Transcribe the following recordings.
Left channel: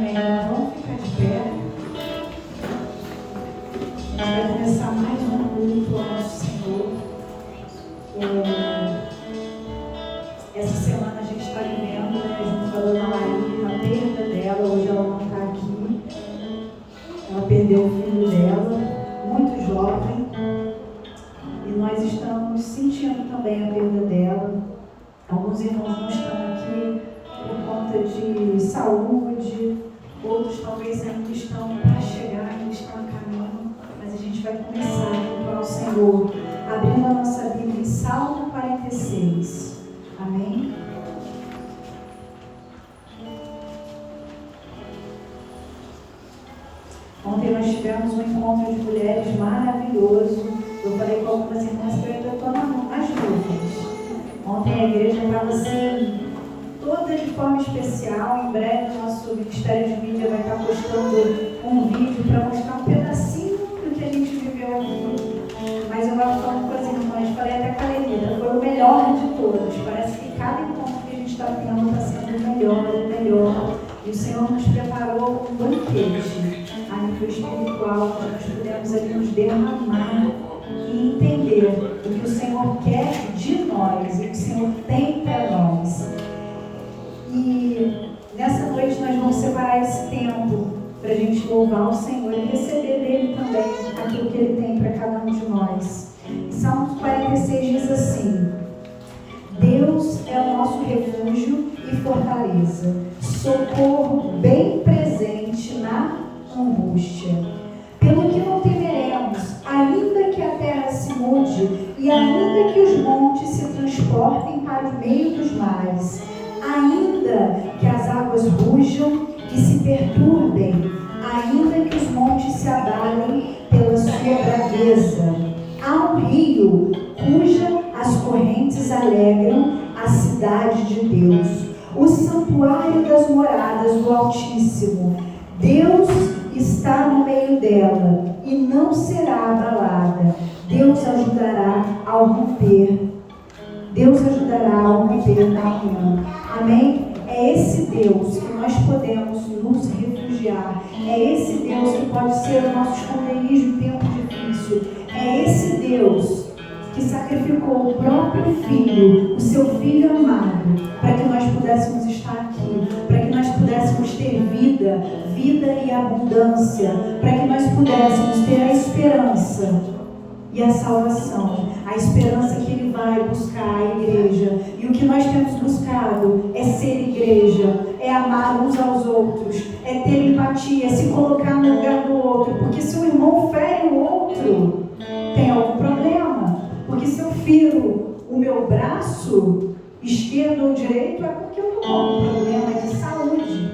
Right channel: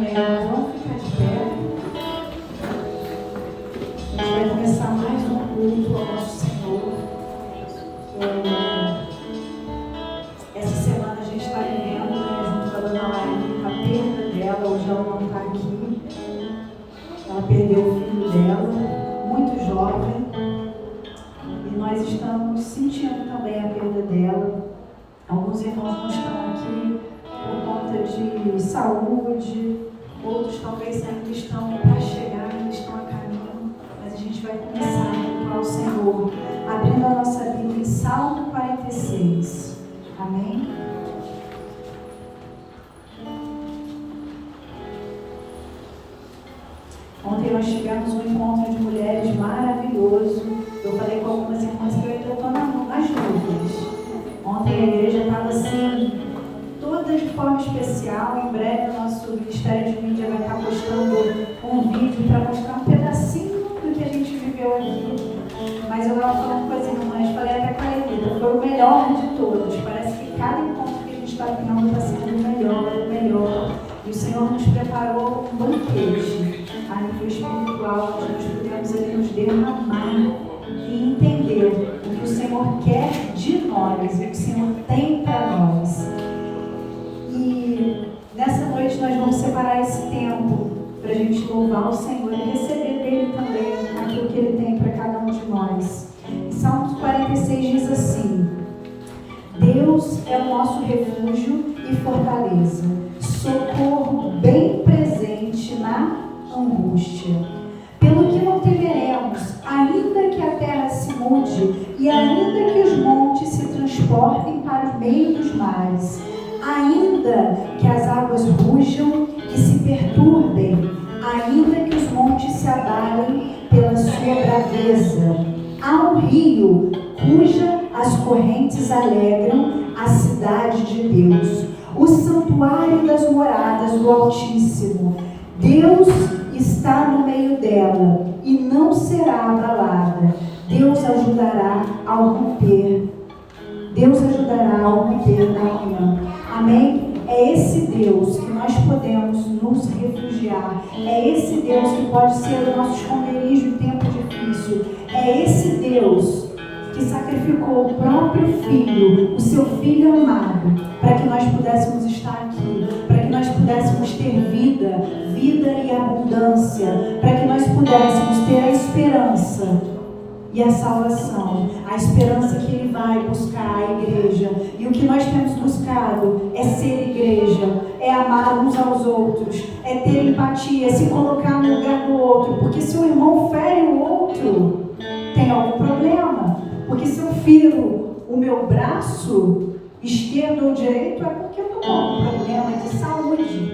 Amém. Vamos ficar de pé. A gente vai começar mais um culto ao nosso Senhor. Essa semana a gente está vivendo, né, junto com a dona Laís, a perda dela. Hoje ela não está aqui. Ela perdeu o filho dela, muito jovem. E nós estamos sentindo também a perda dela. Alguns irmãos não estão aqui por conta de saúde, outros talvez ainda estão para chegar, ainda estão a caminho, mas a gente vai começar a cultuar o Senhor, abrindo a nossa Bíblia em Salmo 46. Amém? Ontem nós tivemos um encontro de mulheres maravilhoso. Eu falei com algumas irmãs que eu ainda estou nas nuvens. Ontem a igreja estava assim, toda de forma especial. Em breve o nosso Ministério de Mídia vai estar postando um vídeo para mostrar um pedacinho do que a gente viveu aqui. Mas eu estava falando com as irmãs, falei até com a Lenita, foi o melhor de todos. Parece que cada encontro que a gente está tendo está sendo o melhor. E o Senhor nos preparou um banquete a nível espiritual, onde nós pudemos ali nos derramar e entender o que o Senhor quer de nós e o que o Senhor tem para nós. E nessa noite nós vamos separar esse tempo para a gente louvar o Senhor e receber dele também aquilo que ele tem para cada um de nós. Salmo 46 diz assim: Deus é o nosso refúgio e fortaleza, socorro bem presente na angústia. Pelo que não temeremos, ainda que a terra se mude e ainda que os montes se transportem para o meio dos mares, ainda que as águas rujam e se perturbem, ainda que os montes se abalem pela sua braveza. Há um rio cuja as correntes alegram a cidade de Deus, o santuário das moradas do Altíssimo. Deus está no meio dela e não será abalada. Deus ajudará ao romper. Deus ajudará ao romper da manhã. Amém? É esse Deus que nós podemos nos refugiar. É esse Deus que pode ser o nosso esconderijo em tempo difícil. É esse Deus que sacrificou o próprio Filho, o seu Filho amado, para que nós pudéssemos estar aqui, para que nós pudéssemos ter vida e abundância, para que nós pudéssemos ter a esperança e a salvação, a esperança que Ele vai buscar a igreja. E o que nós temos buscado é ser igreja, é amar uns aos outros, é ter empatia, é se colocar no lugar do outro, porque se um irmão fere o outro, tem algum problema. Porque se eu firo o meu braço esquerdo ou direito, é porque eu estou com algum problema de saúde.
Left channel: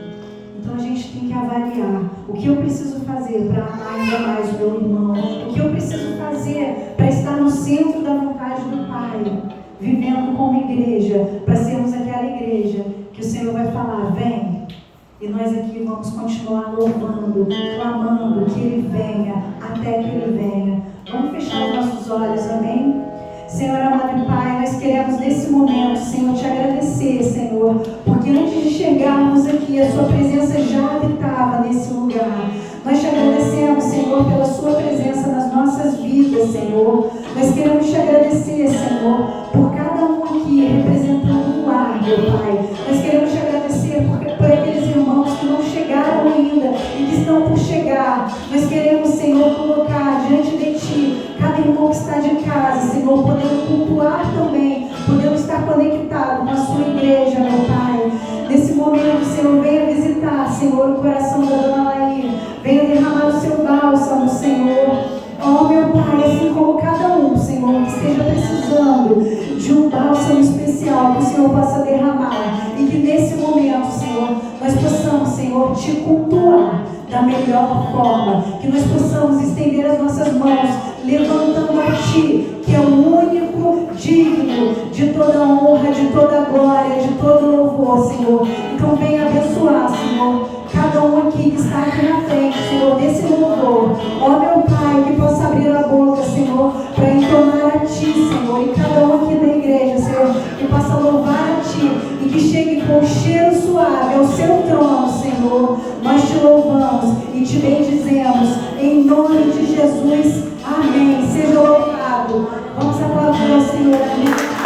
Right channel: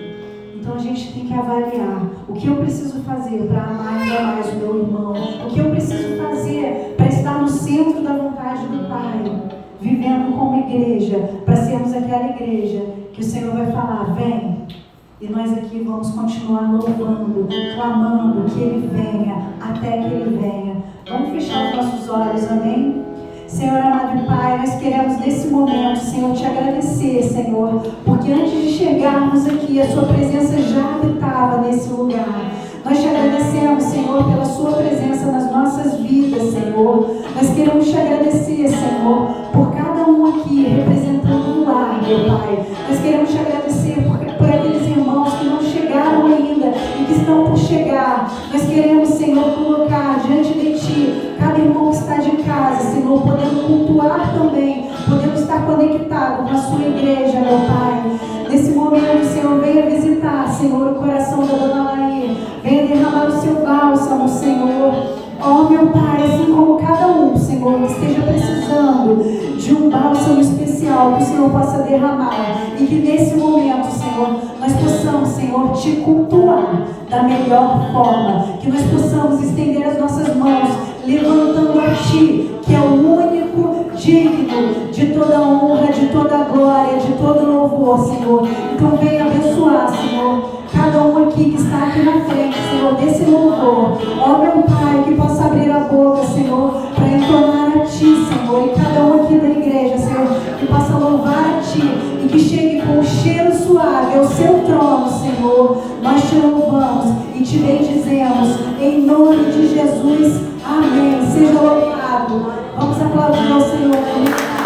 Então a gente tem que avaliar o que eu preciso fazer para amar ainda mais o meu irmão, o que eu preciso fazer para estar no centro da vontade do Pai, vivendo como igreja, para sermos aquela igreja que o Senhor vai falar, vem. E nós aqui vamos continuar louvando, clamando que Ele venha, até que Ele venha. Vamos fechar os nossos olhos, amém? Senhor amado Pai, nós queremos nesse momento, Senhor, te agradecer, Senhor, porque antes de chegarmos aqui, a Sua presença já habitava nesse lugar. Nós te agradecemos, Senhor, pela Sua presença nas nossas vidas, Senhor. Nós queremos te agradecer, Senhor, por cada um aqui representando um lar, meu Pai. Nós queremos te agradecer por aqueles irmãos que não chegaram ainda e que estão por chegar. Nós queremos, Senhor, colocar diante de Ti cada irmão que está de casa, Senhor, podendo cultuar também, podendo estar conectado com a Sua igreja, meu Pai. Nesse momento, Senhor, venha visitar, Senhor, o coração da dona Laís. Venha derramar o Seu bálsamo, Senhor. Oh, meu Pai, assim como cada um, Senhor, que esteja precisando de um bálsamo especial que o Senhor possa derramar. E que nesse momento, Senhor, nós possamos, Senhor, Te cultuar da melhor forma. Que nós possamos estender as nossas mãos, levantando a Ti, que é o único digno de toda honra, de toda glória, de todo louvor, Senhor. Então venha abençoar, Senhor, cada um aqui que está aqui na frente, Senhor, desse louvor. Ó, meu Pai, que possa abrir a boca, Senhor, para entonar a Ti, Senhor, e cada um aqui da igreja, Senhor, que possa louvar a Ti e que chegue com o cheiro suave suave ao seu trono, Senhor. Nós te louvamos e te bendizemos em nome de Jesus. Amém. Seja louvado. Vamos aplaudir ao Senhor.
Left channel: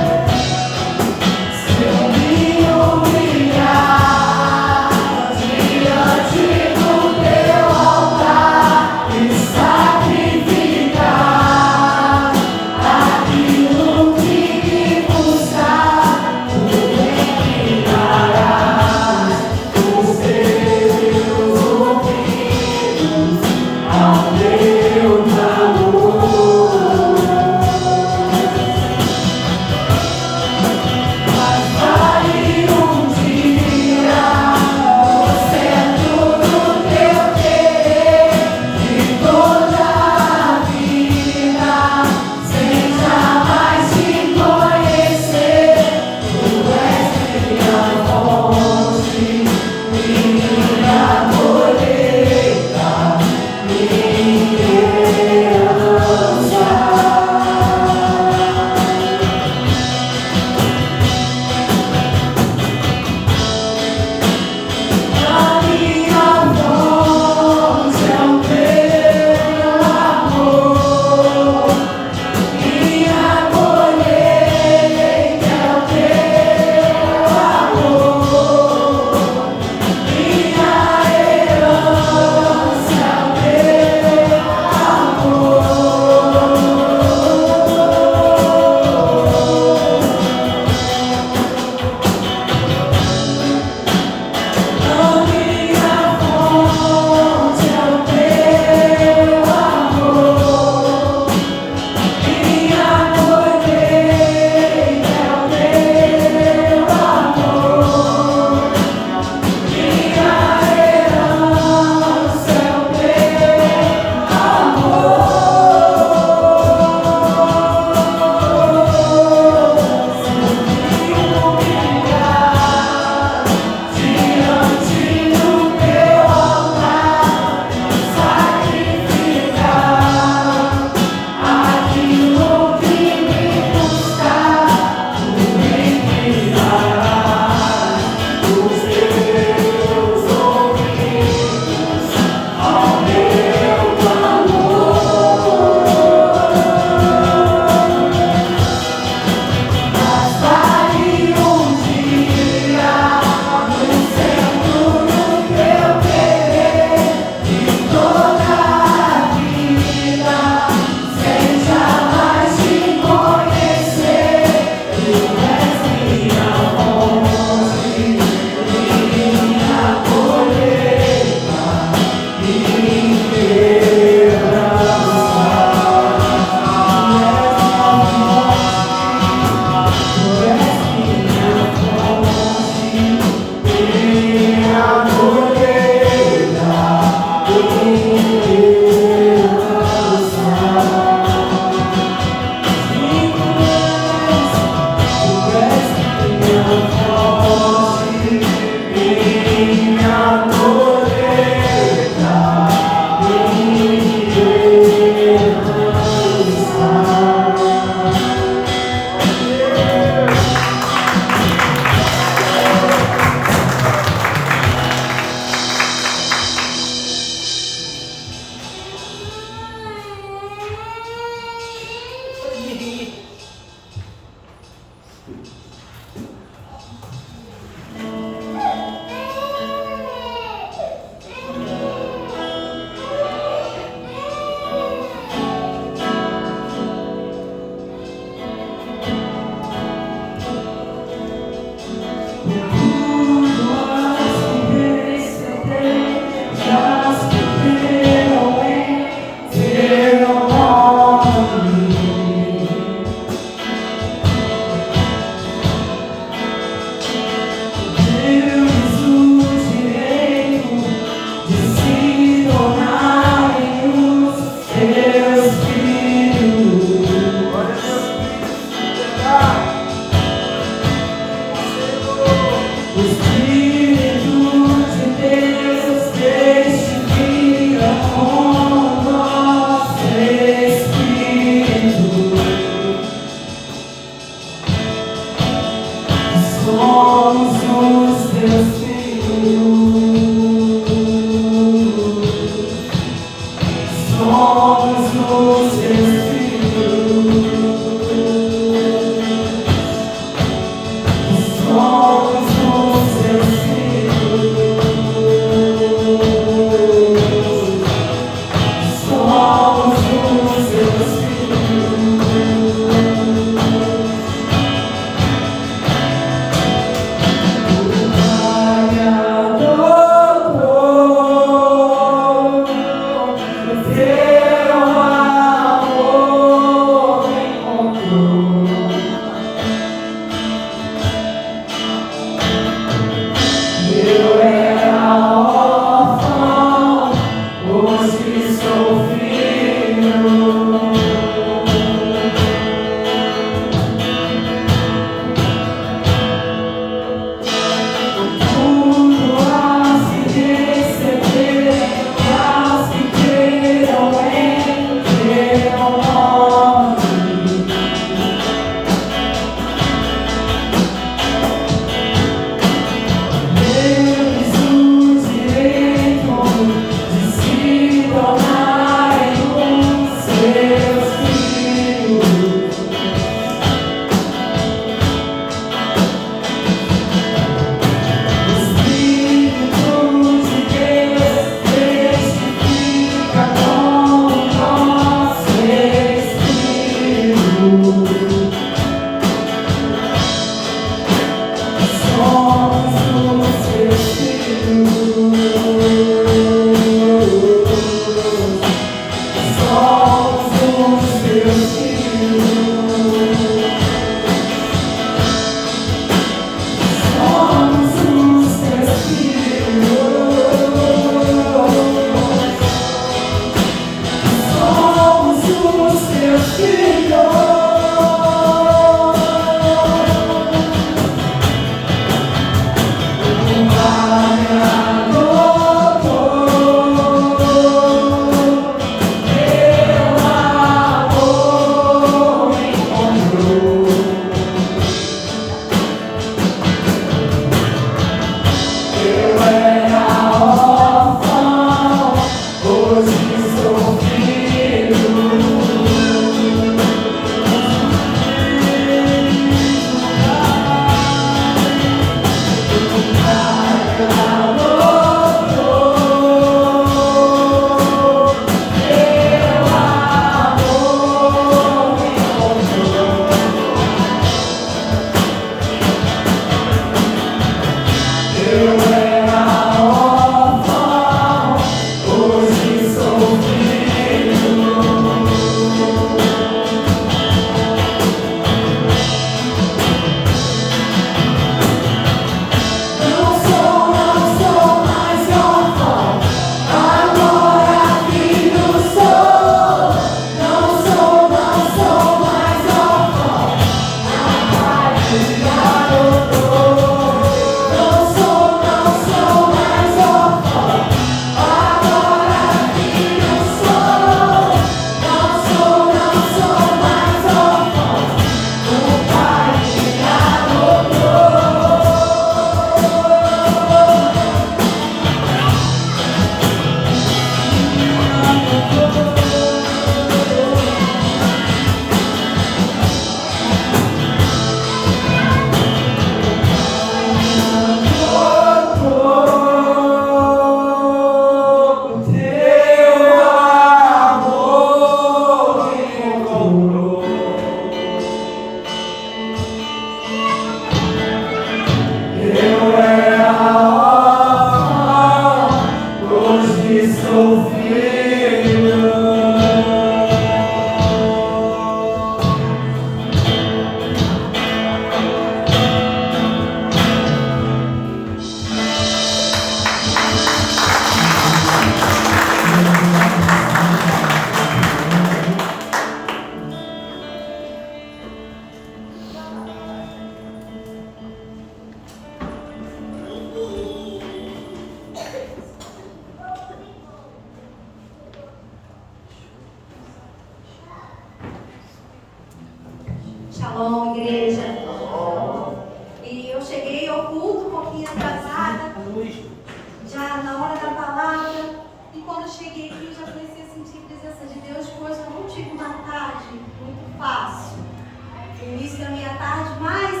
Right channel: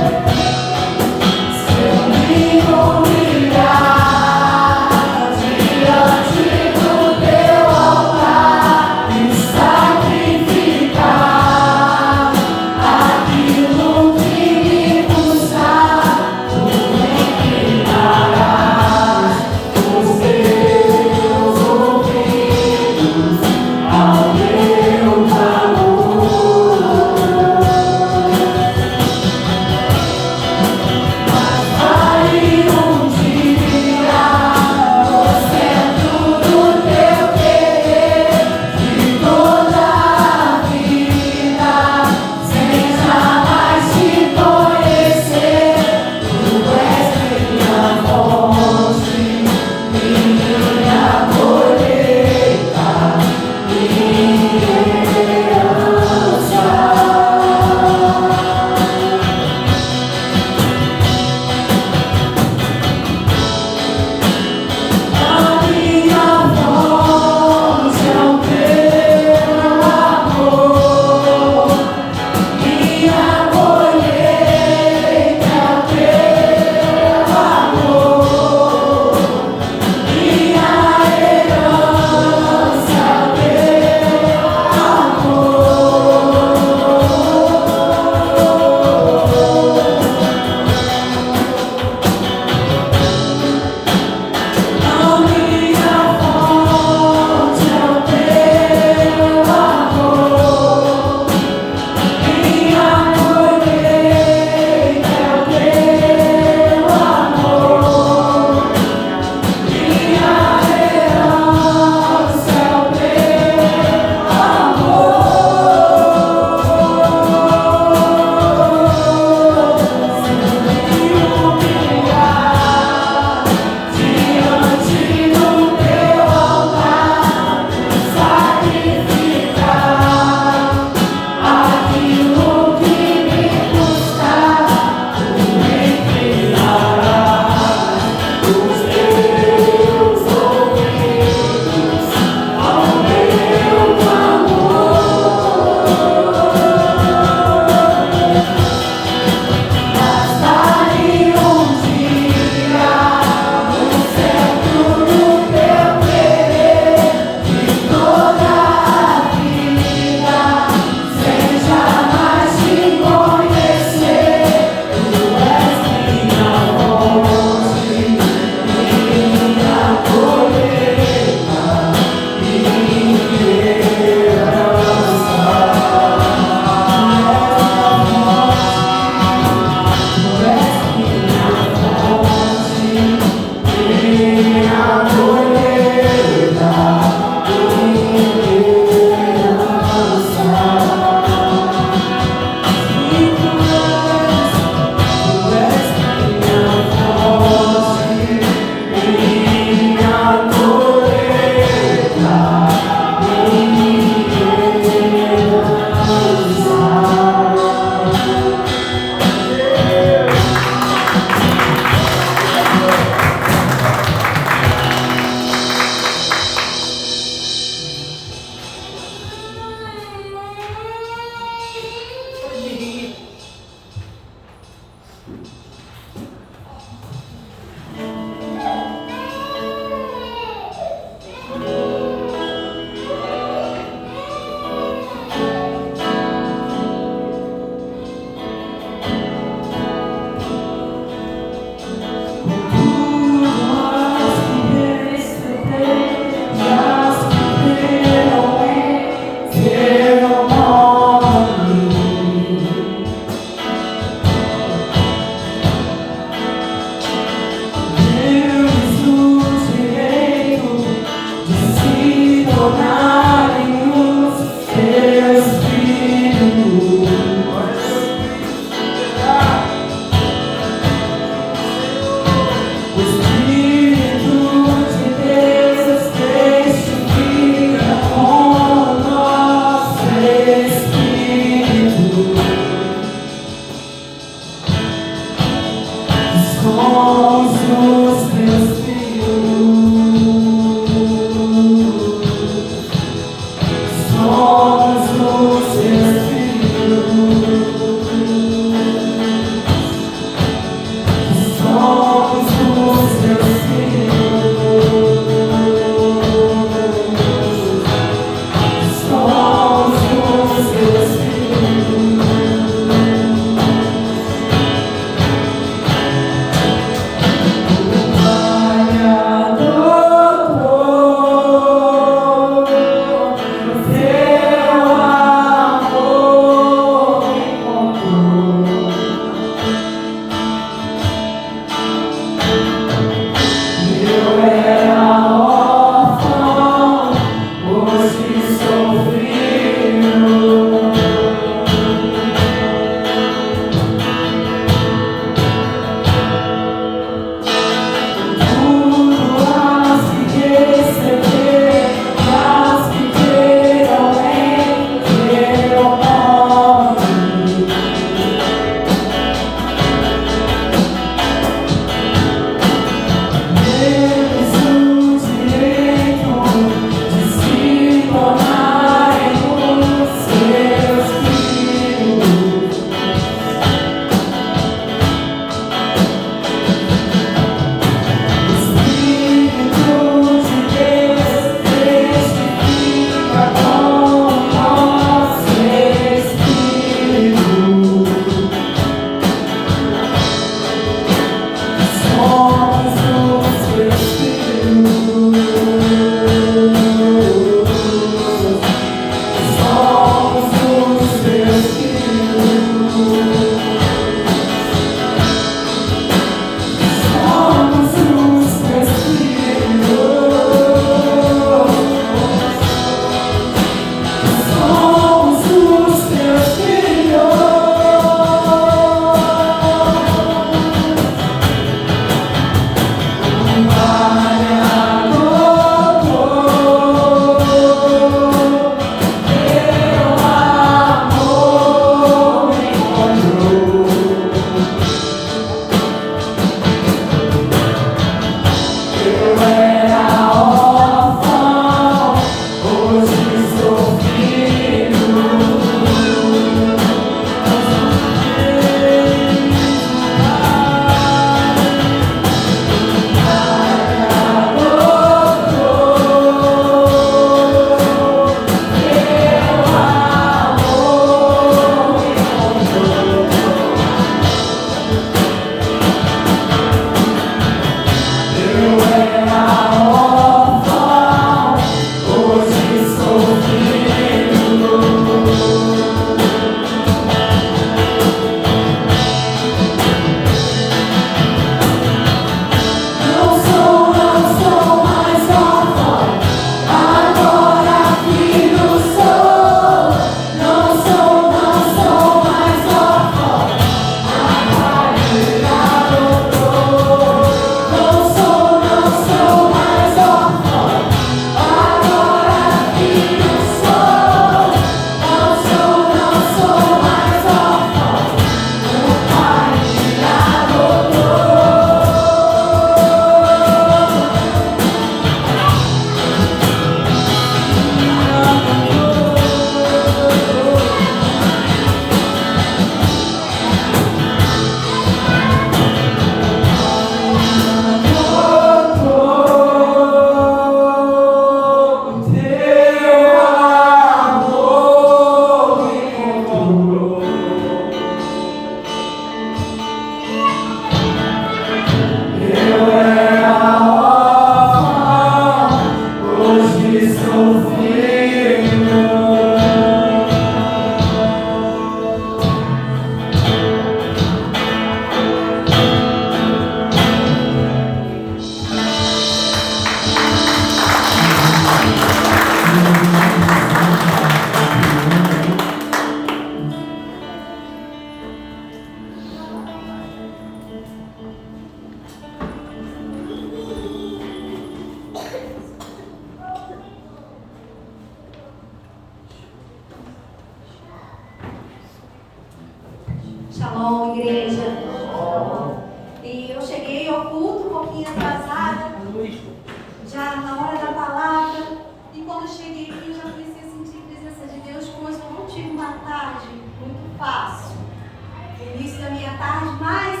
início da minha tarde, mas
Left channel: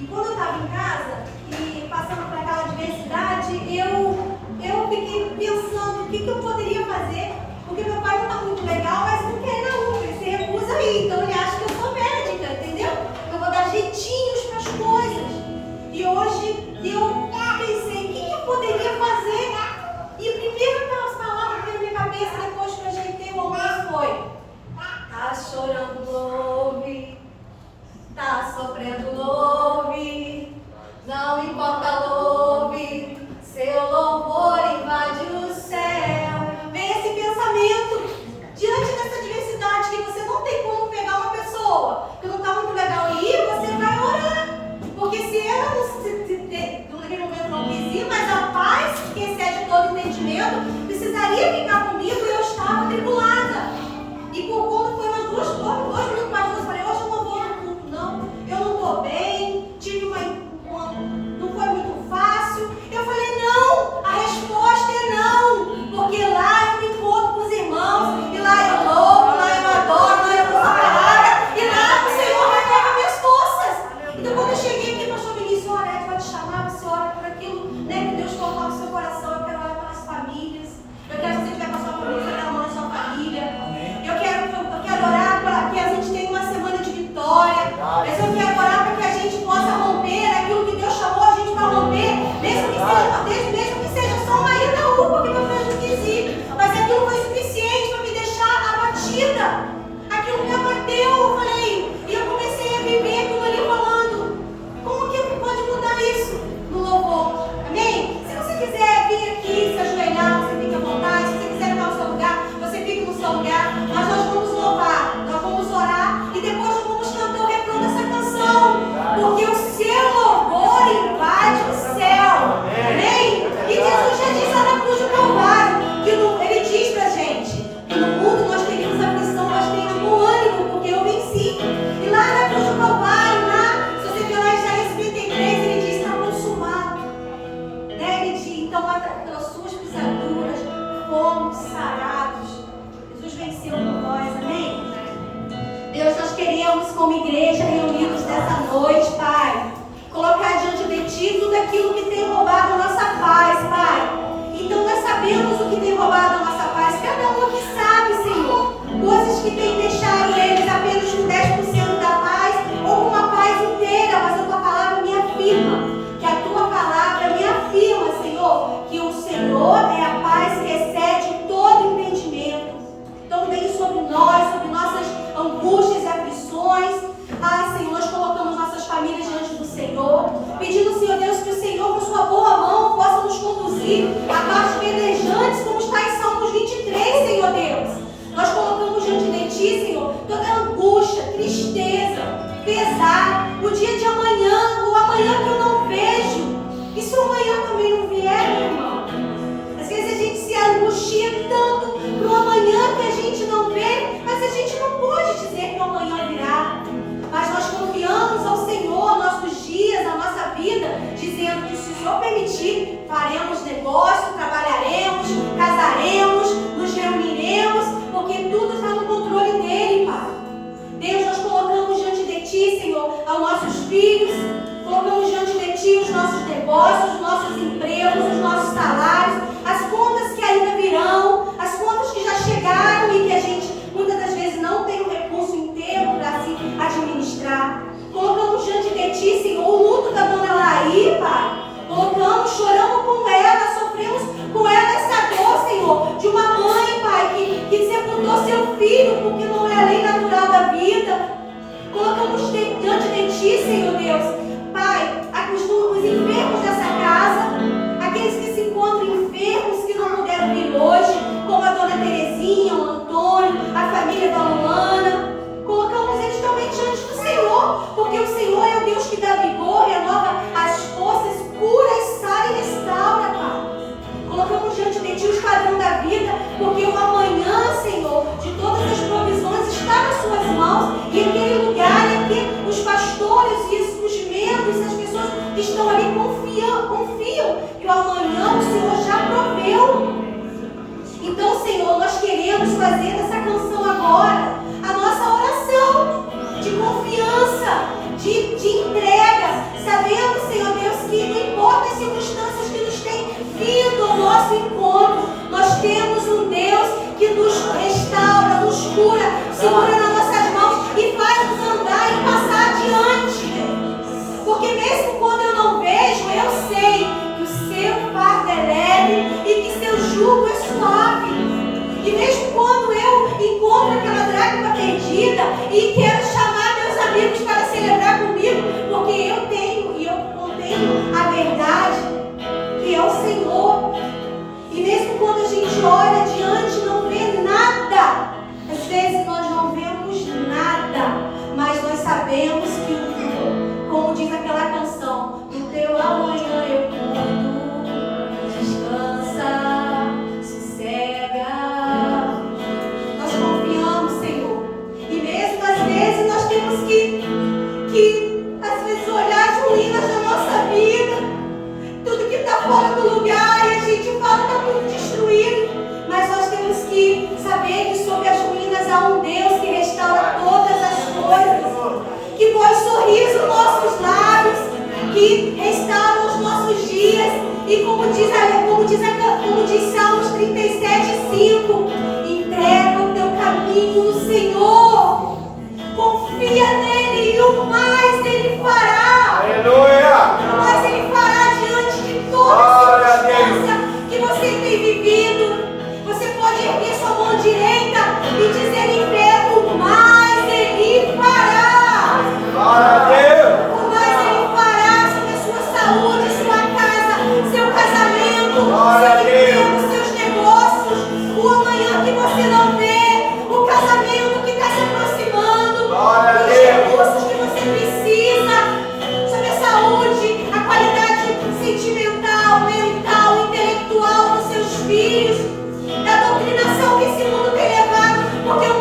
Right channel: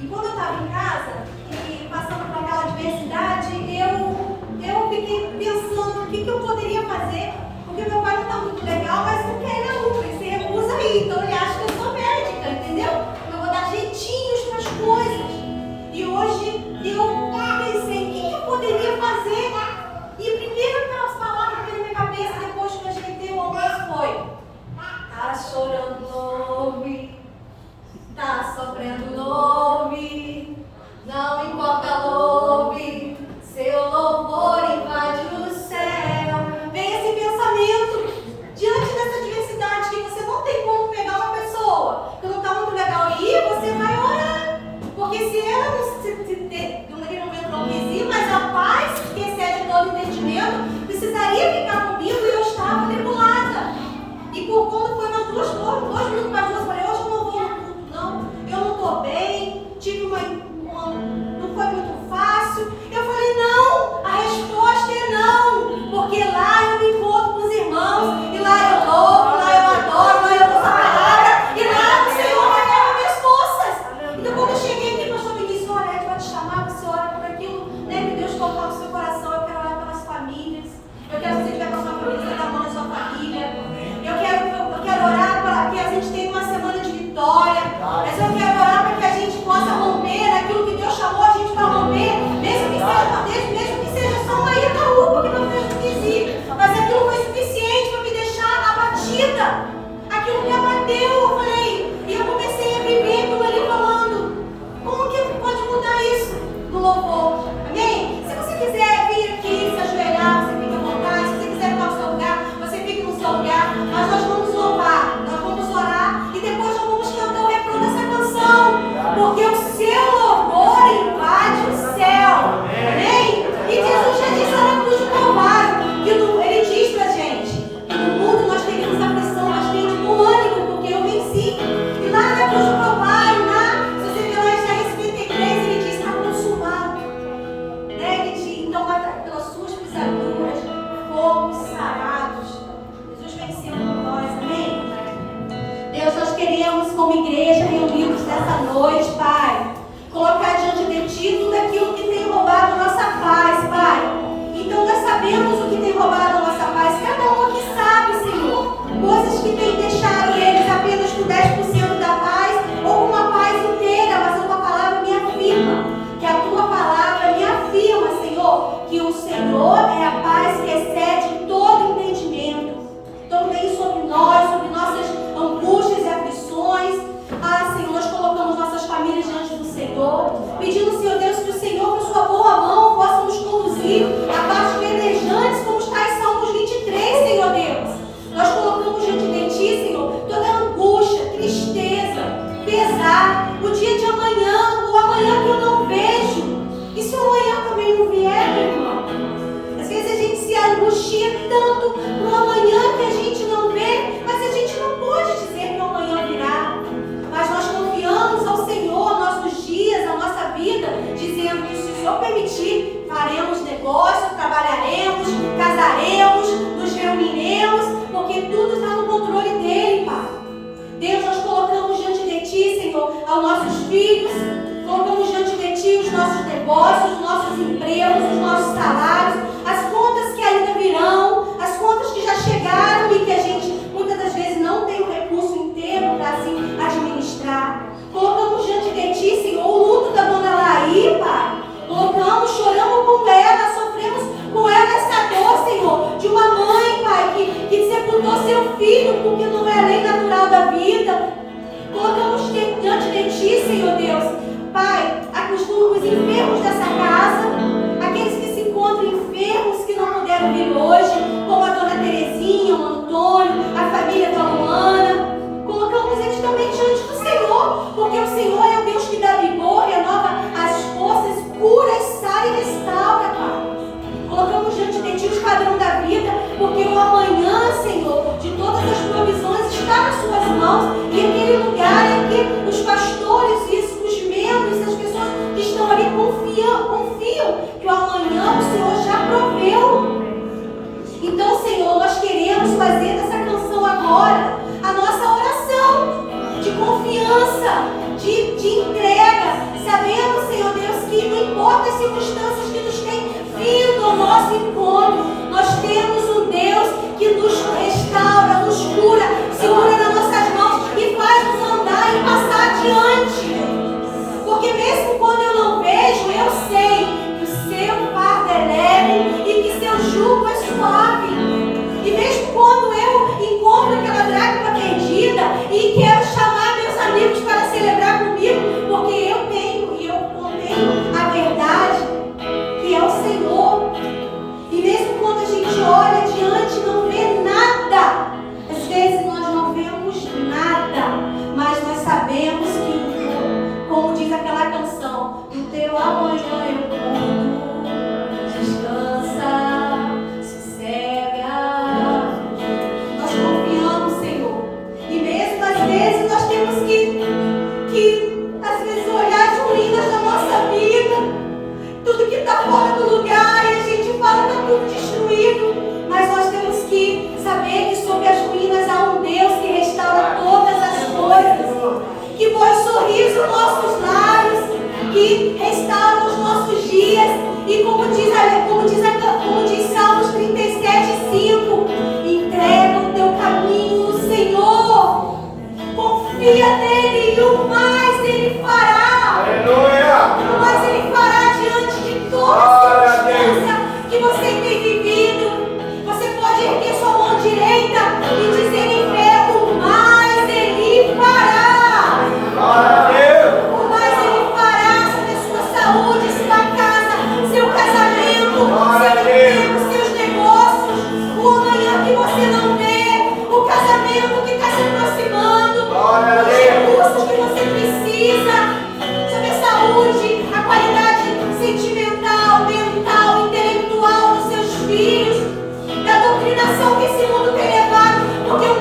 e quando eu estava em casa e passando por aquela adversidade, eu fiquei pensando o que eu poderia fazer, porque meu pai não está muito legal, mas não quer ir na UPA, ele se recusa aí, então ele acha que eu sou médica, entendeu? Eu vou dar jeitinhos para as coisas. E hoje eu pensei, o que eu poderia fazer? E a primeira palavra que veio na minha cabeça depois que eu ajeitei o almoço foi: tá chorando, louve, tá sofrendo, louve, não importa, louve, seu louvor invade o céu. Vem esse pensamento diante dessa adversidade que você não tem como pegar uma pessoa que não está muito legal e ir, você vai orar. Porque se ela naquele momento não quis ir, mas a paz que excede todo entendimento precisaria ficar comigo e eu estava tribulada. E por conta foi umas 2 minutos mais 2, eu falei: hoje eu não vou no culto não, eu não estou bem, tive não foi muito fácil. Eu falei: não, a resposta é não, porque lá eu me encontro com os irmãos, e lá eu louvo, lá eu adoro, lá eu uso a palavra, e lá o Senhor renova minhas forças. Então quando eu cheguei aqui, pastor Vinícius, a Anete vai te chamar, você ora por aquilo, né, que Deus colocar no seu coração. Eu quero orar pelas famílias, eu quero que você tiver com a sua família, você dá a mão na sua família. Eu quero orar para que a gente tenha uma semana de vitória, mas eu quero orar para que a gente possa romper naquilo que Deus chamou a gente para romper, mesmo que seja só uma ida na UPA, que meu filho quis ir, mas aquilo foi suficiente para me deixar abatida, aquilo me abateu. Eu falei, e eu comecei a viver aquilo ali falando: como que pode mudar isso no louvor? Amém? Se você quiser vir aqui, se ajoelhar, você fica à vontade. Se você quiser ficar no seu lugar, você fica no seu lugar. Mas nós vamos louvar, nós vamos orar e depois nós vamos cantar o refrão dessa canção, porque o seu louvor invade o céu. Amém? E Jesus já disse lá na cruz do Calvário, que ele diz pra gente que no mundo nós teríamos aflição, mas tenha bom ânimo, porque eu venci. E lá na cruz do Calvário, se você ver lá em Isaías 53, ele diz: está consumado. Né? Ele diz: então pelas suas pisaduras fomos sarados. Jesus venceu por nós, amém? Deus, nós queremos, como igreja, reunidos nessa noite, Pai, colocar diante de Ti tudo aquilo que tem roubado a nossa paz, Pai. Então nós sabemos o que tem roubado a nossa paz, cada um aqui sabe, Senhor, coisas que tem deixado eles apenas com 10% da paz ou com uma paz inteira, mas a Tua palavra me afirma, que a Tua palavra me afirma, Senhor, que o Senhor é a paz que excede todo entendimento. Então vem sobre nós, sobre nossas angústias e aflições. Senhor, nós colocamos nossas famílias diante do Senhor, pedindo, Senhor Deus, que o Senhor, com sua boa mão, possa nos conduzir a partes verdejantes, como está em Salmos 23, Senhor Deus. Nós colocamos diante de Ti, Senhor, toda angústia, tristeza, pesar, o dia de amanhã, o amanhã que eu não vejo. E se o amanhã também não vier, meu irmão? Às vezes a gente se angustia tanto para o amanhã que a gente não vê, mas a gente não pode dizer que o amanhã virá. Mas nós confiamos ao Senhor, nossos dias, a nossa vida, dizendo que se o Senhor permitir, faremos negócio, trabalharemos, casaremos, nos reuniremos, porque tudo está no controle dEle, Pai. Deus, nós colocamos diante de Ti, Senhor, aos nossos filhos, colocamos diante de Ti os nossos negócios, os nossos empregos, os nossos salários, as contas que ainda virão, as contas que já chegaram e que a gente muitas das vezes não tem o recurso inteiro para assim administrar. Colocamos diante de Ti, Senhor, o luto da dona Laí, Pai. Colocamos, choramos com ela, sofremos com ela essa dor, Senhor, de uma mãe, Pai, que sepultou seu filho, porque não é a lei natural da vida. Colocamos diante de Ti, Senhor Deus, Pai, os enfermos dessa casa, aqueles que se encontram enfermos, que não puderam vir hoje, como a dona Terezinha, o Antônio, a família da Luana. Colocamos eles também diante do Senhor, porque o Senhor é o Deus que dá vigor, renova as forças, cura, sara e restaura, Pai. Colocamos diante de Ti o esquadrão da vida, porque o amanhã, Senhor, de todas as provisões está nas Suas mãos, e aquele lugar é que os pastores e os membros, as pessoas que estão ali confiam que o amanhã o Senhor já proveu. Então, Senhor, nós queremos fazer dessa canção agora a nossa oração de confiança, E mesmo quando eu encontro aquela dracma perdida e quero chamar meus amigos para celebrar comigo, porque eu contenho a verdade, que é o Senhor. E mesmo quando a gente olha adiante, não vê nada. Às vezes nós não vemos nada, mas nós sabemos que, como diz aquela canção, do teu amanhã eu cuido, descansa, sossega. Nós confiamos, Senhor. E mesmo às vezes nós temos que às vezes olhar as ruínas da nossa vida, tudo que está fora do lugar, e a gente fala que está tudo destruído. Mas nós temos que saber que sobre as ruínas há um Deus que restaura todas as coisas, que põe sorriso nos nossos lábios, que restaura os nossos dias. E como diz Salmos 37:5, entrega o teu caminho no Senhor, confia nele e o mais ele fará. Aleluia! O mais ele fará diante de toda a circunstância que você tem vivido. Você pode erguer sua mão direita e dizer em fé: o mais ele fará. O mais ele fará sobre a sua saúde, sua casa, seu casamento, seu emprego, seus negócios, o amanhã que você não vê, o casamento que está se aproximando, os recursos que você precisa, sobre a saúde, a qualidade sentimental, mental, intelectual dos seus filhos, da doutrinação que esse mundo tem levado, porque o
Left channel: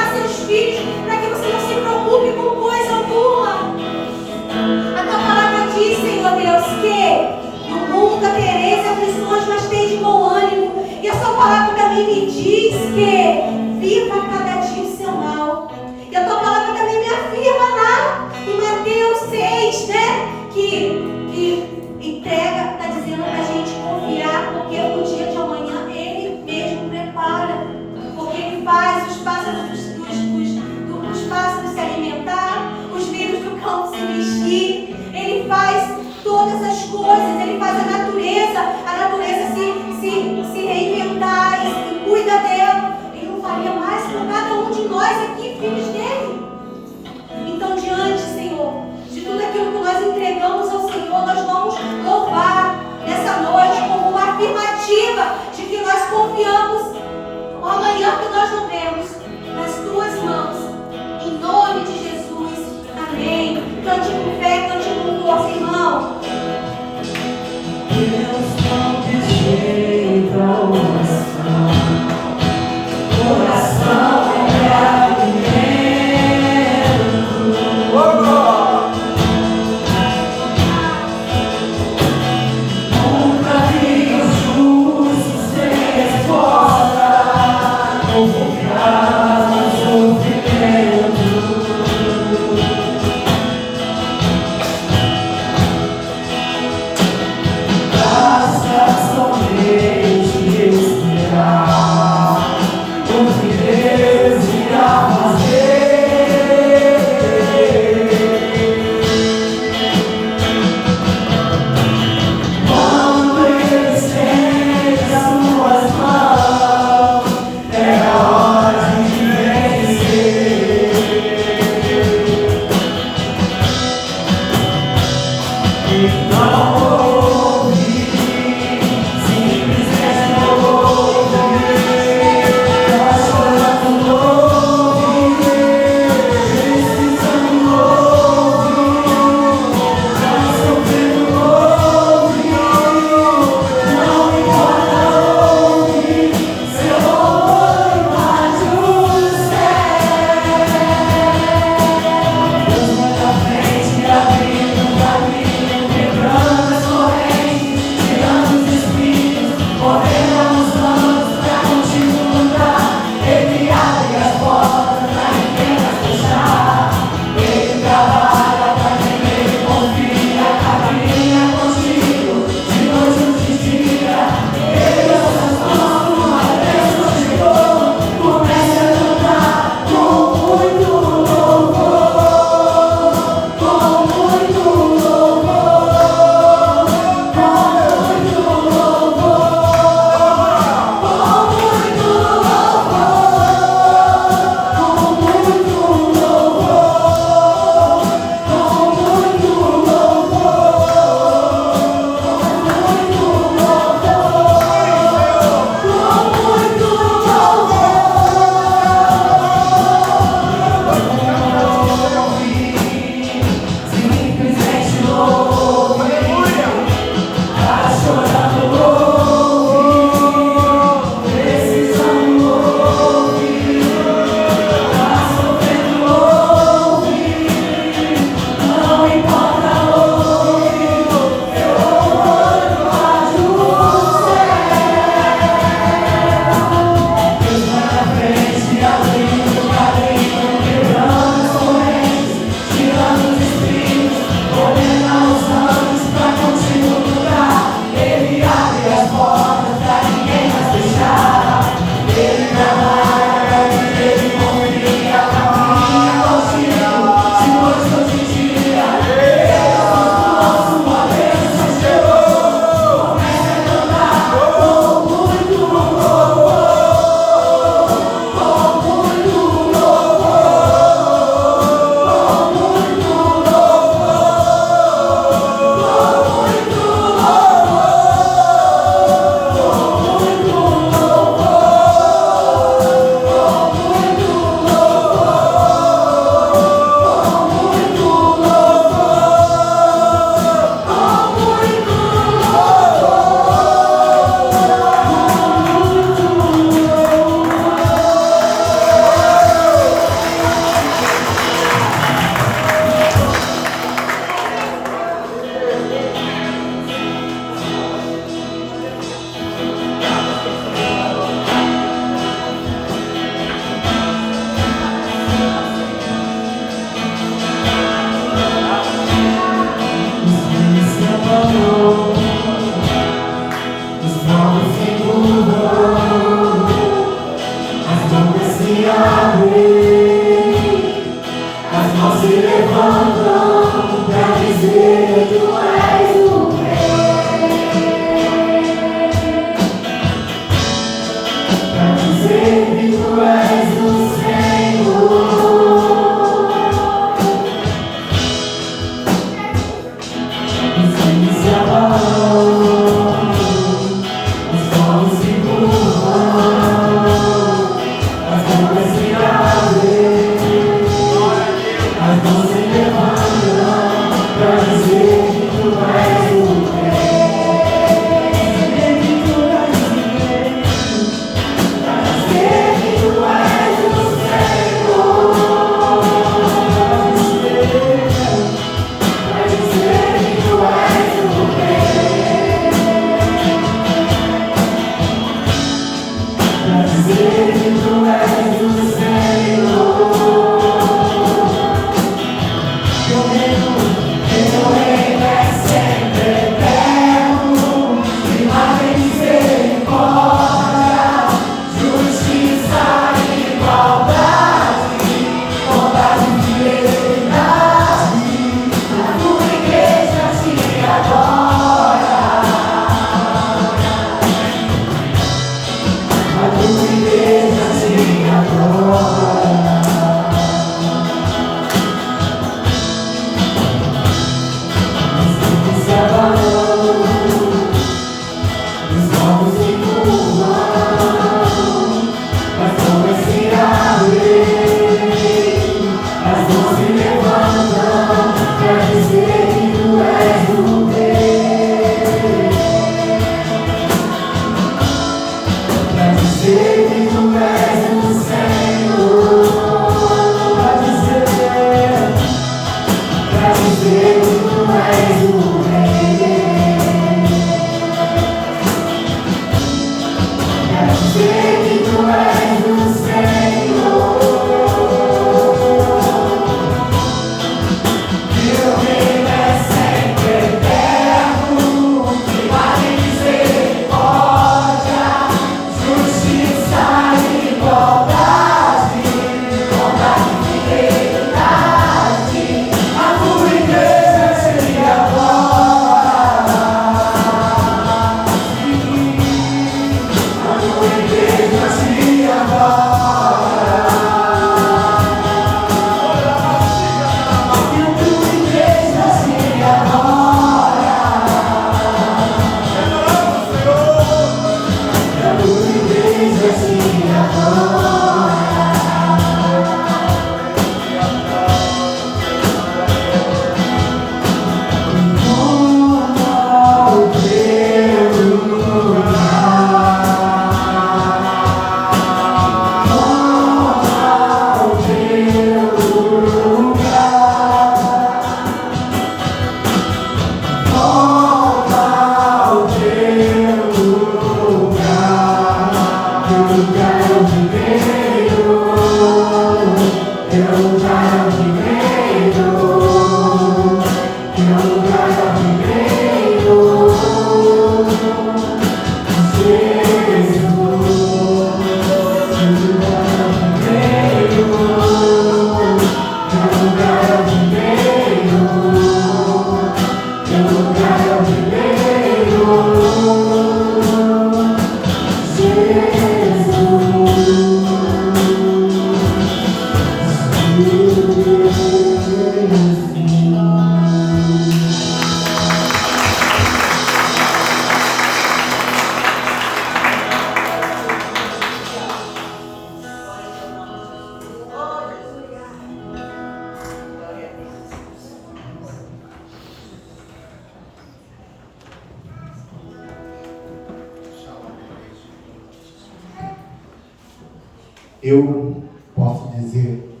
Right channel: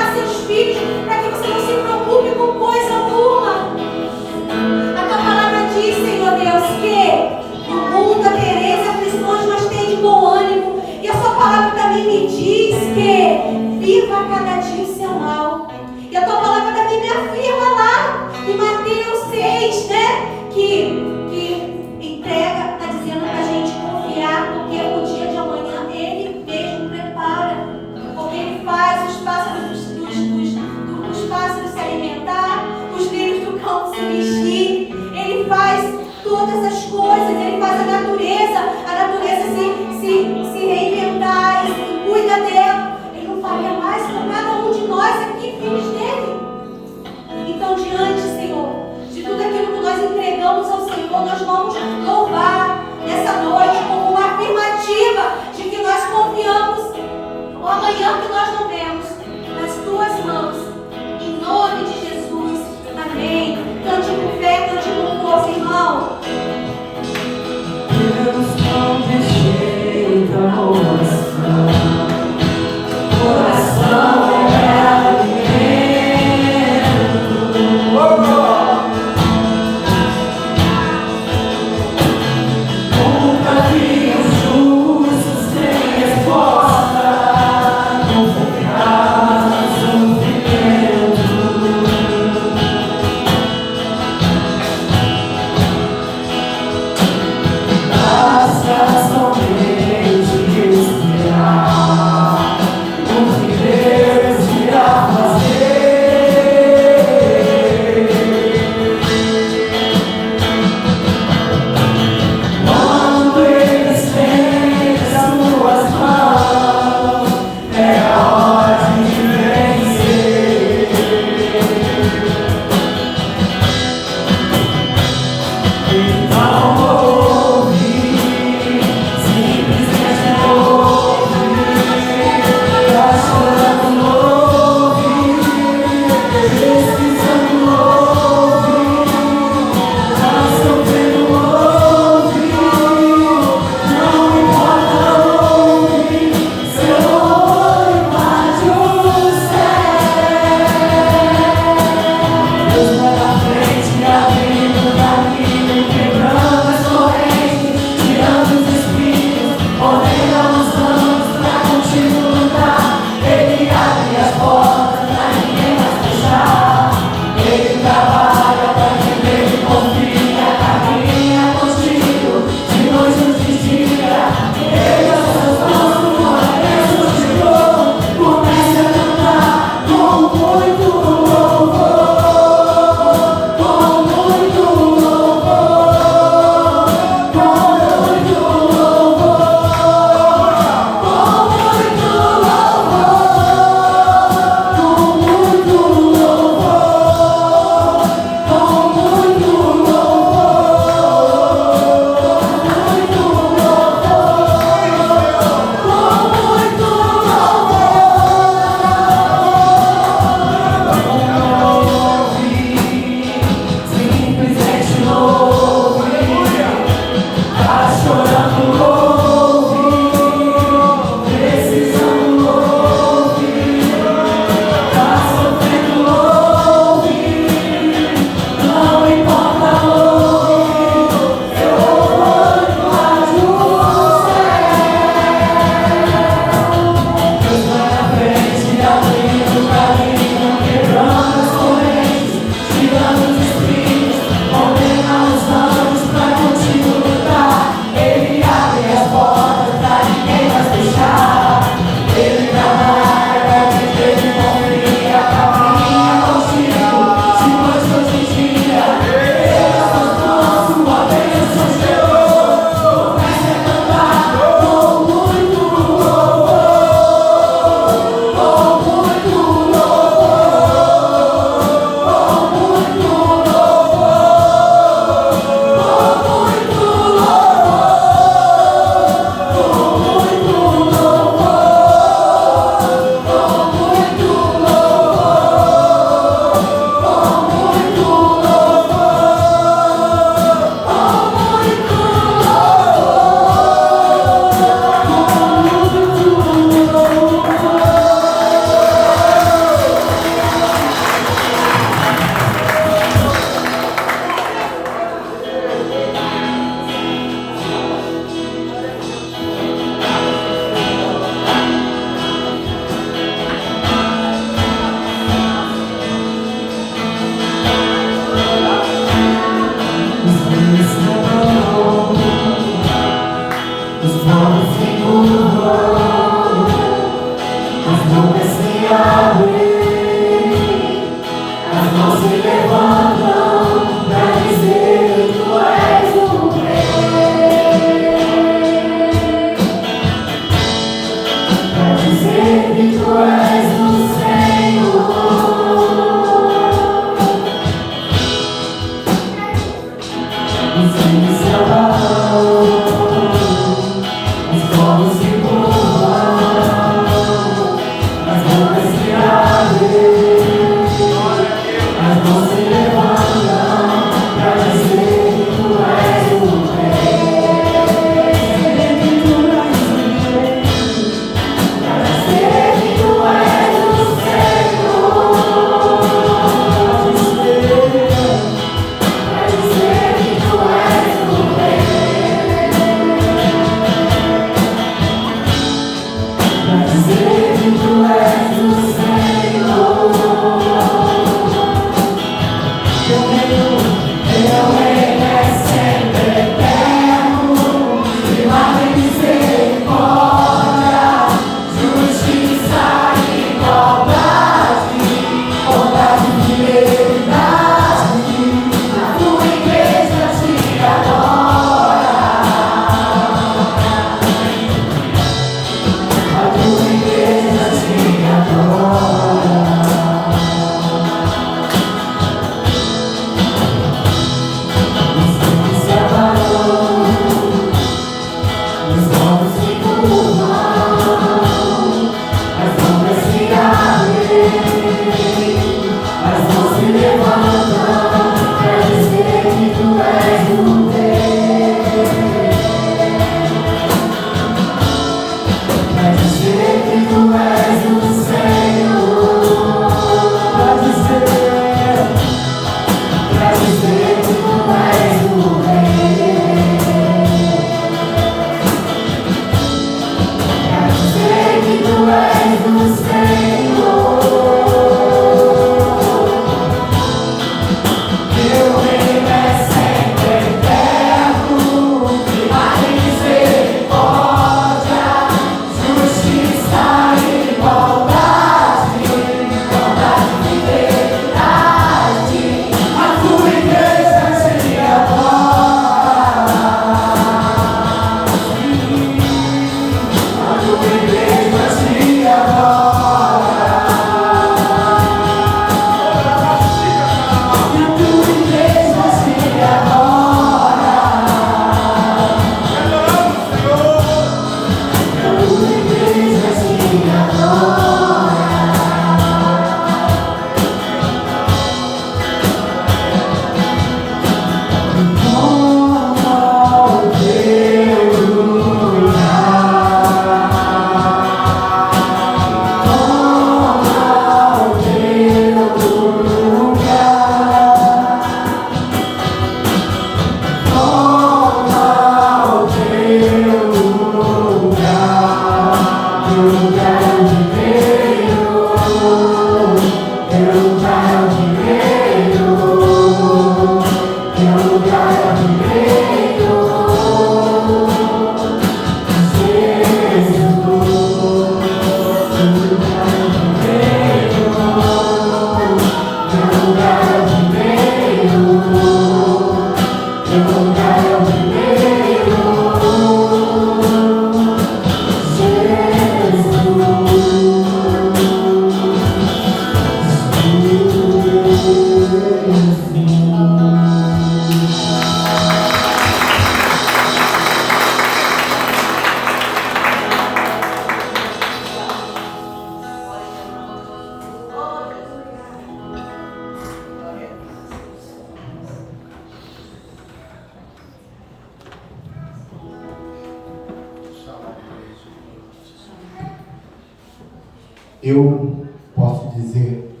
Eu posso dizer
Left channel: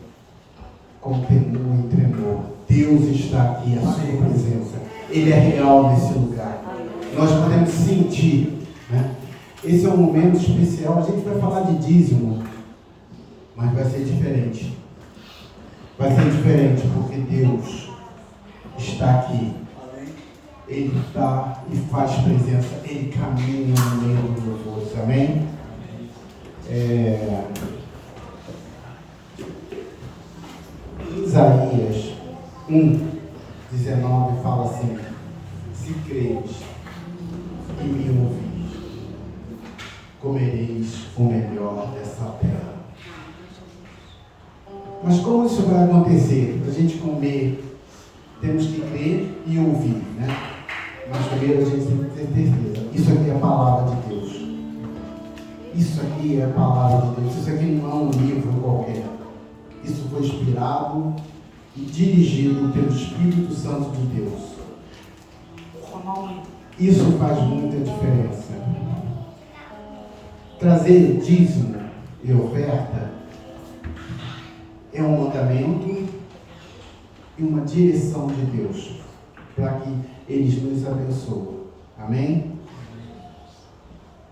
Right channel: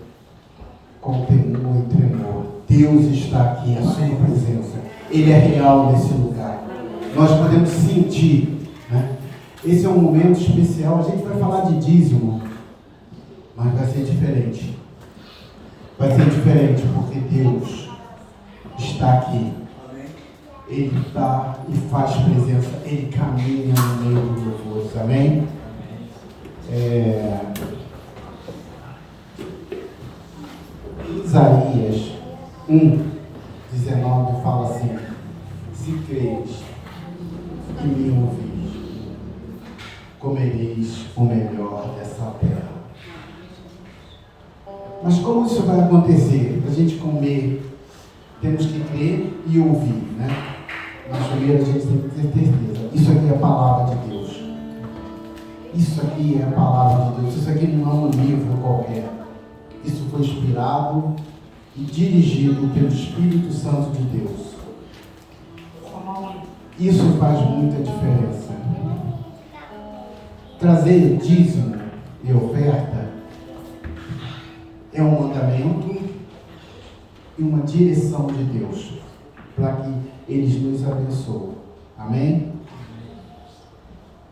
com temor e tremor, Deus está aqui, a sua presença, Ele é real nesse lugar. Nós podemos sentir, né? Esse é um momento especial. A gente vai falar de dízimo, mas vai ser diferente. Vai ser diferente porque Deus está aqui. Ele está e faz presença, Ele caminha no meio dos louvores. Amém? Isaías 1:19 fala assim: se creres e me ouvis, comereis o melhor dessa terra. Mas como isso vai acontecer? A gente comer, temos que crer e ouvir, né? Mas primeiro a gente tem que ter certeza. Isso aqui é a palavra de Deus. Isso aqui é a palavra de Deus. Isso aqui não é um livro qualquer. Isso foi inspirado e dirigido pelo Espírito Santo de Deus. Isso faz muita diferença. Trazer dízimo e oferta é um mandamento e uma direção de Deus para que eles nos abençoem. Amém?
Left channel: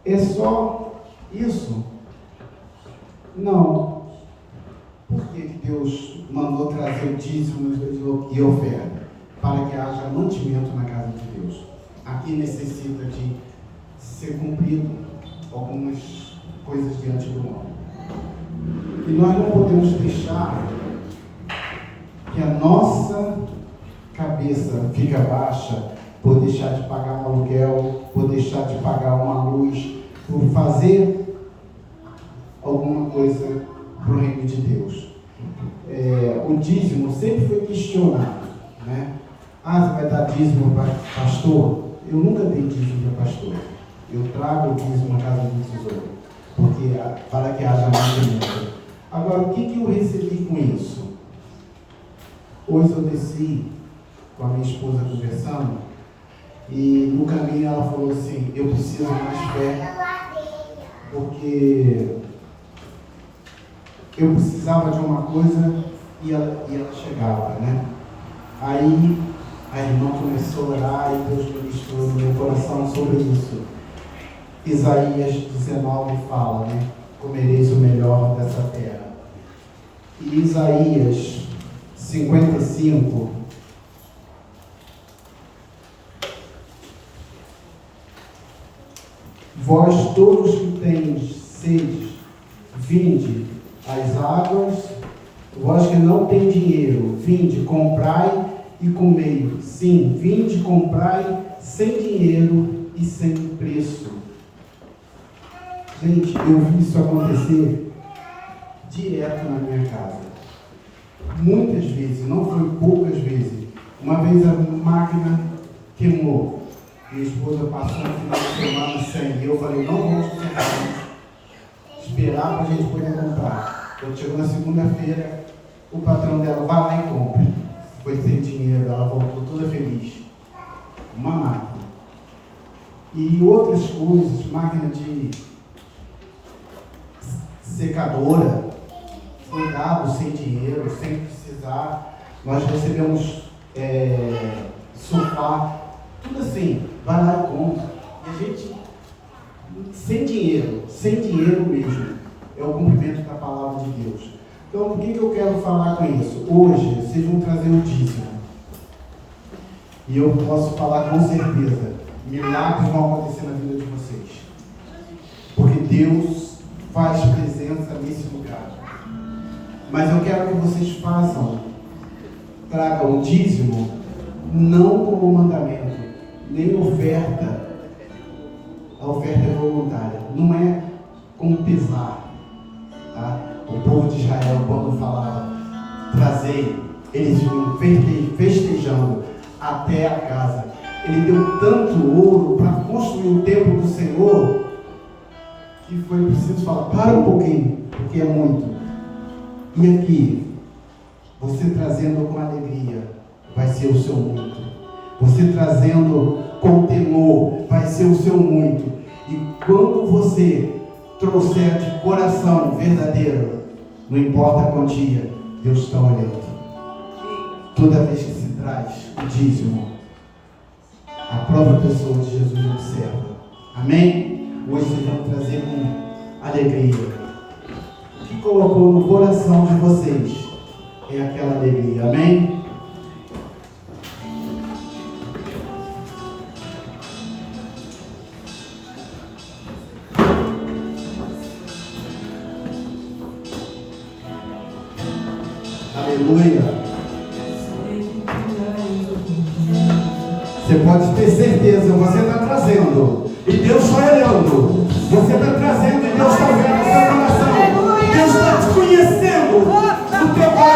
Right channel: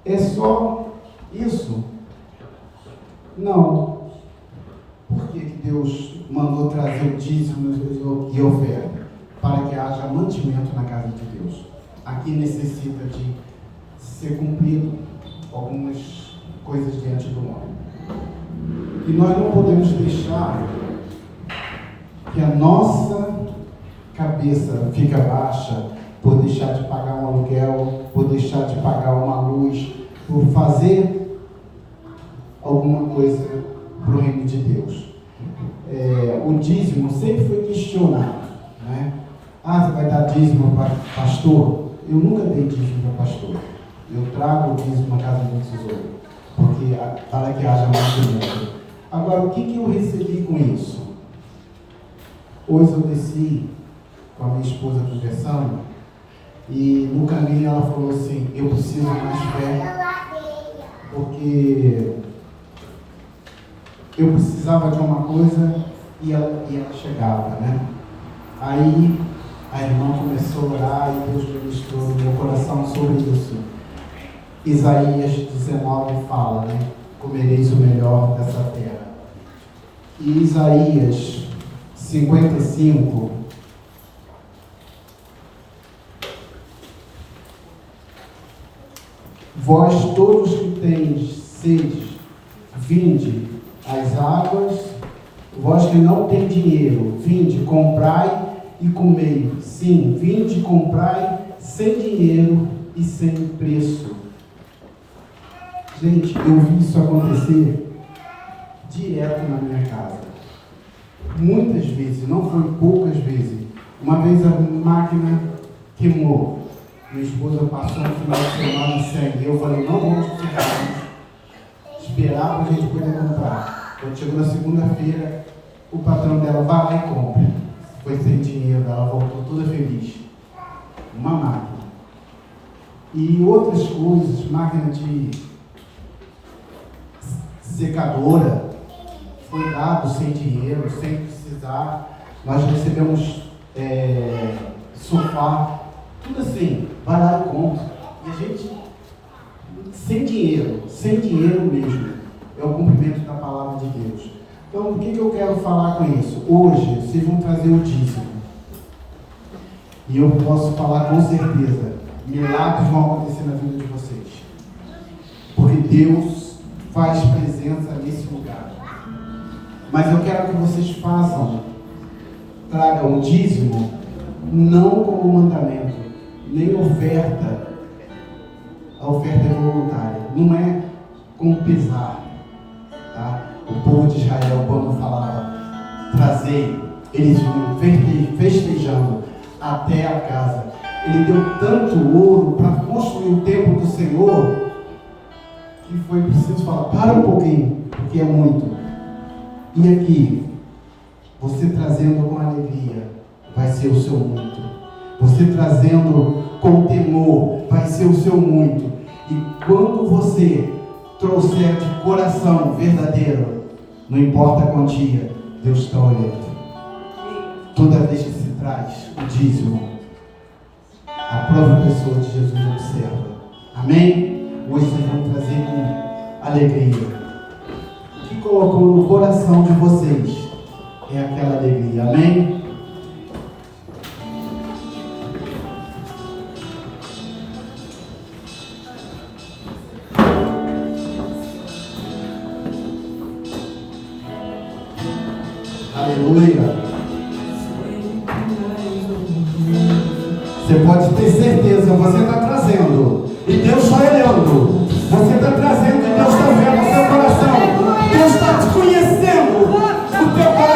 É só isso? Não. Por que Deus mandou trazer o dízimo e oferta? Para que haja mantimento na casa de Deus. Aqui necessita de ser cumprido algumas coisas diante do homem. E nós não podemos deixar que a nossa cabeça fique baixa por deixar de pagar um aluguel, por deixar de pagar uma luz, por fazer alguma coisa para o reino de Deus. O dízimo sempre foi questionado, né? Você vai dar dízimo para pastor? Eu nunca dei dízimo para pastor. Eu trago o dízimo na casa do tesouro, porque para que haja mantimento. Agora, o que eu recebi com isso? Hoje eu desci com a minha esposa conversando, e no caminho ela falou assim: eu preciso mais fé, porque eu precisava de uma coisa e ela chegava, né? Aí a irmã começou a orar e Deus ministrou no meu coração sobre isso. Isaías 19 fala, né? Comereis o melhor dessa terra. E Isaías 55, vós todos que tendes sede, vinde às águas, vós que não tem dinheiro, vinde, comprai e comei. Sim, vinde, comprai sem dinheiro e sem preço. Gente, eu vi isso acontecer direto na minha casa. Muitas vezes, não foi poucas vezes. Uma vez a máquina queimou. Minha esposa passou um final de semana sem. Eu falei: não vamos ficar, esperar para a gente poder comprar. Quando chegou na segunda-feira, o patrão dela: vai lá e compra. Foi sem dinheiro, ela voltou toda feliz. Uma máquina. E outras coisas, máquina de secadora, foi dado sem dinheiro, sem precisar. Nós recebemos sofá, tudo assim, vai lá e compra. E a gente, sem dinheiro mesmo, é o cumprimento da palavra de Deus. Então, o que eu quero falar com isso? Hoje, vocês vão trazer o dízimo. E eu posso falar com certeza, milagres vão acontecer na vida de vocês. Porque Deus faz presença nesse lugar. Mas eu quero que vocês tragam o dízimo, não como mandamento, nem oferta. A oferta é voluntária, não é com pesar. Tá? O povo de Israel, quando falava trazei, eles vinham festejando até a casa. Ele deu tanto ouro para construir o templo do Senhor, que foi preciso falar: para um pouquinho, porque é muito. E aqui, você trazendo com alegria, vai ser o seu muito. Você trazendo com temor, vai ser o seu muito. E quando você trouxer de coração verdadeiro, não importa a quantia, Deus está olhando. Toda vez que se traz o dízimo, a própria pessoa de Jesus observa. Amém? Hoje vocês vão trazer com alegria. O que colocou no coração de vocês é aquela alegria. Amém? Aleluia. Você pode ter certeza, você está trazendo e Deus está olhando. Você está trazendo e Deus está vendo o seu coração. Deus está te conhecendo o teu coração.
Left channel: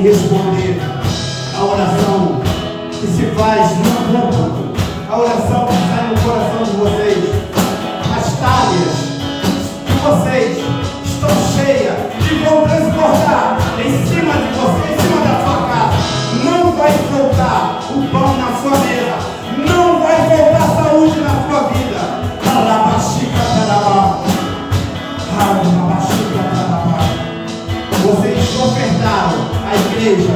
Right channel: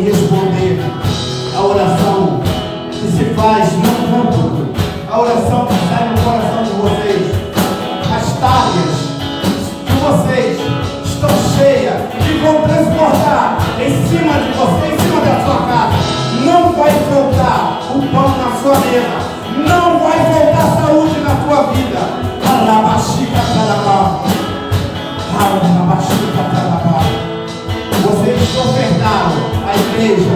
em responder a oração que se faz no público, a oração que sai no coração de vocês. As talhas de vocês estão cheias e vão transbordar em cima de você, em cima da sua casa. Não vai faltar o pão na sua mesa, não vai faltar saúde na sua vida. Vocês ofertaram a igreja,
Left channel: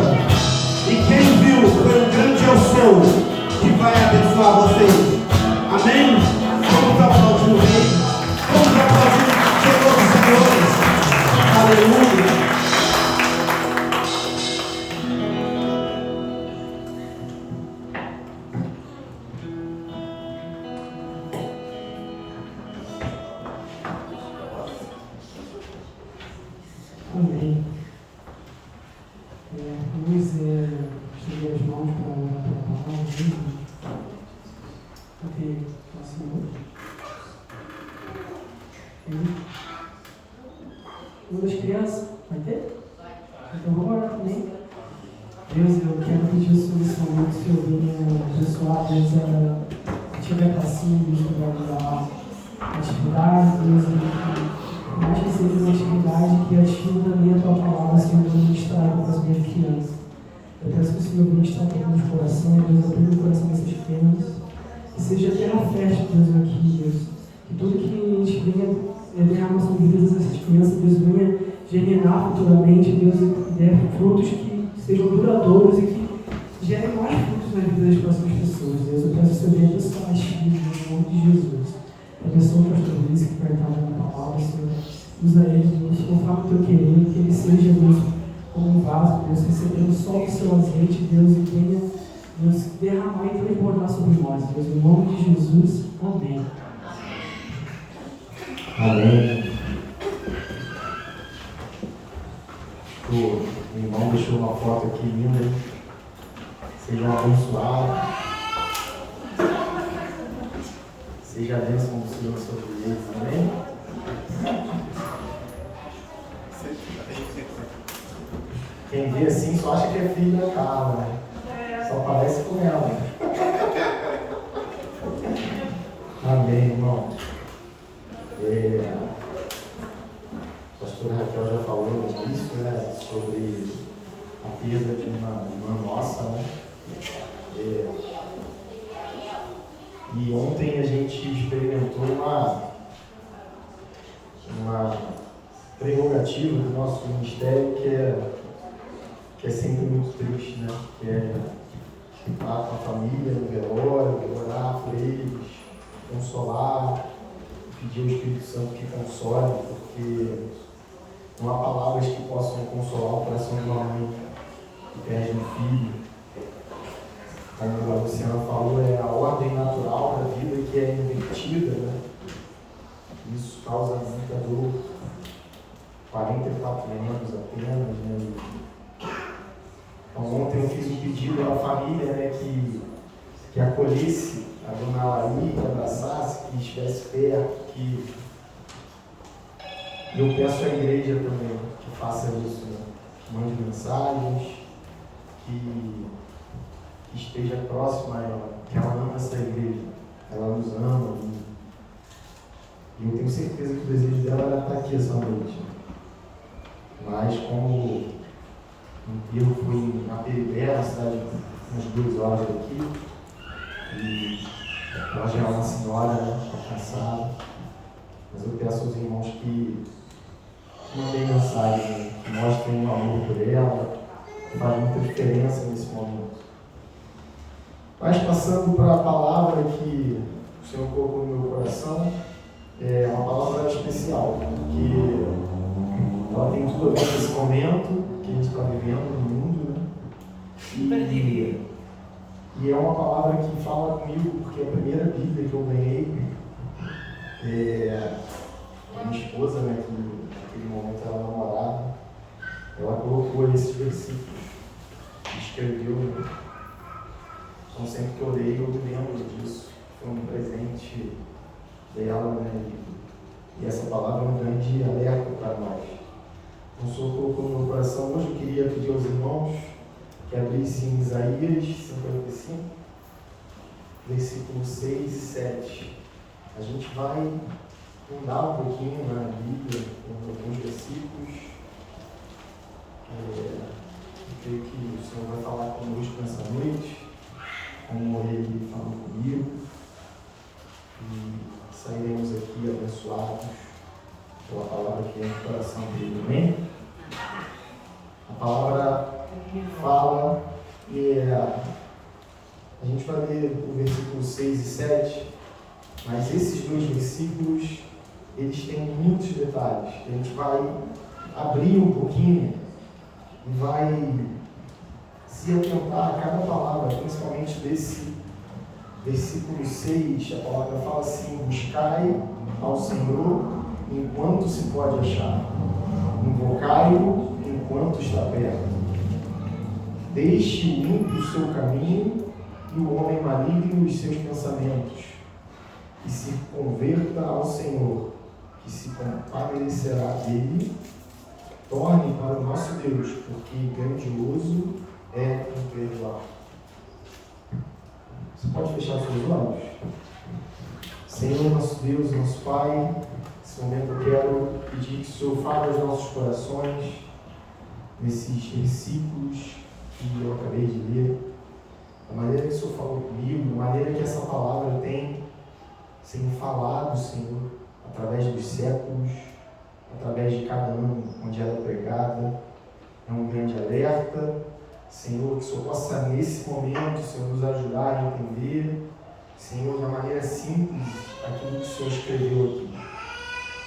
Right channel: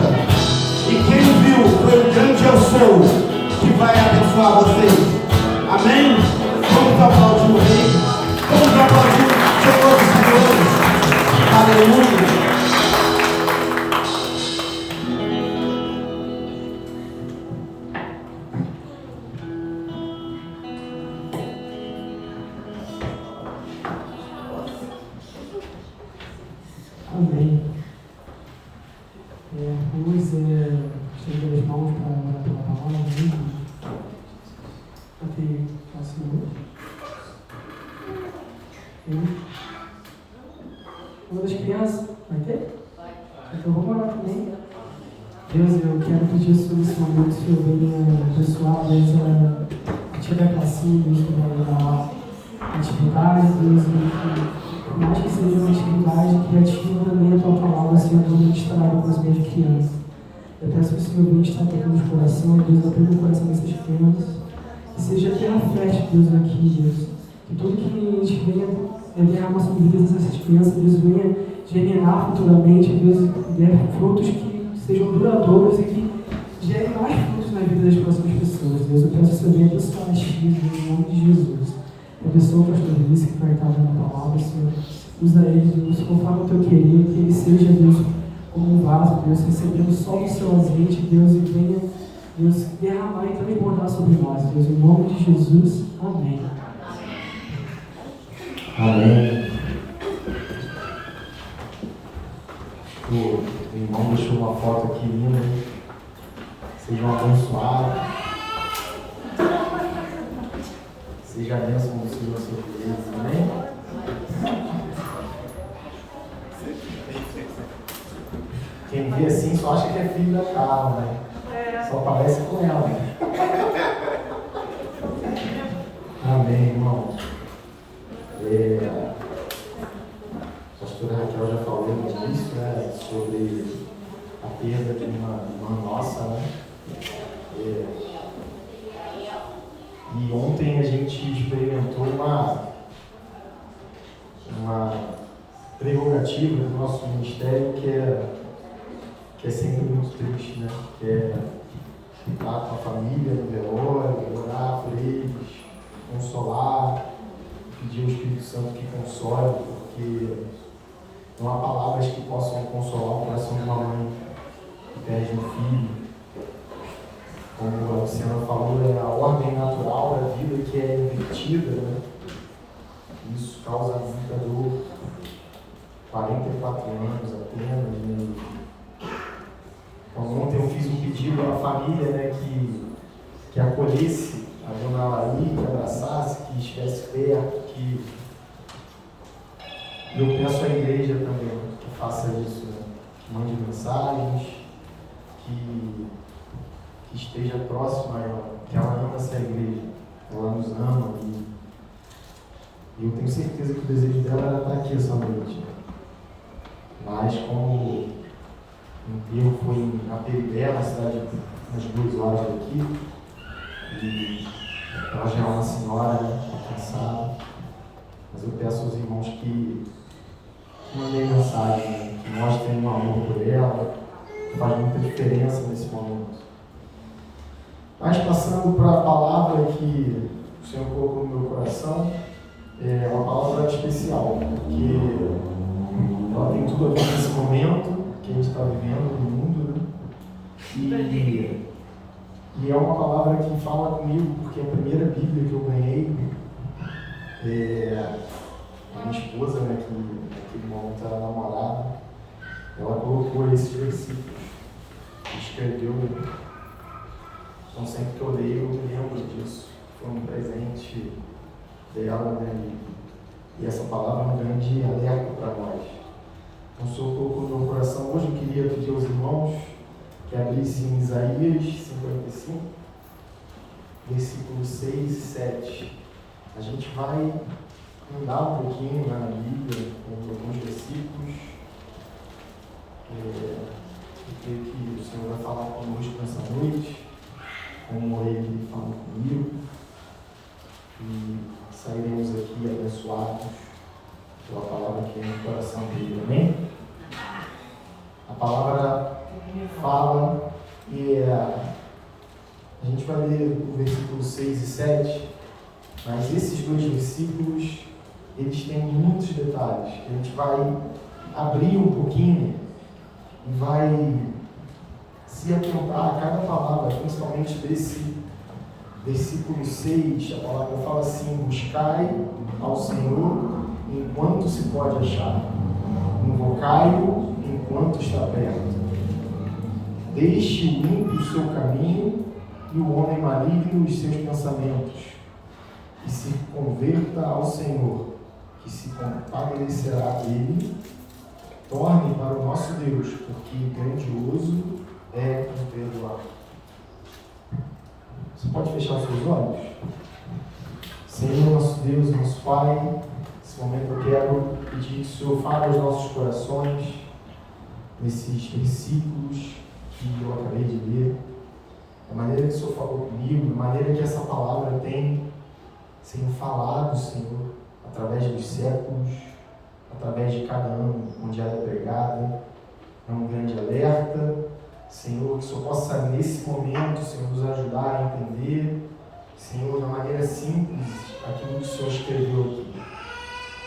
e quem viu foi o grande eu sou que vai abençoar vocês. Amém? Vamos aplaudir o Rei, vamos aplaudir o Senhor dos Senhores. Aleluia. Amém. Vamos estender as mãos para orar pela palavra. Até assim. Uma das crianças, vai ter? Então vamos orar também. Deus, eu quero pedir o Senhor nesse momento, se eu venha abençoar, Deus, a tiver classinha, Deus, a atividade, Deus, por mais que seja uma atividade criativa, a tua palavra sendo ministrada para as minhas crianças. Eu peço que o Senhor venha estar tocando os corações, Deus, abrindo o coração dessas crianças, que seja terra fértil, Deus, aqui, Deus, que tudo que a gente venha derramar sobre vidas dessas crianças, Deus, venha germinar futuramente, Deus, e dê frutos que sejam duradouros e que gerem mais frutos na vida das próximas pessoas, Deus. Eu peço que o Senhor venha abençoar as filhas, em nome de Jesus. Abençoa o pastor Luiz que vai estar dando a palavra, Senhor. Usa ele, Deus, conforme o teu querer, que ele seja, Deus, como um vaso, Deus, recebendo só o seu azeite, Deus, e venha, Deus, derramar e transbordar sobre nós, Deus, em nome de Jesus. Amém. Amém. O irmão deixou uma foto aqui linda. Sejam abençoados. Seja a bênção do Senhor sobre eles. Amém? Quem vê assim só acha que é filho da Carla, né? Só parece com ela. Amém, irmão. A pastora Raquel já falou no início, né, sobre a perda de uma irmã nossa, né? E ontem a gente experimentou uma prerrogativa do nosso ministério que é sempre muito triste, né? Que é estar com a família no velório, orar por eles, consolar, pedir ao Espírito Santo que console, porque não há palavras que possam consolar o coração de uma mãe que perde um filho. Como a Luciana falou, é a ordem natural da vida que é invertida, né? Isso causa muita dor. 44 anos apenas, né? Então ontem eu fiz um pedido à família, né, que acolhesse a dona Laí, que abraçasse, que estivesse perto, que eu peço à igreja também que faça isso, né? Que mande mensagens, que esteja próxima a ela, que ela ama essa igreja, ela nos ama, e eu tenho certeza que o desejo dela era estar aqui essa noite. Mas como o enterro foi na Peribela, na cidade umas 2 horas daqui, e ela já é uma senhora, né, está cansada, mas eu peço aos irmãos que mandem mensagem, né, que mostrem um amor por ela, que faz muita diferença nesse momento. Mas passando para a palavra que o Senhor colocou no meu coração, é uma palavra especial, porque ela tem tudo a ver com esse momento que a gente está vivendo no mundo, né? E é uma palavra que fala comigo, porque a primeira Bíblia que eu ganhei, a minha esposa, né, que naquele momento era namorada, ela colocou esses versículos, escreveu. Então sempre que eu leio, eu me lembro disso. Foi um presente dela, né? E essa palavra é um grande alerta para nós. O Senhor colocou no meu coração hoje. Eu queria pedir aos irmãos que abrissem em Isaías 55, versículos 6 e 7. A gente vai andar um pouquinho na Bíblia, em alguns versículos. Eu creio que o Senhor vai falar conosco nessa noite, como Ele falou comigo, e sairemos aqui abençoados pela palavra que vem no coração dele. Amém? A palavra fala e a gente vai ler o versículo 6 e 7, mas esses dois versículos, eles têm muitos detalhes. A gente vai abrir um pouquinho e vai se atentar a cada palavra, principalmente desse versículo 6. A palavra fala assim: buscai ao Senhor enquanto se pode achar, invocai-o enquanto está perto. Deixe o ímpio o seu caminho e o homem maligno os seus pensamentos, e se converta ao Senhor, que se compadecerá dele. Torne para o nosso Deus, porque grandioso é imperdoar. Você pode fechar os seus olhos? Senhor, nosso Deus, nosso Pai, nesse momento eu quero pedir que o Senhor fale aos nossos corações, nesses versículos que eu acabei de ler, da maneira que o Senhor falou comigo, da maneira que essa palavra tem sido falado, Senhor, através dos séculos, através de cada ano onde ela é pregada. É um grande alerta, Senhor, que o Senhor possa nesse momento, Senhor, nos ajudar a entender, Senhor, da maneira simples, aquilo que o Senhor escreveu aqui.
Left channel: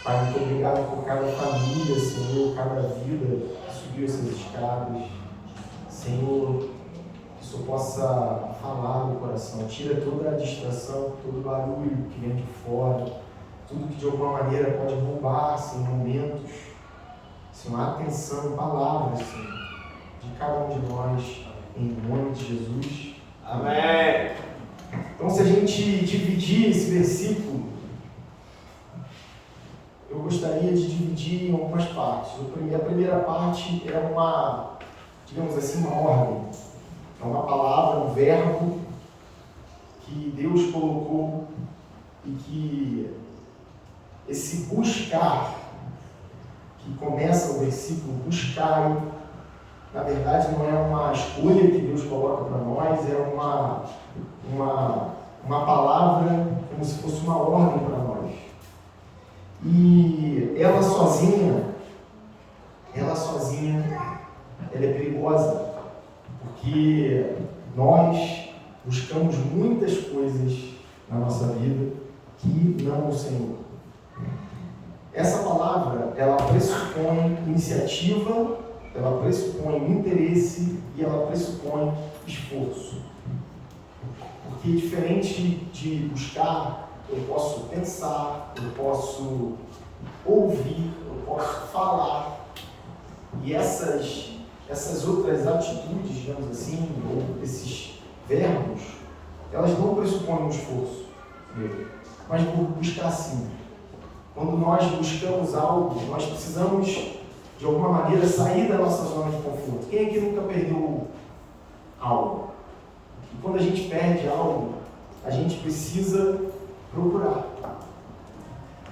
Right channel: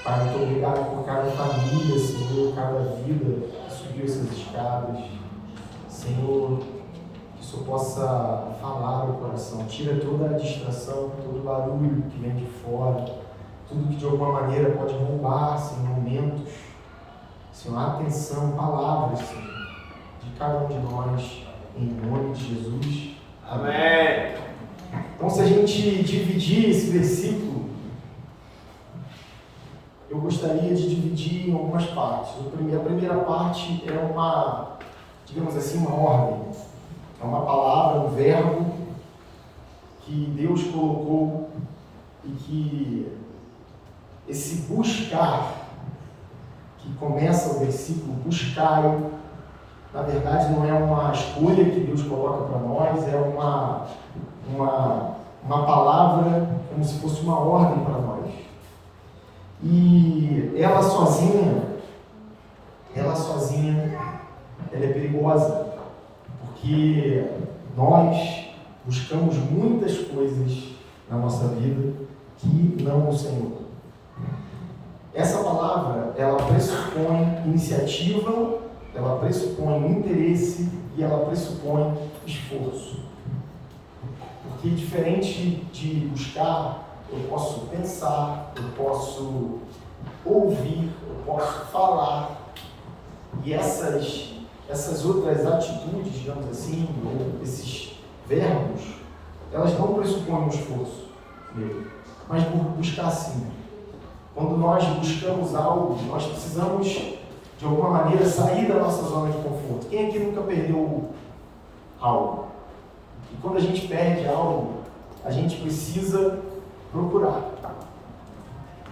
Pai, muito obrigado por cada família, Senhor, cada vida que subiu essas escadas. Senhor, que o Senhor possa falar no coração, tira toda a distração, todo o barulho que vem de fora, tudo que de alguma maneira pode roubar, Senhor, momentos, Senhor, atenção, palavras, Senhor, de cada um de nós, em nome de Jesus. Amém. Então, se a gente dividir esse versículo, eu gostaria de dividir em algumas partes. A primeira parte é uma, digamos assim, uma ordem. É uma palavra, um verbo que Deus colocou e que esse buscar, que começa o versículo, buscai, na verdade não é uma escolha que Deus coloca para nós, é uma palavra como se fosse uma ordem para nós. E ela sozinha, ela é perigosa, porque nós buscamos muitas coisas na nossa vida que não o Senhor. Essa palavra, ela pressupõe iniciativa, ela pressupõe interesse e ela pressupõe esforço. Porque diferente de buscar, eu posso pensar, eu posso ouvir, eu posso falar, e essas outras atitudes, digamos assim, ou esses verbos, elas não pressupõem um esforço meu, mas por buscar sim. Quando nós buscamos algo, nós precisamos, de alguma maneira, sair da nossa zona de conforto. Quem aqui nunca perdeu algo? E quando a gente perde algo, a gente precisa procurar.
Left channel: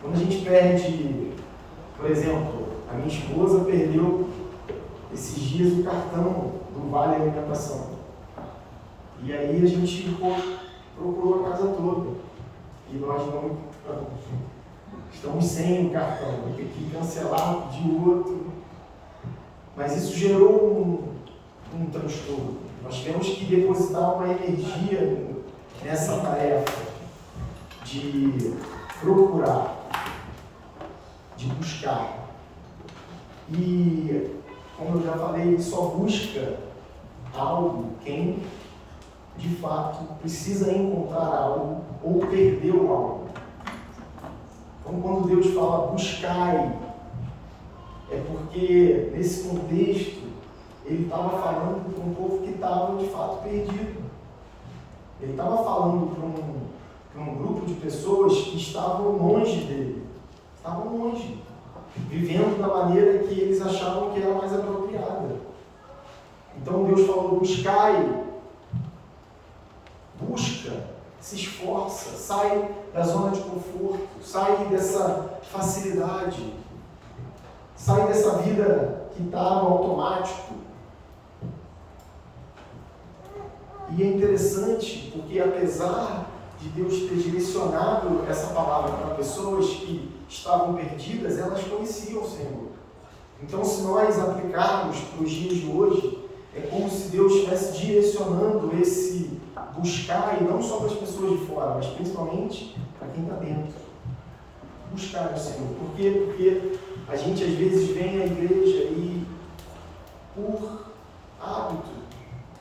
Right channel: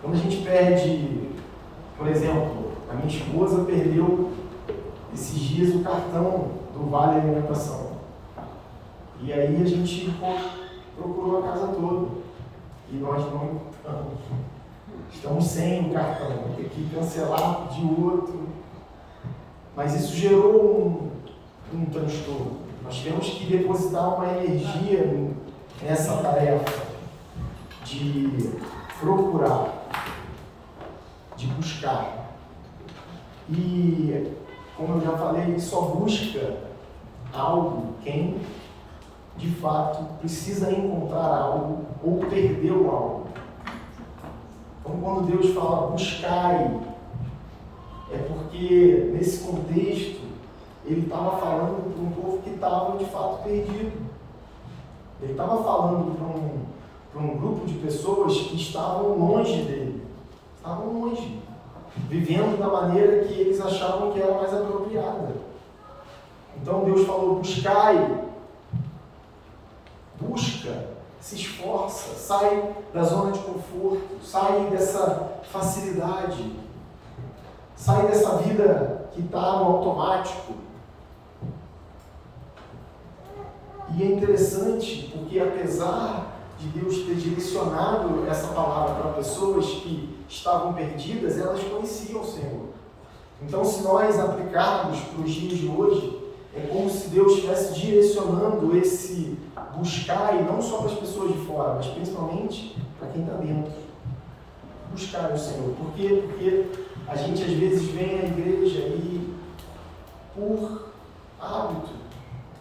Quando a gente perde, por exemplo, a minha esposa perdeu esses dias o cartão do Vale Alimentação. E aí a gente procurou a casa toda. E nós não encontramos. Estamos sem o cartão, vou ter que cancelar de outro. Mas isso gerou um transtorno. Nós tivemos que depositar uma energia nessa tarefa de procurar, de buscar. E, como eu já falei, só busca algo quem, de fato, precisa encontrar algo ou perdeu algo. Então, quando Deus fala buscai, é porque, nesse contexto, Ele estava falando para um povo que estava, de fato, perdido. Ele estava falando para um grupo de pessoas que estavam longe dele. Estavam longe. vivendo da maneira que eles achavam que era mais apropriada. Então Deus falou: buscai, busca, se esforça, sai da zona de conforto, sai dessa facilidade, sai dessa vida que está no automático. E é interessante porque, apesar de Deus ter direcionado essa palavra para pessoas que estavam perdidas, elas conheciam o Senhor. Então, se nós aplicarmos para os dias de hoje, é como se Deus estivesse direcionando esse buscar, e não só para as pessoas de fora, mas principalmente para quem está dentro. Buscar o Senhor. Por quê? Porque a gente às vezes vem à igreja e, por hábito,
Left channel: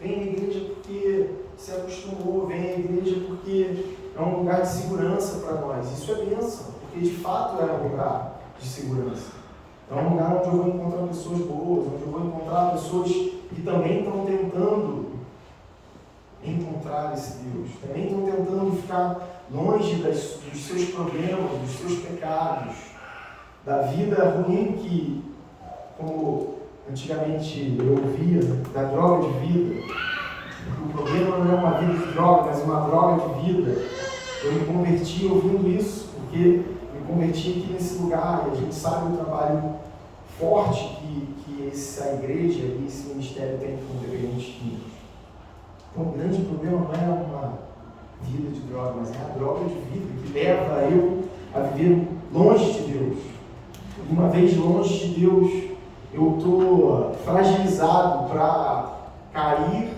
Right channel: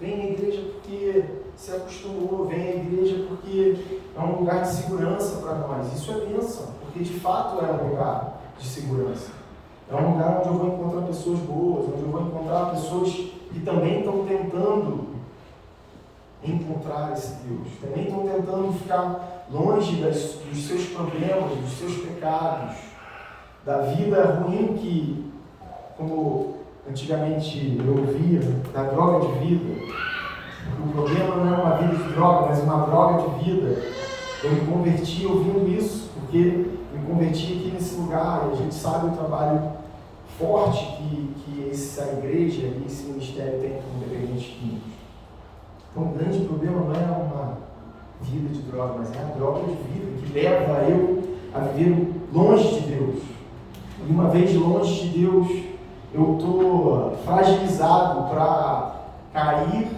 vem à igreja porque se acostumou, vem à igreja porque é um lugar de segurança para nós. Isso é bênção, porque de fato é um lugar de segurança. É um lugar onde eu vou encontrar pessoas boas, onde eu vou encontrar pessoas que também estão tentando encontrar esse Deus, também estão tentando ficar longe dos seus problemas, dos seus pecados, da vida ruim que, como antigamente eu ouvia, da droga de vida. O problema não é uma vida de droga, mas uma droga de vida. Eu me converti ouvindo isso, porque me converti aqui nesse lugar, e a gente sabe o trabalho forte que essa igreja e esse ministério tem com dependentes químicos. Então o grande problema não é uma vida de droga, mas é a droga de vida que leva eu a viver longe de Deus. E uma vez longe de Deus, eu estou fragilizado para cair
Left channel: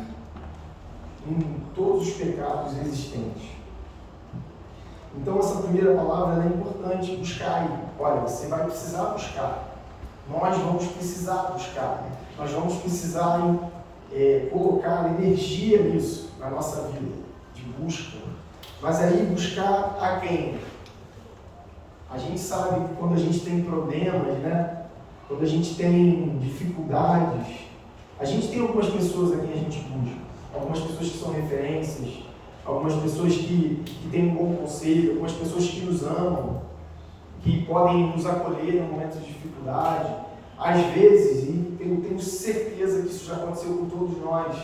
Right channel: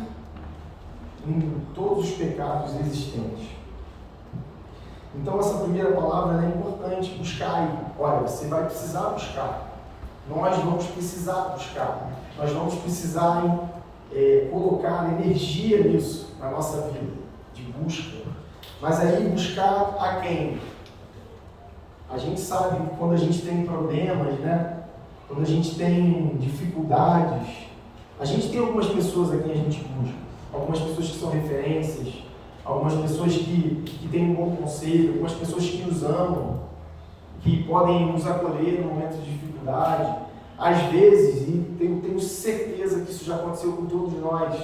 em todos os pecados existentes. Então essa primeira palavra é importante, buscar. Olha, você vai precisar buscar. Nós vamos precisar buscar. Nós vamos precisar colocar energia nisso, na nossa vida, de busca. Mas aí buscar a quem? A gente sabe que quando a gente tem problemas, né? Quando a gente tem dificuldades, a gente tem algumas pessoas a quem a gente busca. Algumas pessoas que são referências, algumas pessoas que têm um bom conselho, algumas pessoas que nos amam, que podem nos acolher no momento de dificuldade. Às vezes, e eu tenho certeza que isso já aconteceu com todos nós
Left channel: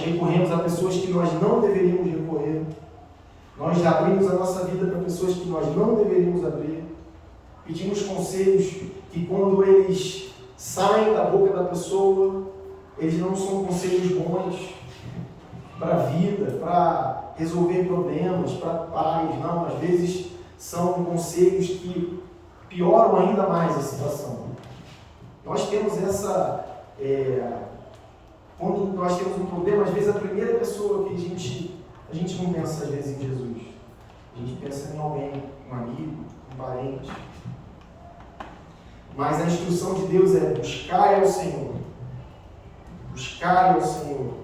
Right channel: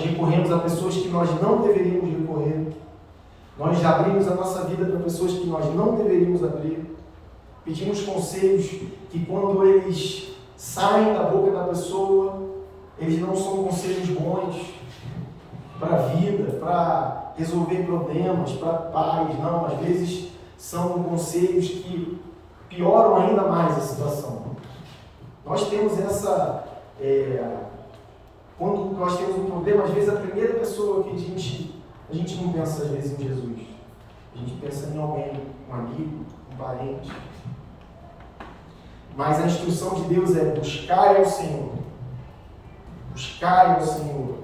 recorremos a pessoas que nós não deveríamos recorrer. Nós já abrimos a nossa vida para pessoas que nós não deveríamos abrir. Pedimos conselhos que, quando eles saem da boca da pessoa, eles não são conselhos bons para a vida, para resolver problemas, para paz. Não, às vezes são conselhos que pioram ainda mais a situação. Nós temos quando nós temos um problema, às vezes a primeira pessoa que a gente não pensa às vezes em Jesus. A gente pensa em alguém, um amigo, um parente. Mas a instrução de Deus é buscar ao Senhor. Buscar ao Senhor.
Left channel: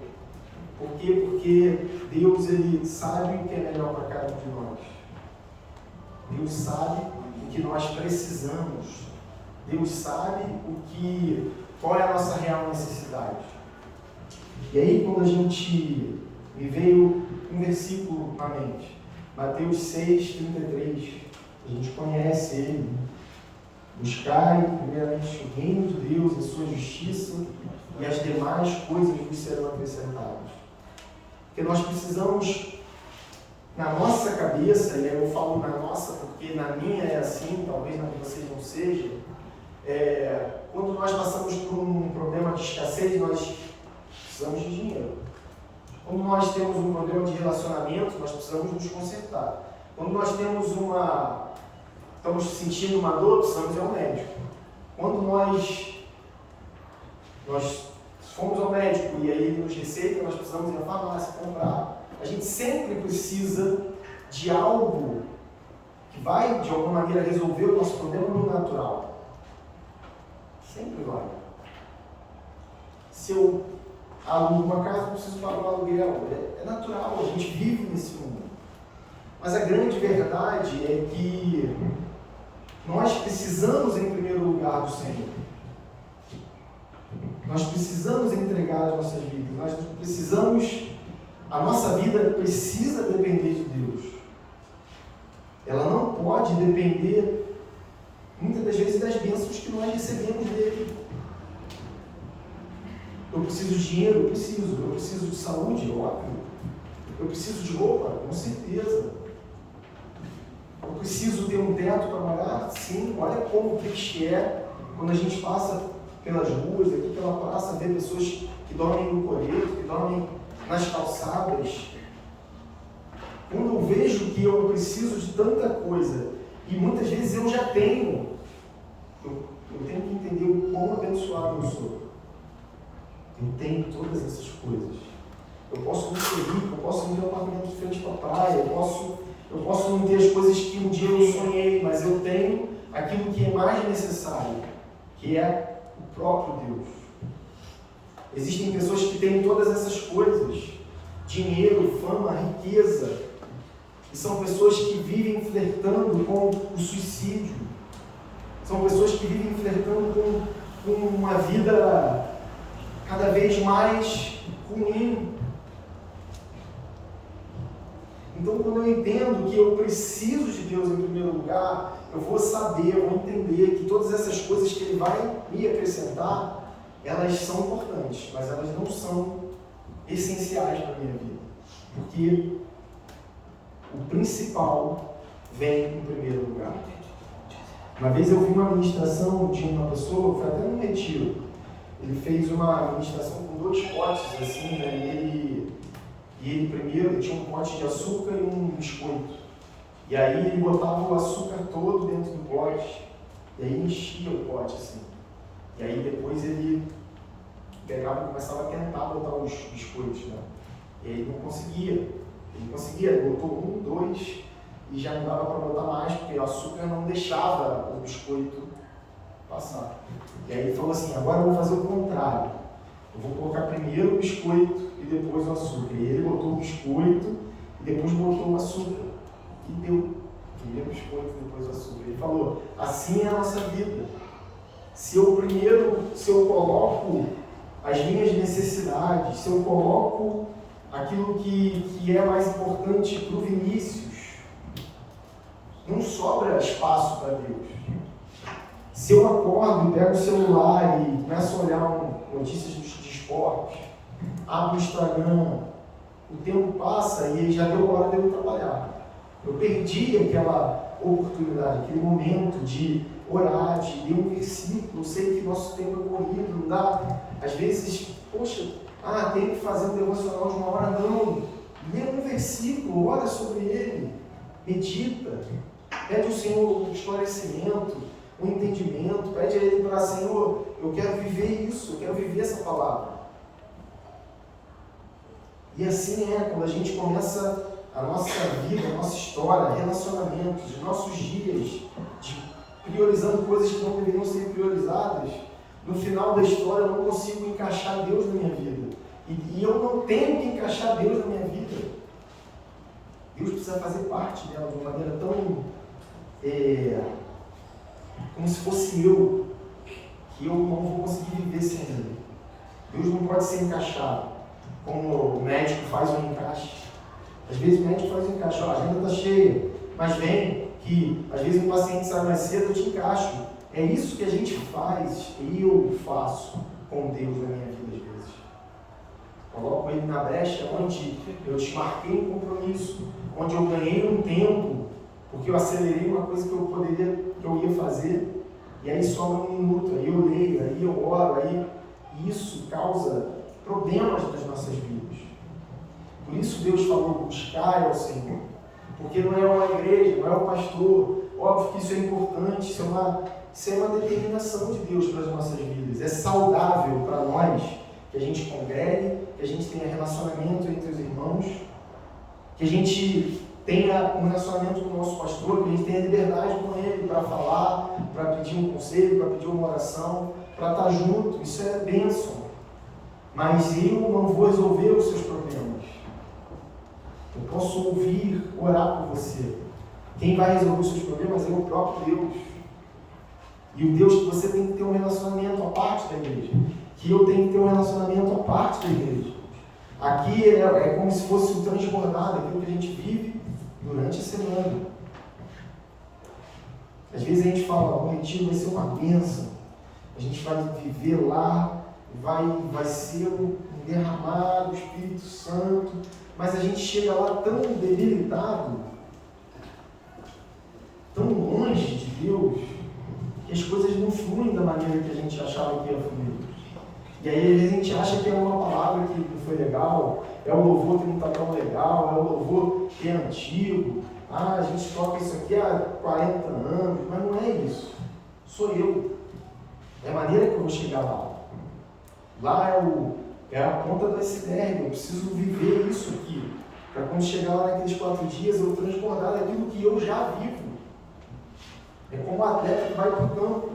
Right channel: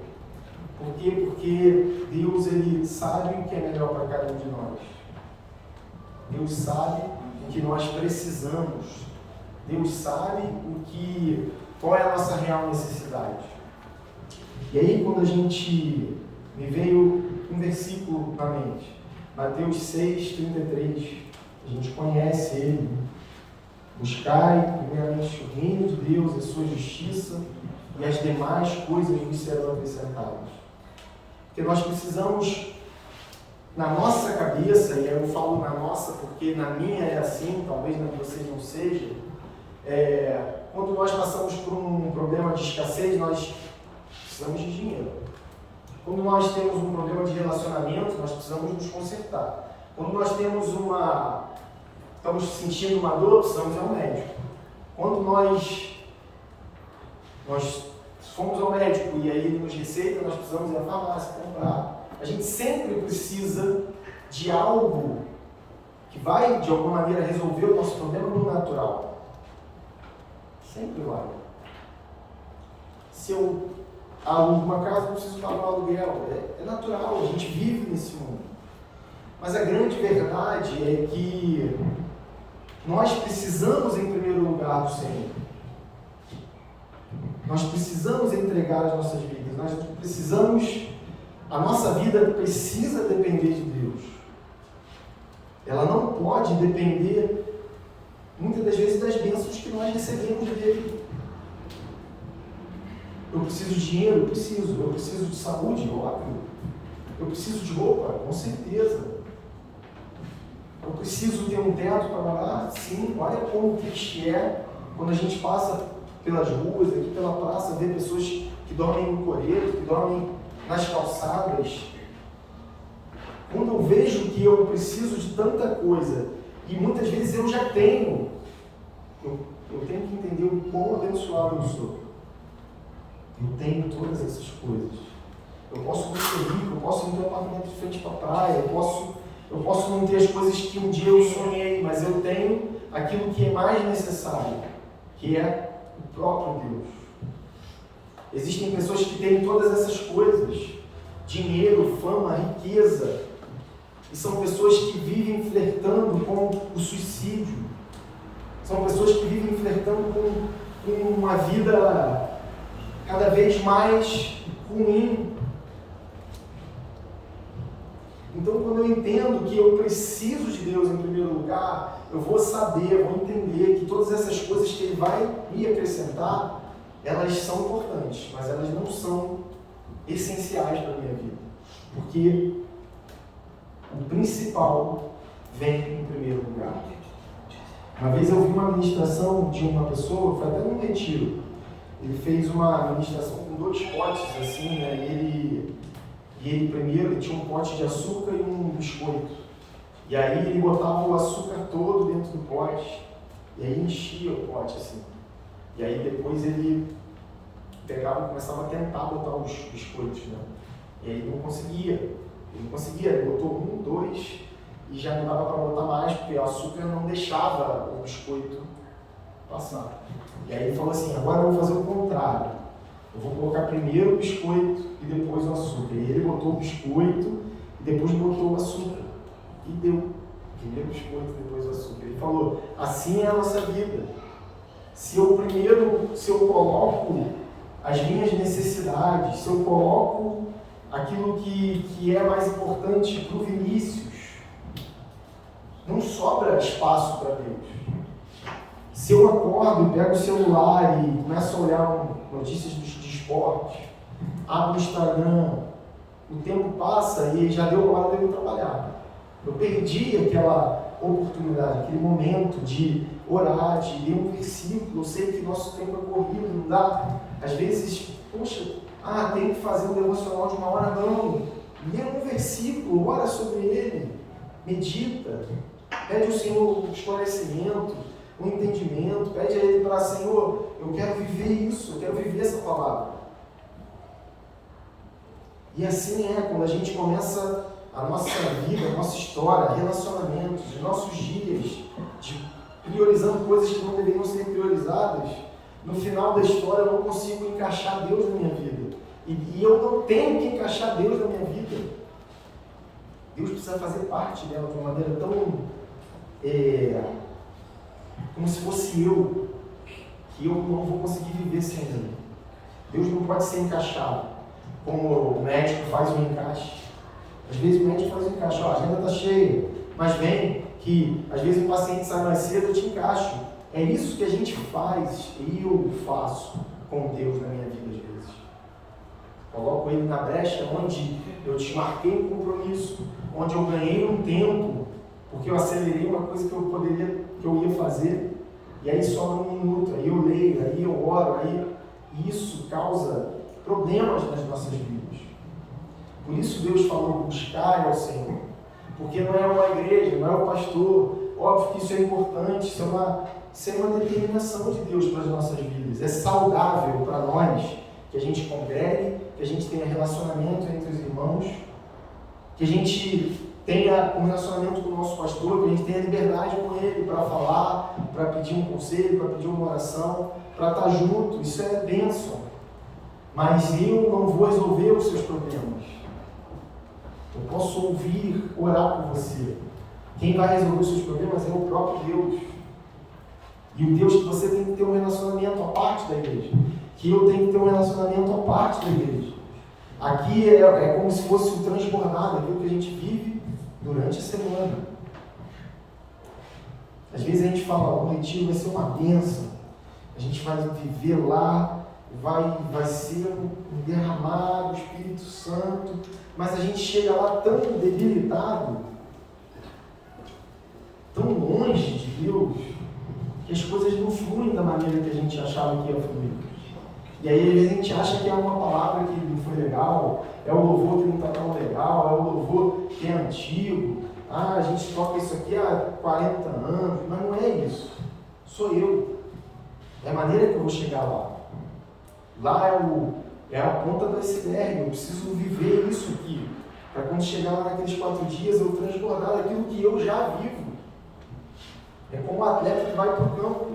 Por quê? Porque Deus, Ele sabe o que é melhor para cada um de nós. Deus sabe o que nós precisamos. Deus sabe qual é a nossa real necessidade. E aí, quando me veio um versículo na mente, Mateus 6:33, a gente conhece ele. Buscai primeiramente o reino de Deus, a sua justiça, e as demais coisas vos serão acrescentadas. Porque nós precisamos, na nossa cabeça, e eu falo na nossa porque na minha é assim, talvez na de vocês não seja, quando nós passamos por um problema de escassez, nós precisamos de dinheiro. Quando nós temos um problema de relacionamento, nós precisamos nos consertar. Quando nós estamos sentindo uma dor, precisamos ir ao médico. Quando nós fomos ao médico e aí ele nos receita, nós precisamos ir à farmácia comprar. A gente sempre precisa de algo que vai, de alguma maneira, resolver o nosso problema no natural. Sempre vai. Se eu alugo uma casa, não preciso pagar um aluguel. É natural, a gente vive nesse mundo. Mas a grande verdade é que nós precisamos, em primeiro lugar, do Senhor. Nós precisamos entregar as nossas vidas. A nossa vida precisa depender de Deus. Ela não pode depender, muitas das vezes, das bênçãos que nós recebemos dele. Eu preciso de dinheiro? Eu preciso de saúde? Óbvio. Eu preciso de roupa? Com certeza. Eu preciso ter um teto para morar? Sim. Olha como triste é quando a gente passa pelas ruas, aqui pela praça, vê pessoas que dormem no coreto, que dormem nas calçadas. Quando eu vejo que eu preciso de tanta coisa, e muitas vezes eu já tenho, eu tenho que entender o quão abençoado eu sou. Eu tenho todas essas coisas. Eu posso não ser rico, eu posso não ter um apartamento de frente para a praia, eu posso não ter as coisas que um dia eu sonhei, mas eu tenho aquilo que é mais necessário, que é o próprio Deus. Existem pessoas que têm todas essas coisas, dinheiro, fama, riqueza, e são pessoas que vivem flertando com o suicídio, são pessoas que vivem flertando com uma vida cada vez mais ruim. Então, quando eu entendo que eu preciso de Deus em primeiro lugar, eu vou saber, vou entender que todas essas coisas que Ele vai me acrescentar, elas são importantes, mas elas não são essenciais para a minha vida. Porque o principal vem em primeiro lugar. Uma vez eu vi uma ministração de uma pessoa, foi até num retiro. Ele fez uma ministração com 2 potes, assim, né? E ele primeiro ele tinha um pote de açúcar e um biscoito. E aí ele botava o açúcar todo dentro do pote, e aí enchia o pote, assim. E aí depois ele pegava e começava a tentar botar os biscoitos, né? E aí ele não conseguia, ele botou 1, 2, e já não dava para botar mais, porque o açúcar não deixava o biscoito passar. E aí ele falou assim, agora eu vou fazer o contrário. Eu vou colocar primeiro o biscoito e depois o açúcar. E ele botou o biscoito e depois botou o açúcar. E deu. Primeiro o biscoito e depois o açúcar. Ele falou, assim é a nossa vida. Se eu coloco as minhas necessidades, se eu coloco aquilo que é mais importante para o Vinícius, não sobra espaço para Deus. Se eu acordo e pego o celular e começo a olhar notícias de esporte, abro o Instagram, o tempo passa e já deu a hora de eu trabalhar. Eu perdi aquela oportunidade, aquele momento de orar, de ler um versículo. Eu sei que nosso tempo é corrido, não dá. Às vezes, poxa, tem que fazer um devocional de 1 hora. Não. Lê um versículo, ora sobre ele, medita, pede ao Senhor um esclarecimento, um entendimento, pede a Ele para, Senhor, eu quero viver isso, eu quero viver essa palavra. E assim é, quando a gente começa a nossa vida, a nossa história, relacionamentos, os nossos dias, priorizando coisas que não deveriam ser priorizadas, no final da história eu não consigo encaixar Deus na minha vida. E eu não tenho que encaixar Deus na minha vida. Deus precisa fazer parte dela de uma maneira tão... como se fosse eu, que eu não vou conseguir viver sem Ele. Deus não pode ser encaixado, como o médico faz um encaixe. Às vezes o médico faz um encaixe, a agenda está cheia, mas vem que às vezes o paciente sai mais cedo, eu te encaixo. É isso que a gente faz, e eu faço com Deus na minha vida às vezes. Coloco Ele na brecha onde eu desmarquei um compromisso, onde eu ganhei um tempo, porque eu acelerei uma coisa que eu ia fazer, e aí sobra 1 minuto, aí eu leio, aí eu oro, e isso causa problemas nas nossas vidas. Por isso Deus falou, buscar ao Senhor, porque não é uma igreja, não é o pastor, óbvio que isso é importante, isso é uma determinação de Deus para as nossas vidas, é saudável para nós, que a gente congregue, que a gente tenha relacionamento entre os irmãos, que a gente tenha um relacionamento com o nosso pastor, que a gente tenha liberdade com ele para falar, para pedir um conselho, para pedir uma oração, para estar junto, isso é bênção. Mas eu não vou resolver os seus problemas. Eu posso ouvir, orar por você. Quem vai resolver os seus problemas é o próprio Deus. E o Deus que você tem que ter um relacionamento à parte da igreja. Que eu tenho que ter um relacionamento à parte da igreja. Aqui é como se fosse o transbordar daquilo que a gente vive durante a semana. Às vezes a gente fala, o retiro vai ser uma bênção, a gente vai viver lá, vai ser um derramar do Espírito Santo, mas a gente chega lá tão debilitado, tão longe de Deus, que as coisas não fluem da maneira que a gente achava que ia fluir. E aí às vezes a gente acha que é uma palavra que não foi legal, é o louvor que não está tão legal, é o louvor que é antigo, a gente toca isso aqui há 40 anos, mas não é isso. Sou eu. É a maneira que eu vou chegar lá. Lá é a ponta do iceberg, eu preciso viver isso aqui, para quando chegar lá naqueles 4 dias eu transbordar daquilo que eu já vivo. É como o atleta que vai para o campo.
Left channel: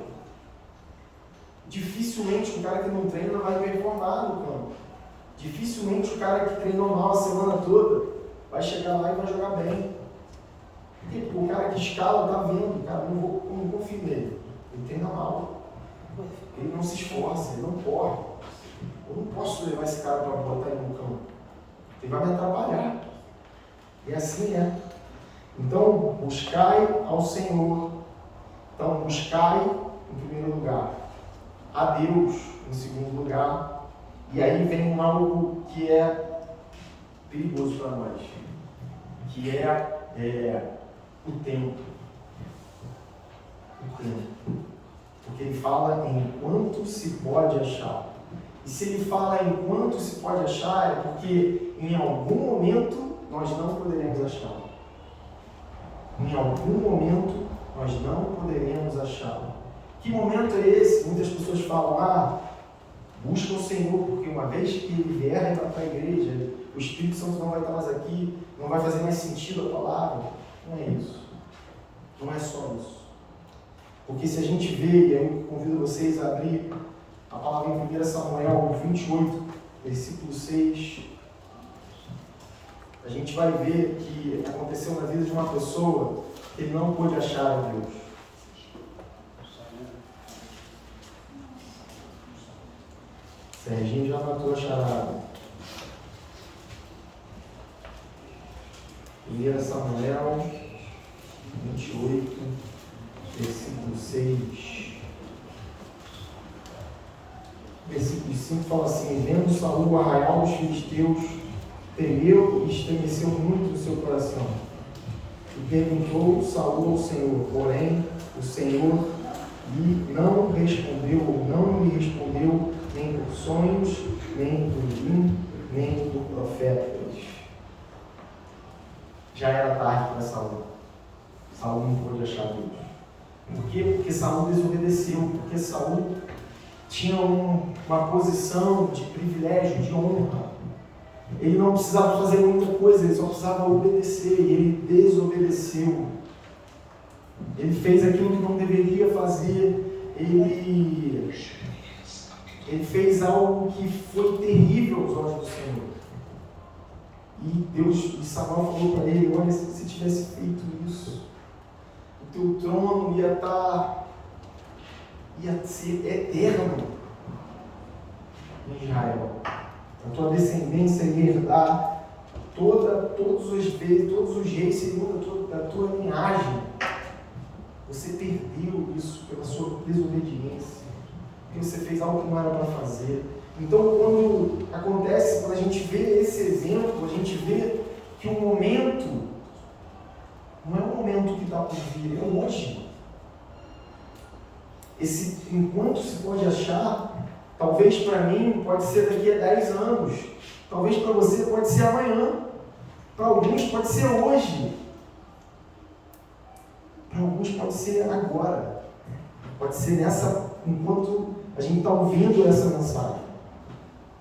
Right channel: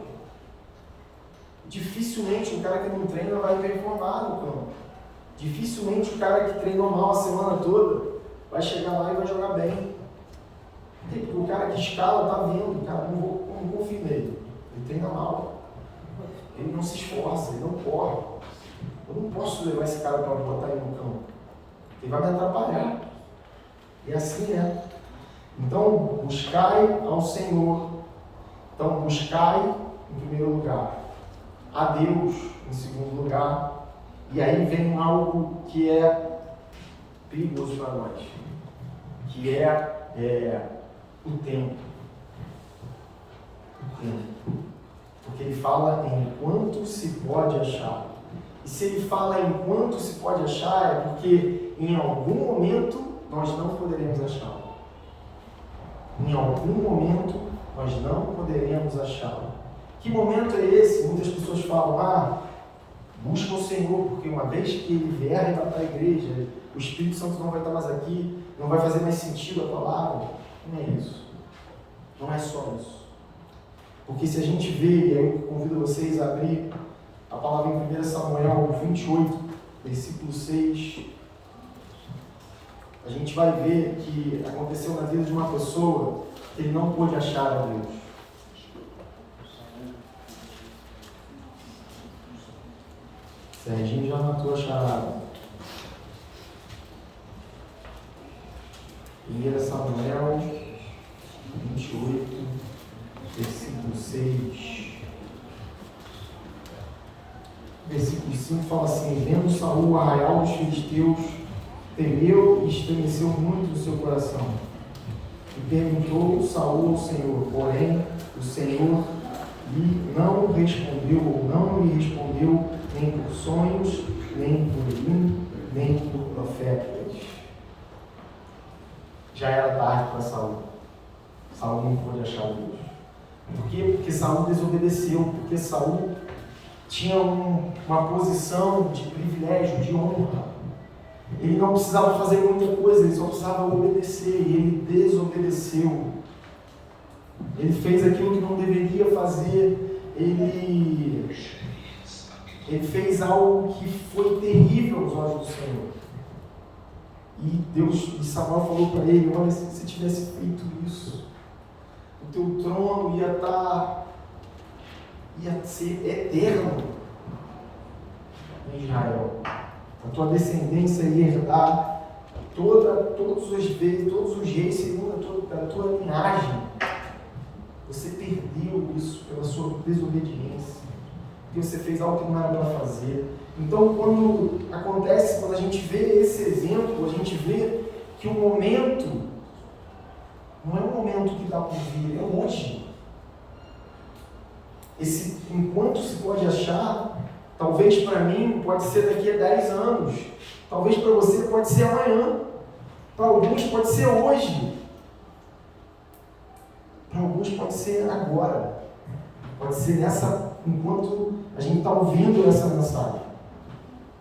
Dificilmente um cara que não treina vai performar no campo. Dificilmente o cara que treinou mal a semana toda vai chegar lá e vai jogar bem. Por quê? Porque o cara que escala está vendo, cara, não confio nele. Ele treina mal. Ele não se esforça, ele não corre. Eu não posso levar esse cara para botar ele no campo. Ele vai me atrapalhar. E assim é. Então, buscai ao Senhor. Então, buscai em primeiro lugar a Deus em segundo lugar. E aí vem algo que é perigoso para nós, que é o tempo. O tempo. Porque ele fala enquanto se pode achar. E se ele fala enquanto se pode achar, é porque em algum momento nós não poderemos achá-lo. Em algum momento nós não poderemos achá-lo. Que momento é esse? Muitas pessoas falam, busca o Senhor, porque uma vez que ele vier arrebatar a igreja, o Espírito Santo não vai estar mais aqui, não vai fazer mais sentido a palavra. Não é isso. Não é só isso. Porque se a gente vê, e aí eu convido vocês a abrir a palavra em 1 Samuel 28, versículo 6, a gente vai ver que aconteceu na vida de uma pessoa que ele não pôde achar a Deus. Serginho já matou a charada. 1 Samuel 28, versículo 6. Versículo 5 fala assim: vendo Saul o arraial dos filisteus, temeu e estremeceu muito o seu coração. E perguntou Saul ao Senhor, porém o Senhor lhe não respondeu, ou não lhe respondeu, nem por sonhos, nem por vinho, nem por profetas. Já era tarde para Saul. Saul não pôde achar Deus. Por quê? Porque Saul desobedeceu, porque Saul tinha uma posição de privilégio, de honra. Ele não precisava fazer muita coisa, ele só precisava obedecer, e ele desobedeceu. Ele fez aquilo que não deveria fazer, ele fez algo que foi terrível aos olhos do Senhor. E Deus, e Samuel falou para ele: olha, se você tivesse feito isso, o teu trono ia ser eterno em Israel. A tua descendência ia herdar todos os reis segundo a tua linhagem. Você perdeu isso pela sua desobediência, porque você fez algo que não era para fazer. Então, quando a gente vê esse exemplo, a gente vê que o momento não é um momento que dá por vir, é hoje. Esse enquanto se pode achar, talvez para mim pode ser daqui a 10 anos, talvez para você pode ser amanhã, para alguns pode ser hoje, para alguns pode ser agora, pode ser enquanto a gente está ouvindo essa mensagem.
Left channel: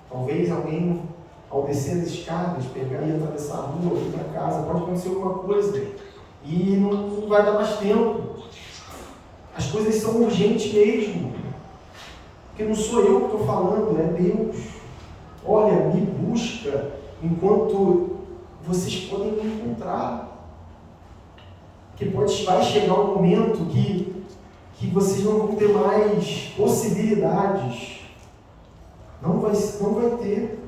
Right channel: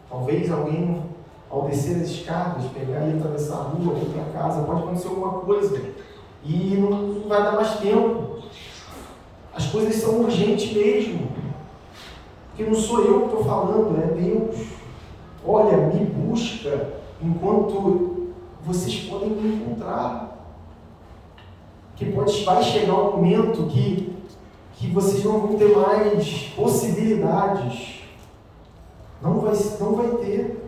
Talvez alguém, ao descer as escadas, pegar e atravessar a rua, ir para casa, pode acontecer alguma coisa e não vai dar mais tempo. As coisas são urgentes mesmo, porque não sou eu que estou falando, é Deus. Olha, me busca enquanto vocês podem me encontrar, porque vai chegar um momento que vocês não vão ter mais possibilidades, não vai ter.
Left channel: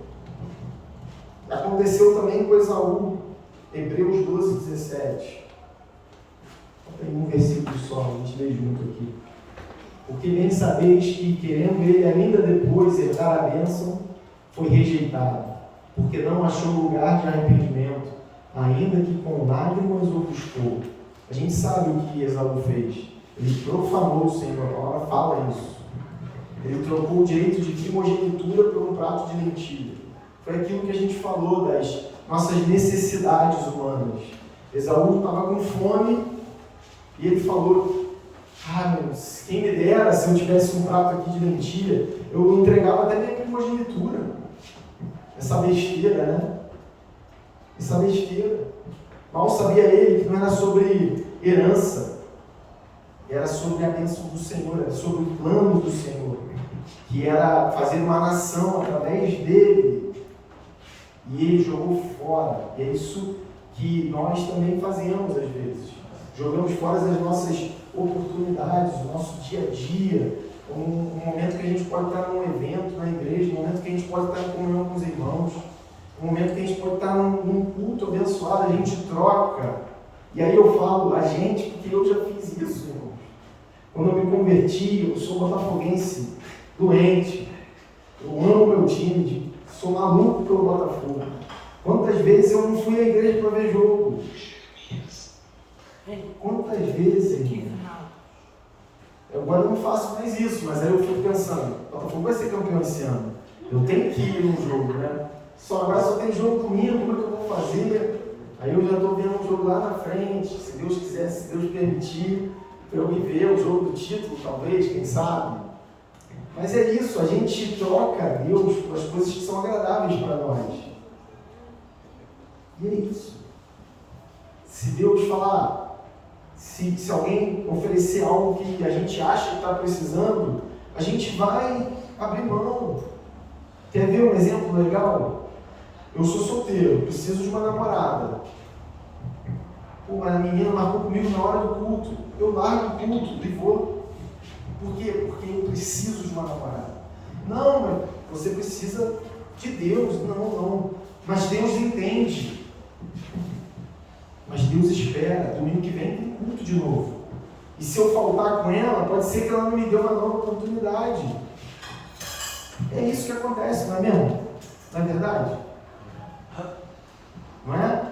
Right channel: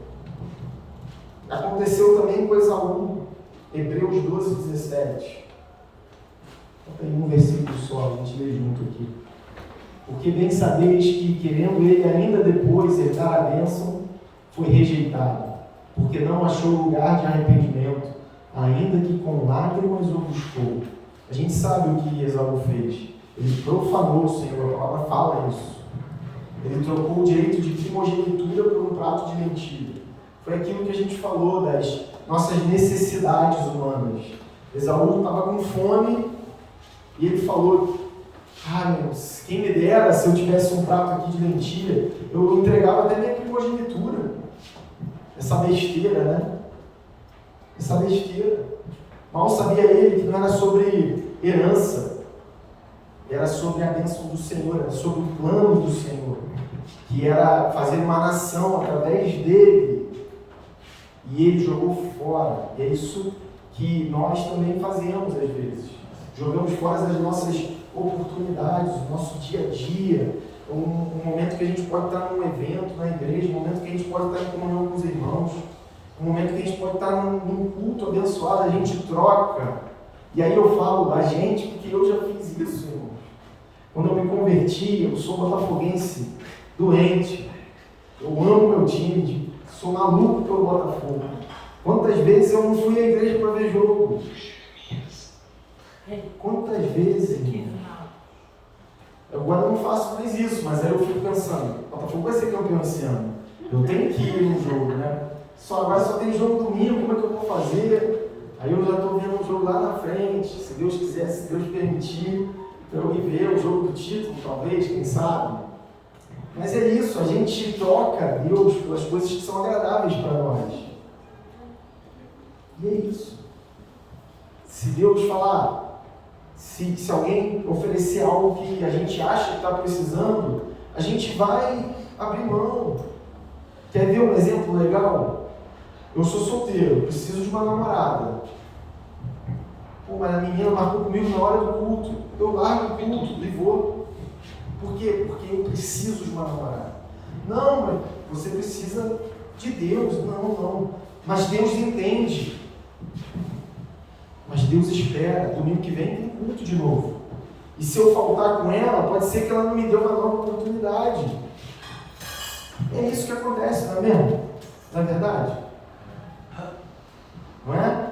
Aconteceu também com Esaú, Hebreus 12, 17. Tem um versículo só, a gente lê junto aqui. Porque bem sabeis que, querendo ele ainda depois herdar a bênção, foi rejeitado, porque não achou lugar de arrependimento, ainda que com lágrimas o buscou. A gente sabe o que Esaú fez. Ele profanou o Senhor, a palavra fala isso. Ele trocou o direito de primogenitura por um prato de lentilha. Foi aquilo que a gente falou das nossas necessidades humanas. Esaú estava com fome e ele falou: meu Deus, quem me dera se eu tivesse um prato aqui de lentilha, eu entregava até minha primogenitura. Essa besteira, né? Essa besteira. Mal sabia ele que não era sobre herança, era sobre a bênção do Senhor, era sobre o plano do Senhor, que era fazer uma nação através dele. E ele jogou fora. E é isso que nós também fazemos às vezes. Jogamos fora as nossas oportunidades, o nosso dia a dia, um momento que a gente pode estar num evento na igreja, um momento que a gente pode estar em comunhão com os irmãos, um momento que a gente pode estar num culto abençoado, a gente troca. E aí eu falo a gente, porque eu já fiz isso, irmãos. Quando eu me converti, eu sou botafoguense doente, eu amo meu time, sou maluco pelo Botafogo. Quantas vezes eu não fui à igreja para ver jogo? Quantas vezes, irmão? Agora eu não faço mais isso, mas aí eu fico pensando, o Botafogo vai ser campeão esse ano. Eu tenho que ir no jogo, né? Agora só tem jogo domingo, como é que eu vou fazer? Aí eu já estou vendo um jogo lá na frente, se Deus quiser, se Deus permitir, para eu ir ver o jogo do título, talvez, quem sabe. Mas é isso, a gente troca Deus pelas coisas que são agradáveis para nós. E é isso. Se Deus falar, se alguém oferecer algo que a gente acha que está precisando, a gente vai abrir mão. Quer ver um exemplo legal? Eu sou solteiro, preciso de uma namorada. Mas a menina marcou comigo na hora do culto. Eu largo o culto e vou. Por quê? Porque eu preciso de uma namorada. Não, mas você precisa de Deus. Não. Mas Deus entende. Mas Deus espera. Domingo que vem tem culto de novo. E se eu faltar com ela, pode ser que ela não me dê uma nova oportunidade. É isso que acontece, não é mesmo? Não é verdade? Não é?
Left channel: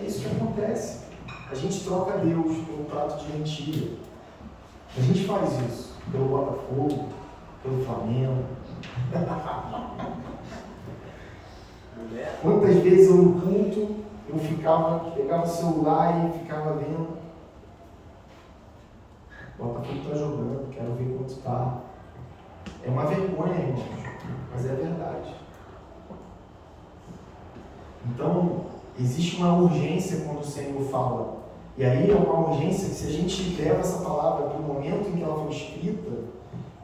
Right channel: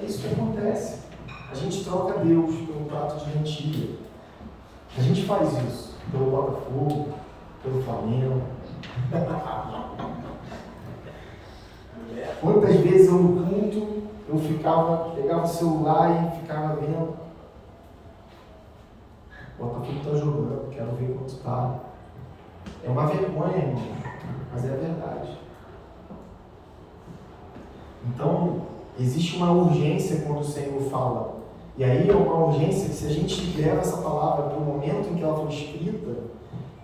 É isso que acontece. A gente troca Deus pelo prato de lentilha. A gente faz isso pelo Botafogo, pelo Flamengo. Quantas vezes eu no culto, eu pegava o celular e ficava vendo. O Botafogo está jogando, quero ver quanto está. É uma vergonha, irmãos, mas é a verdade. Então, existe uma urgência quando o Senhor fala. E aí é uma urgência que, se a gente leva essa palavra para o momento em que ela foi escrita,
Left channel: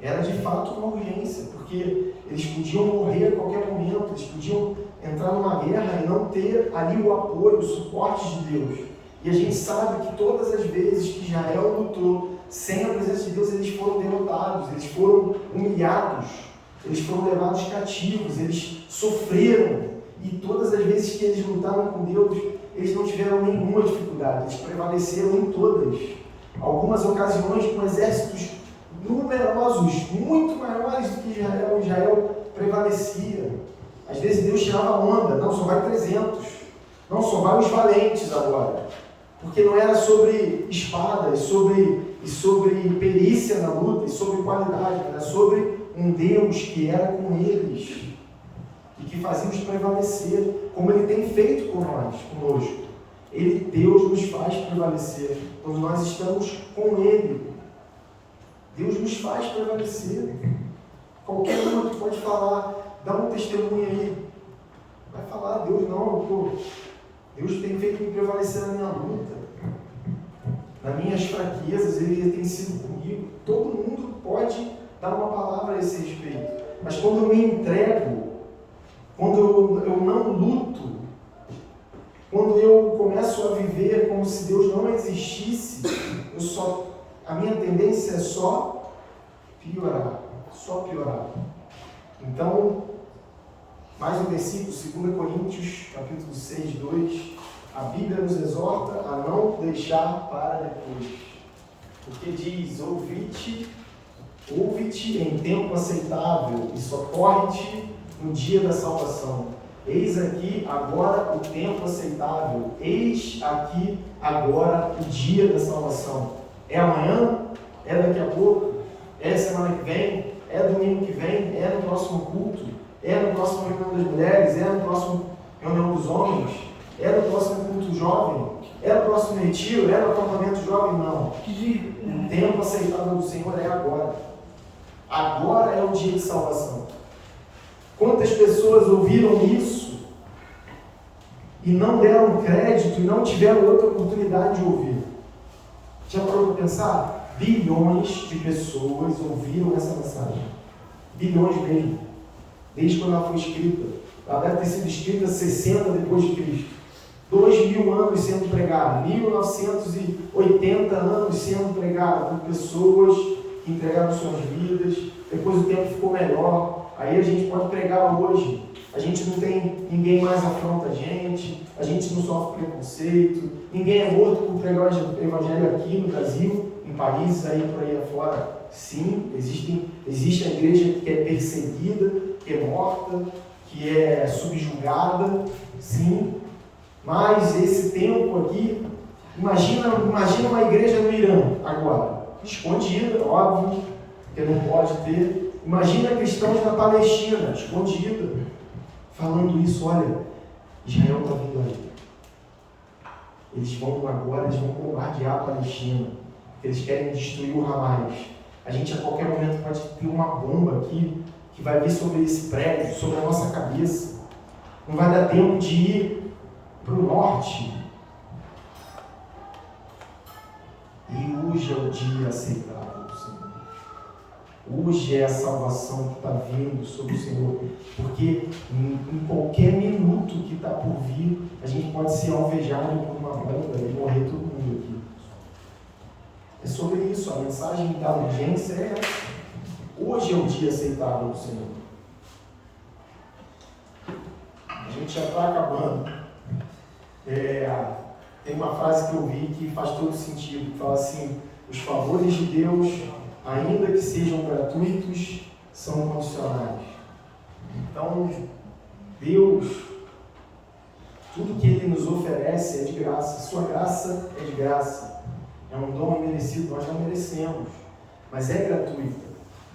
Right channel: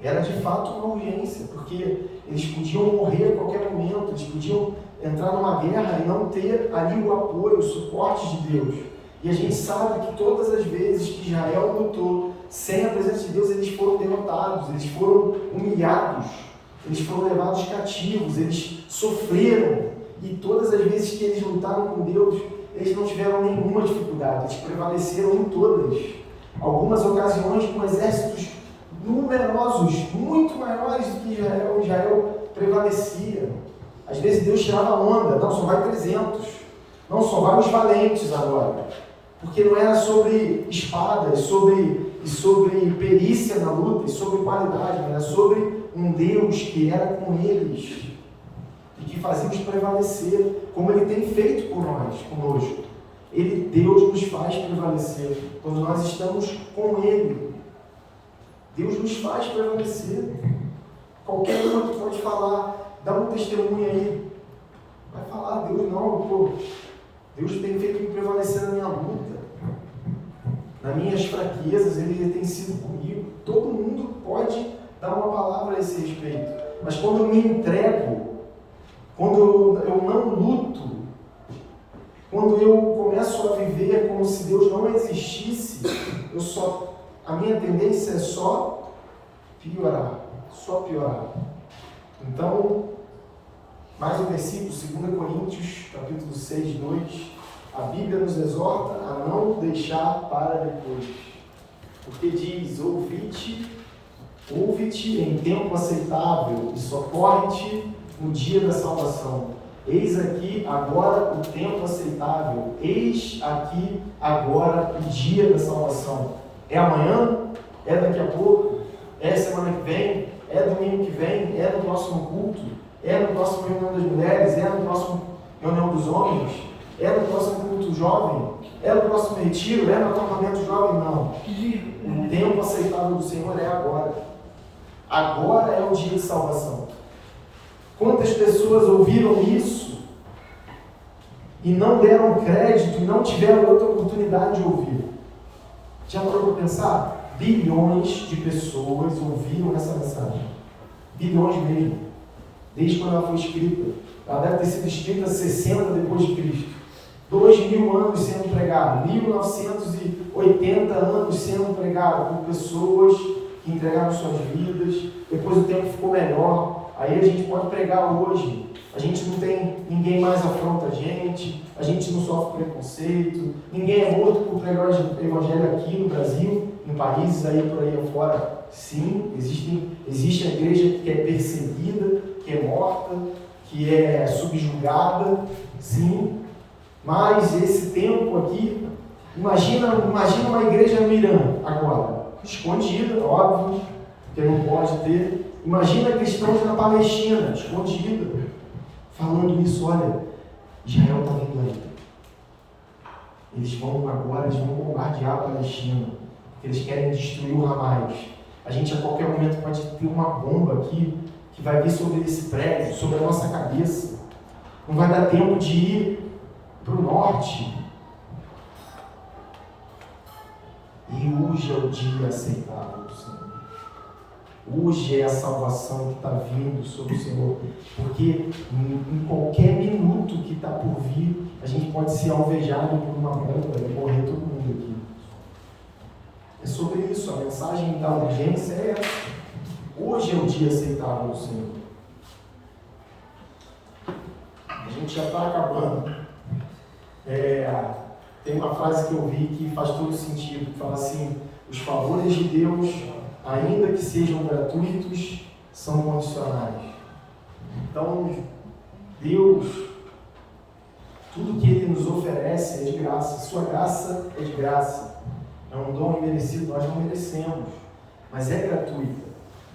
era de fato uma urgência, porque eles podiam morrer a qualquer momento, eles podiam entrar numa guerra e não ter ali o apoio, o suporte de Deus. E a gente sabe que todas as vezes que Israel lutou sem a presença de Deus, eles foram derrotados, eles foram humilhados, eles foram levados cativos, eles sofreram. E todas as vezes que eles lutaram com Deus, eles não tiveram nenhuma dificuldade, eles prevaleceram em todas. Algumas ocasiões com exércitos numerosos, muito maiores do que Israel prevalecia. Às vezes Deus tirava onda, não, só vai 300, não, só vai os valentes agora. Porque não era sobre espadas, sobre perícia na luta, e sobre qualidade, era sobre um Deus que era com eles e que fazia os prevalecer, como Ele tem feito conosco. Deus nos faz prevalecer quando nós estamos com Ele. Deus nos faz prevalecer. Qualquer uma que pode falar, dá um testemunho aí, vai falar, Deus não, Deus tem feito me prevalecer na minha luta, nas minhas fraquezas, Ele tem sido comigo. Todo mundo pode dar uma palavra a esse respeito, mas quando eu me entrego, quando eu não luto, quando eu começo a viver como se Deus não existisse, a minha tendência é só piorar. Então, mais um versículo, 2 Coríntios, capítulo 6, 2, A Bíblia nos exorta a não deixar para depois. Porque diz, ouve-te em tempo aceitável e socorre-te no dia da salvação. Eis aqui agora o tempo aceitável. Eis aqui agora o dia da salvação. É amanhã? É daqui a pouco? É semana que vem? É domingo que vem? É no próximo culto? É no próximo reunião das mulheres? É no próximo reunião dos homens? É no próximo culto jovem? É no próximo retiro? É no acampamento jovem? Não. O tempo aceitável do Senhor é agora. Agora é o dia de salvação. Quantas pessoas ouviram isso e não deram crédito e não tiveram outra oportunidade de ouvir? Já parou para pensar? Bilhões de pessoas ouviram essa mensagem. Bilhões mesmo. Desde quando ela foi escrita. Ela deve ter sido escrita 60 depois de Cristo. 2000 anos sendo pregada. 1980 anos sendo pregada por pessoas que entregaram suas vidas. Depois o tempo ficou melhor. Aí a gente pode pregar hoje. A gente não tem, ninguém mais afronta a gente não sofre preconceito, ninguém é morto por pregar o evangelho aqui no Brasil, em países aí por aí afora. Sim, existe a igreja que é perseguida, que é morta, que é subjugada, sim, mas esse tempo aqui, imagina uma igreja no Irã agora, escondida, óbvio, porque não pode ter. Imagina cristãos na Palestina, escondida, falando isso, olha, Israel está vindo aí. Eles vão bombardear a Palestina, porque eles querem destruir o Hamas. A gente a qualquer momento pode ter uma bomba aqui, que vai vir sobre esse prédio, sobre a nossa cabeça. Não vai dar tempo de ir para o norte. E hoje é o dia aceitável do Senhor. Hoje é a salvação que está vindo sobre o Senhor. Porque em qualquer minuto que está por vir, a gente pode ser alvejado por uma bomba e morrer todo mundo aqui. É sobre isso, a mensagem da urgência é essa. Hoje é o dia aceitável do Senhor. A gente já está acabando. Tem uma frase que eu vi que faz todo sentido, que fala assim: os favores de Deus, ainda que sejam gratuitos, são condicionais. Então, Deus, tudo que Ele nos oferece é de graça. Sua graça é de graça. É um dom imerecido, nós não merecemos, mas é gratuita.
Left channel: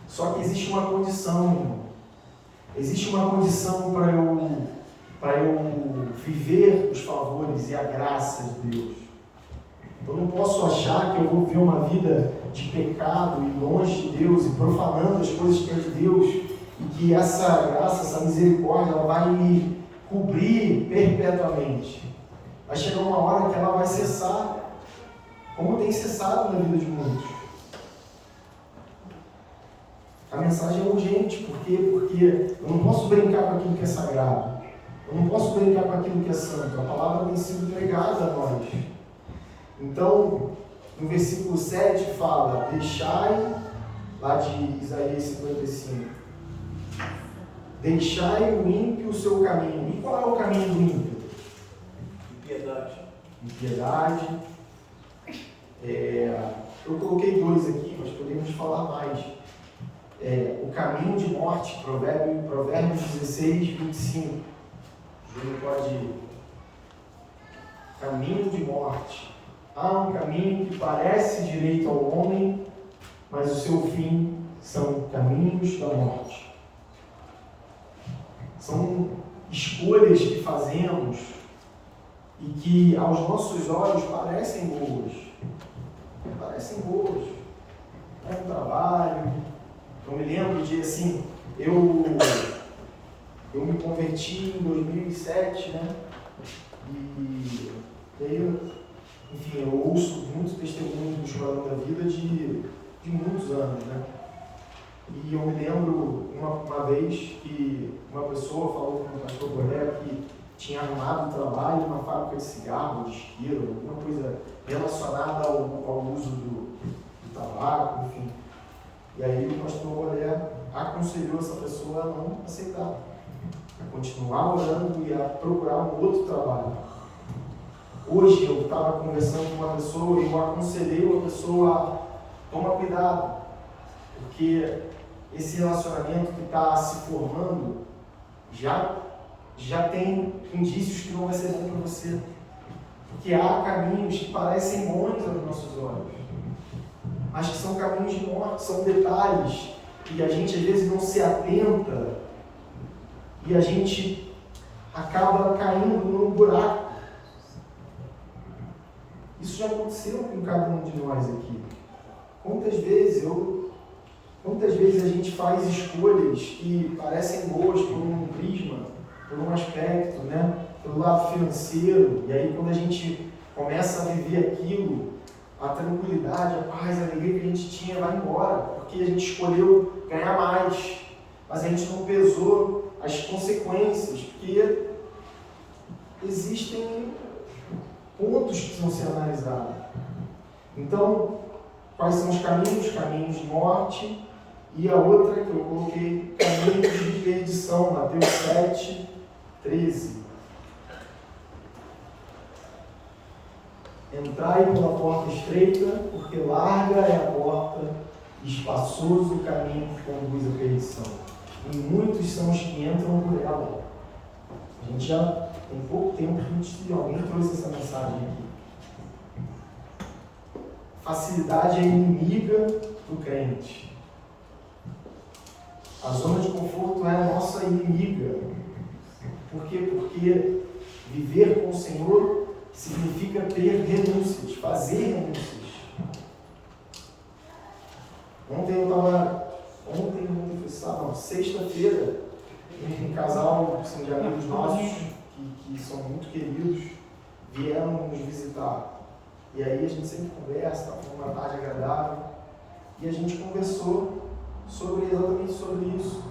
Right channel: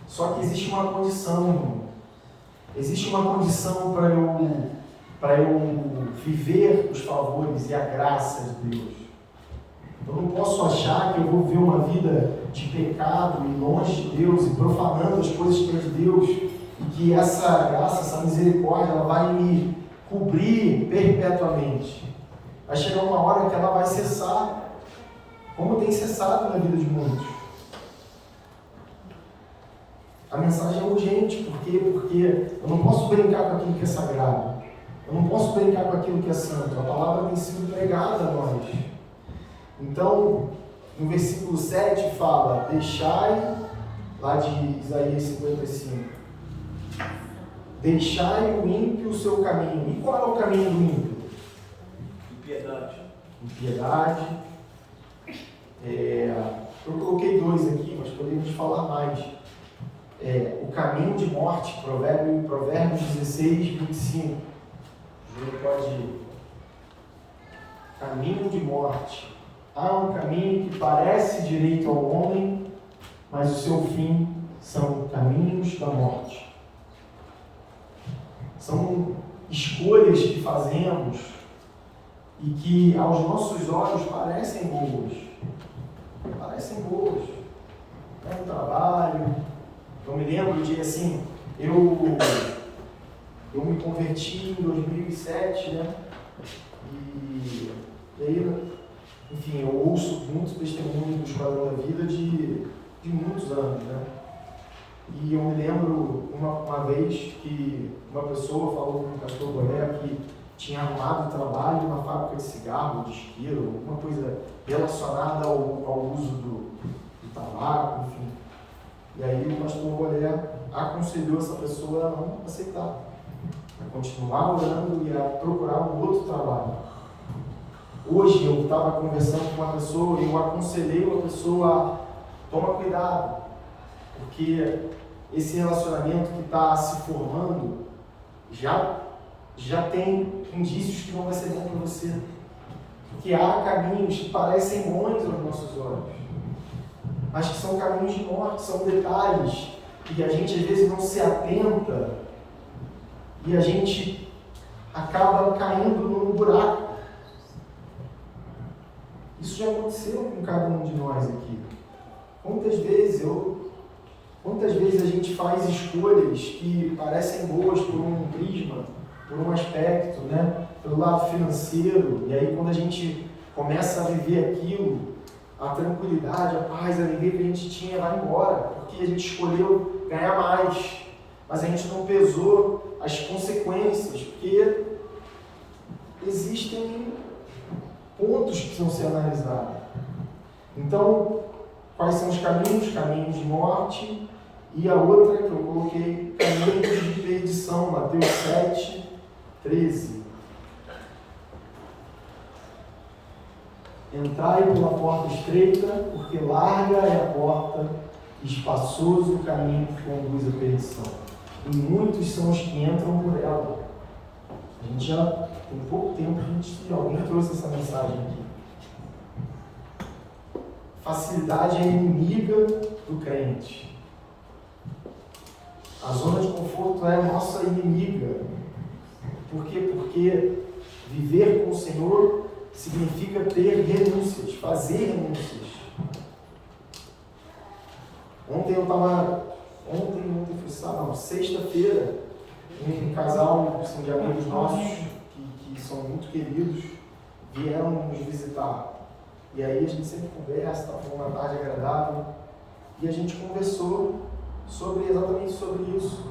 Só que existe uma condição, irmão. Existe uma condição para eu viver os favores e a graça de Deus. Eu não posso achar que eu vou viver uma vida de pecado e longe de Deus e profanando as coisas que é de Deus e que essa graça, essa misericórdia, ela vai me cobrir perpetuamente. Vai chegar uma hora que ela vai cessar, como tem cessado na vida de muitos. A mensagem é urgente, por quê? Porque eu não posso brincar com aquilo que é sagrado. Eu não posso brincar com aquilo que é santo. A palavra tem sido pregada a nós. Então, no versículo 7 fala: deixai, lá de Isaías 55, deixai o ímpio o seu caminho. E qual é o caminho do ímpio? Impiedade. Impiedade. Eu coloquei 2 aqui, mas podemos falar mais. O caminho de morte, Provérbios 16, 25. O Júlio pode ir. Caminho de morte. Há um caminho que parece direito ao homem, mas o seu fim são caminhos da morte. São escolhas que fazemos e que aos nossos olhos parecem boas. Parecem boas. É um trabalho. Eu me lembro de, assim, eu me converti em 2007, né? E aí, enfim, eu ouço muitos testemunhos do Esquadrão da Vida de muitos anos, né? E eu me lembro uma vez que uma pessoa falou com o pastor Boré que tinha arrumado trabalho numa fábrica de cigarro, de isqueiro, alguma coisa relacionada ao uso do tabaco, enfim. E aí o pastor Boré aconselhou essa pessoa a não aceitar, a continuar orando e a procurar um outro trabalho. Hoje eu estava conversando com uma pessoa e eu aconselhei uma pessoa a tomar cuidado, porque esse relacionamento que está se formando já tem indícios que não vai ser bom para você. Porque há caminhos que parecem bons aos nossos olhos, mas que são caminhos de morte, são detalhes que a gente às vezes não se atenta e a gente acaba caindo num buraco. Isso já aconteceu com cada um de nós aqui. Quantas vezes a gente faz escolhas que parecem boas por um prisma, por um aspecto, né? Pelo lado financeiro, e aí quando a gente começa a viver aquilo, a tranquilidade, a paz, a alegria que a gente tinha vai embora, porque a gente escolheu ganhar mais, mas a gente não pesou as consequências, porque existem pontos que precisam ser analisados. Então, quais são os caminhos? Caminhos de morte, e a outra que eu coloquei, caminhos de perdição, Mateus 7, 13. Entrai pela porta estreita, porque larga é a porta, e espaçoso o caminho que conduz à perdição. E muitos são os que entram por ela. A gente já tem pouco tempo que alguém trouxe essa mensagem aqui. Facilidade é inimiga do crente. A zona de conforto é a nossa inimiga. Por quê? Porque viver com o Senhor significa ter renúncias, fazer renúncias. Sexta-feira, um casal assim, de amigos nossos, que são muito queridos, vieram nos visitar. E aí a gente sempre conversa, foi uma tarde agradável, e a gente conversou exatamente sobre isso.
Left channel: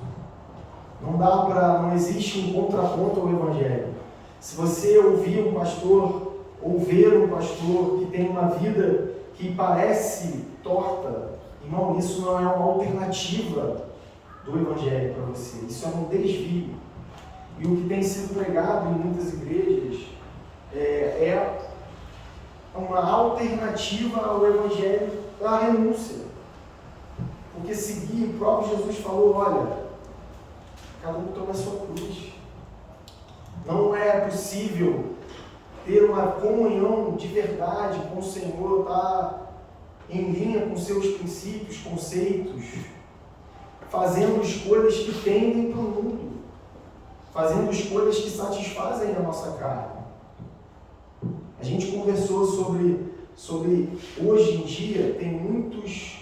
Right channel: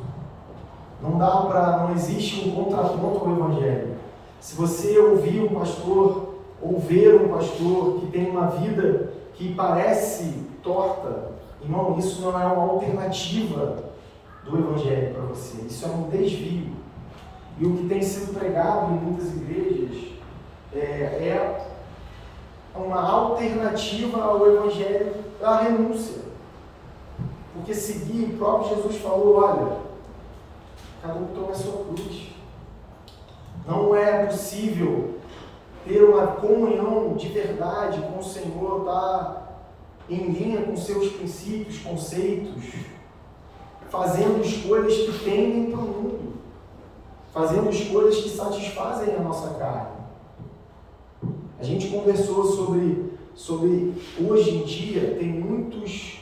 Não existe um contraponto ao Evangelho. Se você ouvir um pastor, ou ver um pastor que tem uma vida que parece torta, irmão, isso não é uma alternativa do Evangelho para você, isso é um desvio. E o que tem sido pregado em muitas igrejas é uma alternativa ao Evangelho da renúncia. Porque seguir, o próprio Jesus falou, olha, cada um toma a sua cruz. Não é possível ter uma comunhão de verdade com o Senhor, estar em linha com seus princípios, conceitos, fazendo escolhas que tendem para o mundo, fazendo escolhas que satisfazem a nossa carne. A gente conversou sobre hoje em dia, tem muitos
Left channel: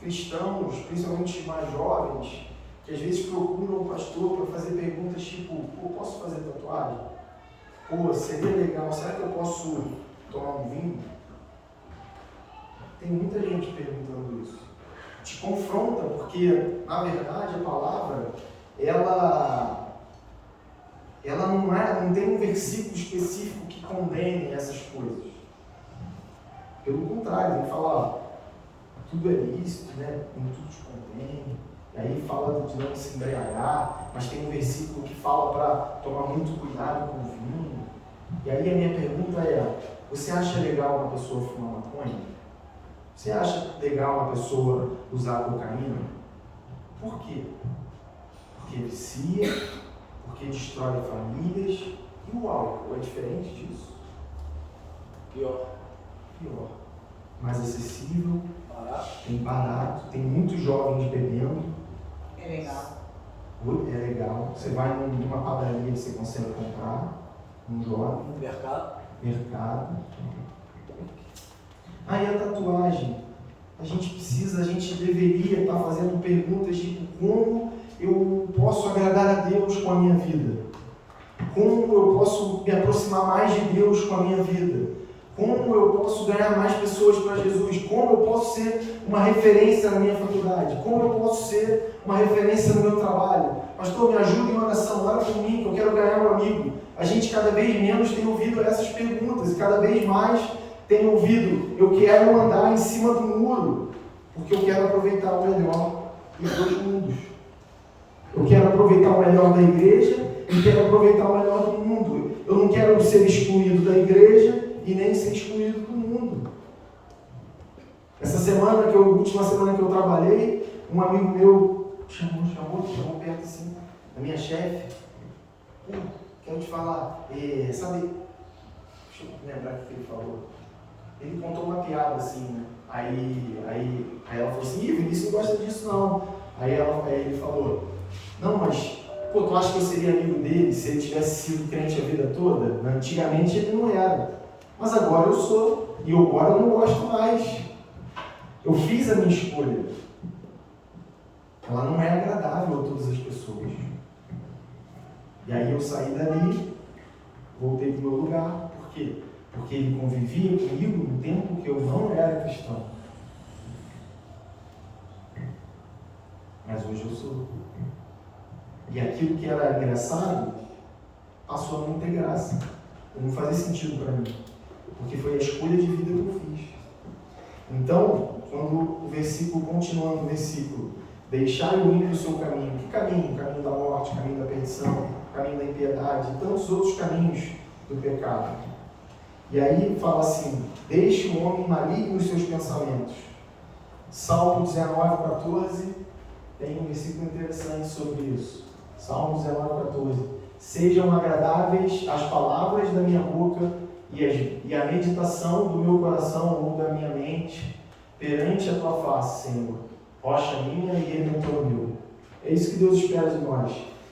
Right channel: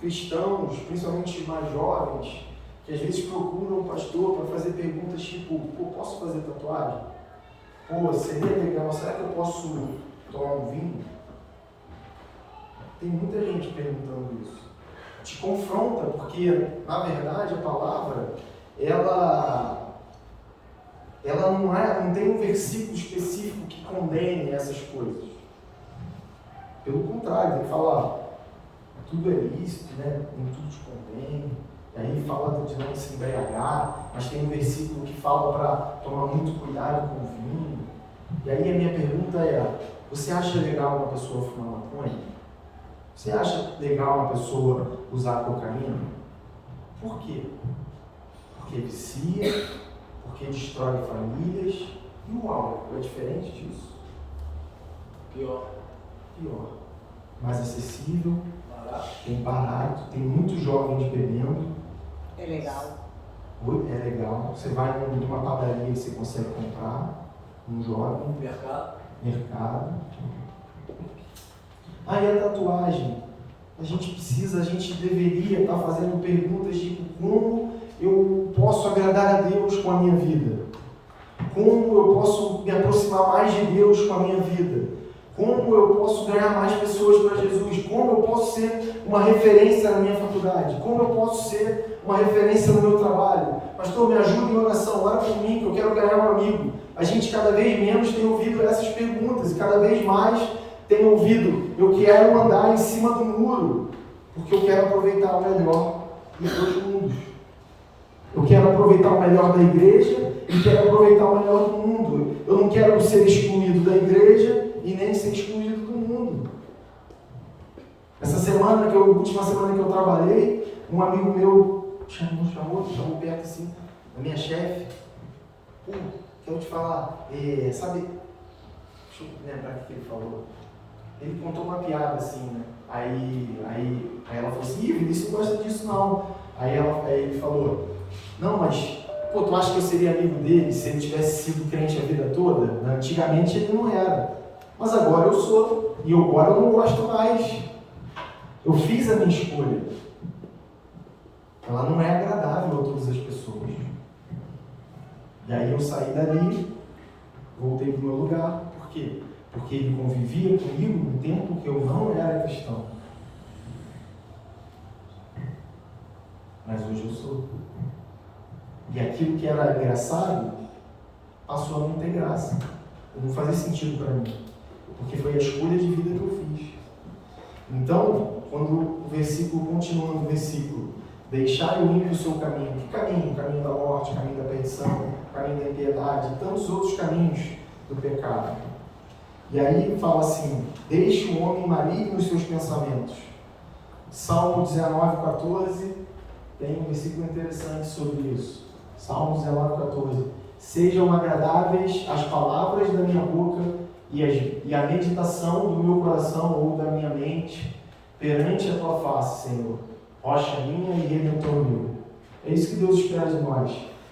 cristãos, principalmente mais jovens, que às vezes procuram um pastor para fazer perguntas tipo, posso fazer tatuagem? Seria legal, será que eu posso tomar um vinho? Tem muita gente perguntando isso. Te confronta, porque, na verdade, a palavra, ela não tem um versículo específico que condene essas coisas. Pelo contrário, tem que falar, tudo é lícito, né? Nem tudo te condene. E aí fala de não se embriagar, mas tem um versículo que fala para tomar muito cuidado com o vinho. E aí a minha pergunta é, você acha legal uma pessoa fumar maconha? Você acha legal uma pessoa usar cocaína? Por quê? Porque vicia, porque destrói famílias. E o álcool é diferente disso? Pior. Mais acessível, Barato. tem barato, tem muitos jovens bebendo. É legal. É legal. Você vai numa padaria e você consegue comprar. Um jovem. Mercado. E a tatuagem? A gente deveria estar fazendo perguntas tipo, como eu posso agradar a Deus com a minha vida? Como eu posso me aproximar mais de Deus com a minha vida? Como eu posso ganhar mais pessoas para Jesus? Como eu posso ser uma referência na minha faculdade? Como eu posso ser uma referência no meu trabalho? Pastor, me ajuda em oração, ora por mim, que eu quero ganhar um amigo. A gente cada vez menos tem ouvido essas perguntas, e cada vez mais tem ouvido, eu quero andar em cima do muro, porque eu quero aproveitar o melhor dos dois mundos. Eu quero aproveitar o melhor da igreja e quero aproveitar o melhor do mundo. Eu não quero ser excluído da igreja e nem ser excluído do mundo. Última semana que eu trabalhei, um amigo meu chamou perto assim, da minha chefe. Quero te falar, sabe, deixa eu lembrar o que ele falou. Ele contou uma piada assim, né? Aí ela falou assim, Vinícius não gosta disso não. Aí ele falou, não, mas tu acha que eu seria amigo dele se ele tivesse sido crente a vida toda? Antigamente ele não era, mas agora eu sou, e agora eu não gosto mais. Eu fiz a minha escolha. Ela não é agradável a todas as pessoas. E aí eu saí dali, voltei para o meu lugar. Por quê? Porque ele convivia comigo no tempo que eu não era cristão. Mas hoje eu sou. E aquilo que era engraçado passou a não ter graça. E não fazia sentido para mim. Porque foi a escolha de vida que eu fiz. Então, quando o versículo, continuando o versículo, deixai o ímpio o seu caminho. Que caminho? O caminho da morte, o caminho da perdição, o caminho da impiedade, e tantos outros caminhos do pecado. E aí fala assim, deixe o homem maligno os seus pensamentos. Salmo 19:14, tem um versículo interessante sobre isso. Salmo 19:14. Sejam agradáveis as palavras da minha boca e a meditação do meu coração ou da minha mente perante a tua face, Senhor, rocha minha e redentor meu. É isso que Deus espera de nós.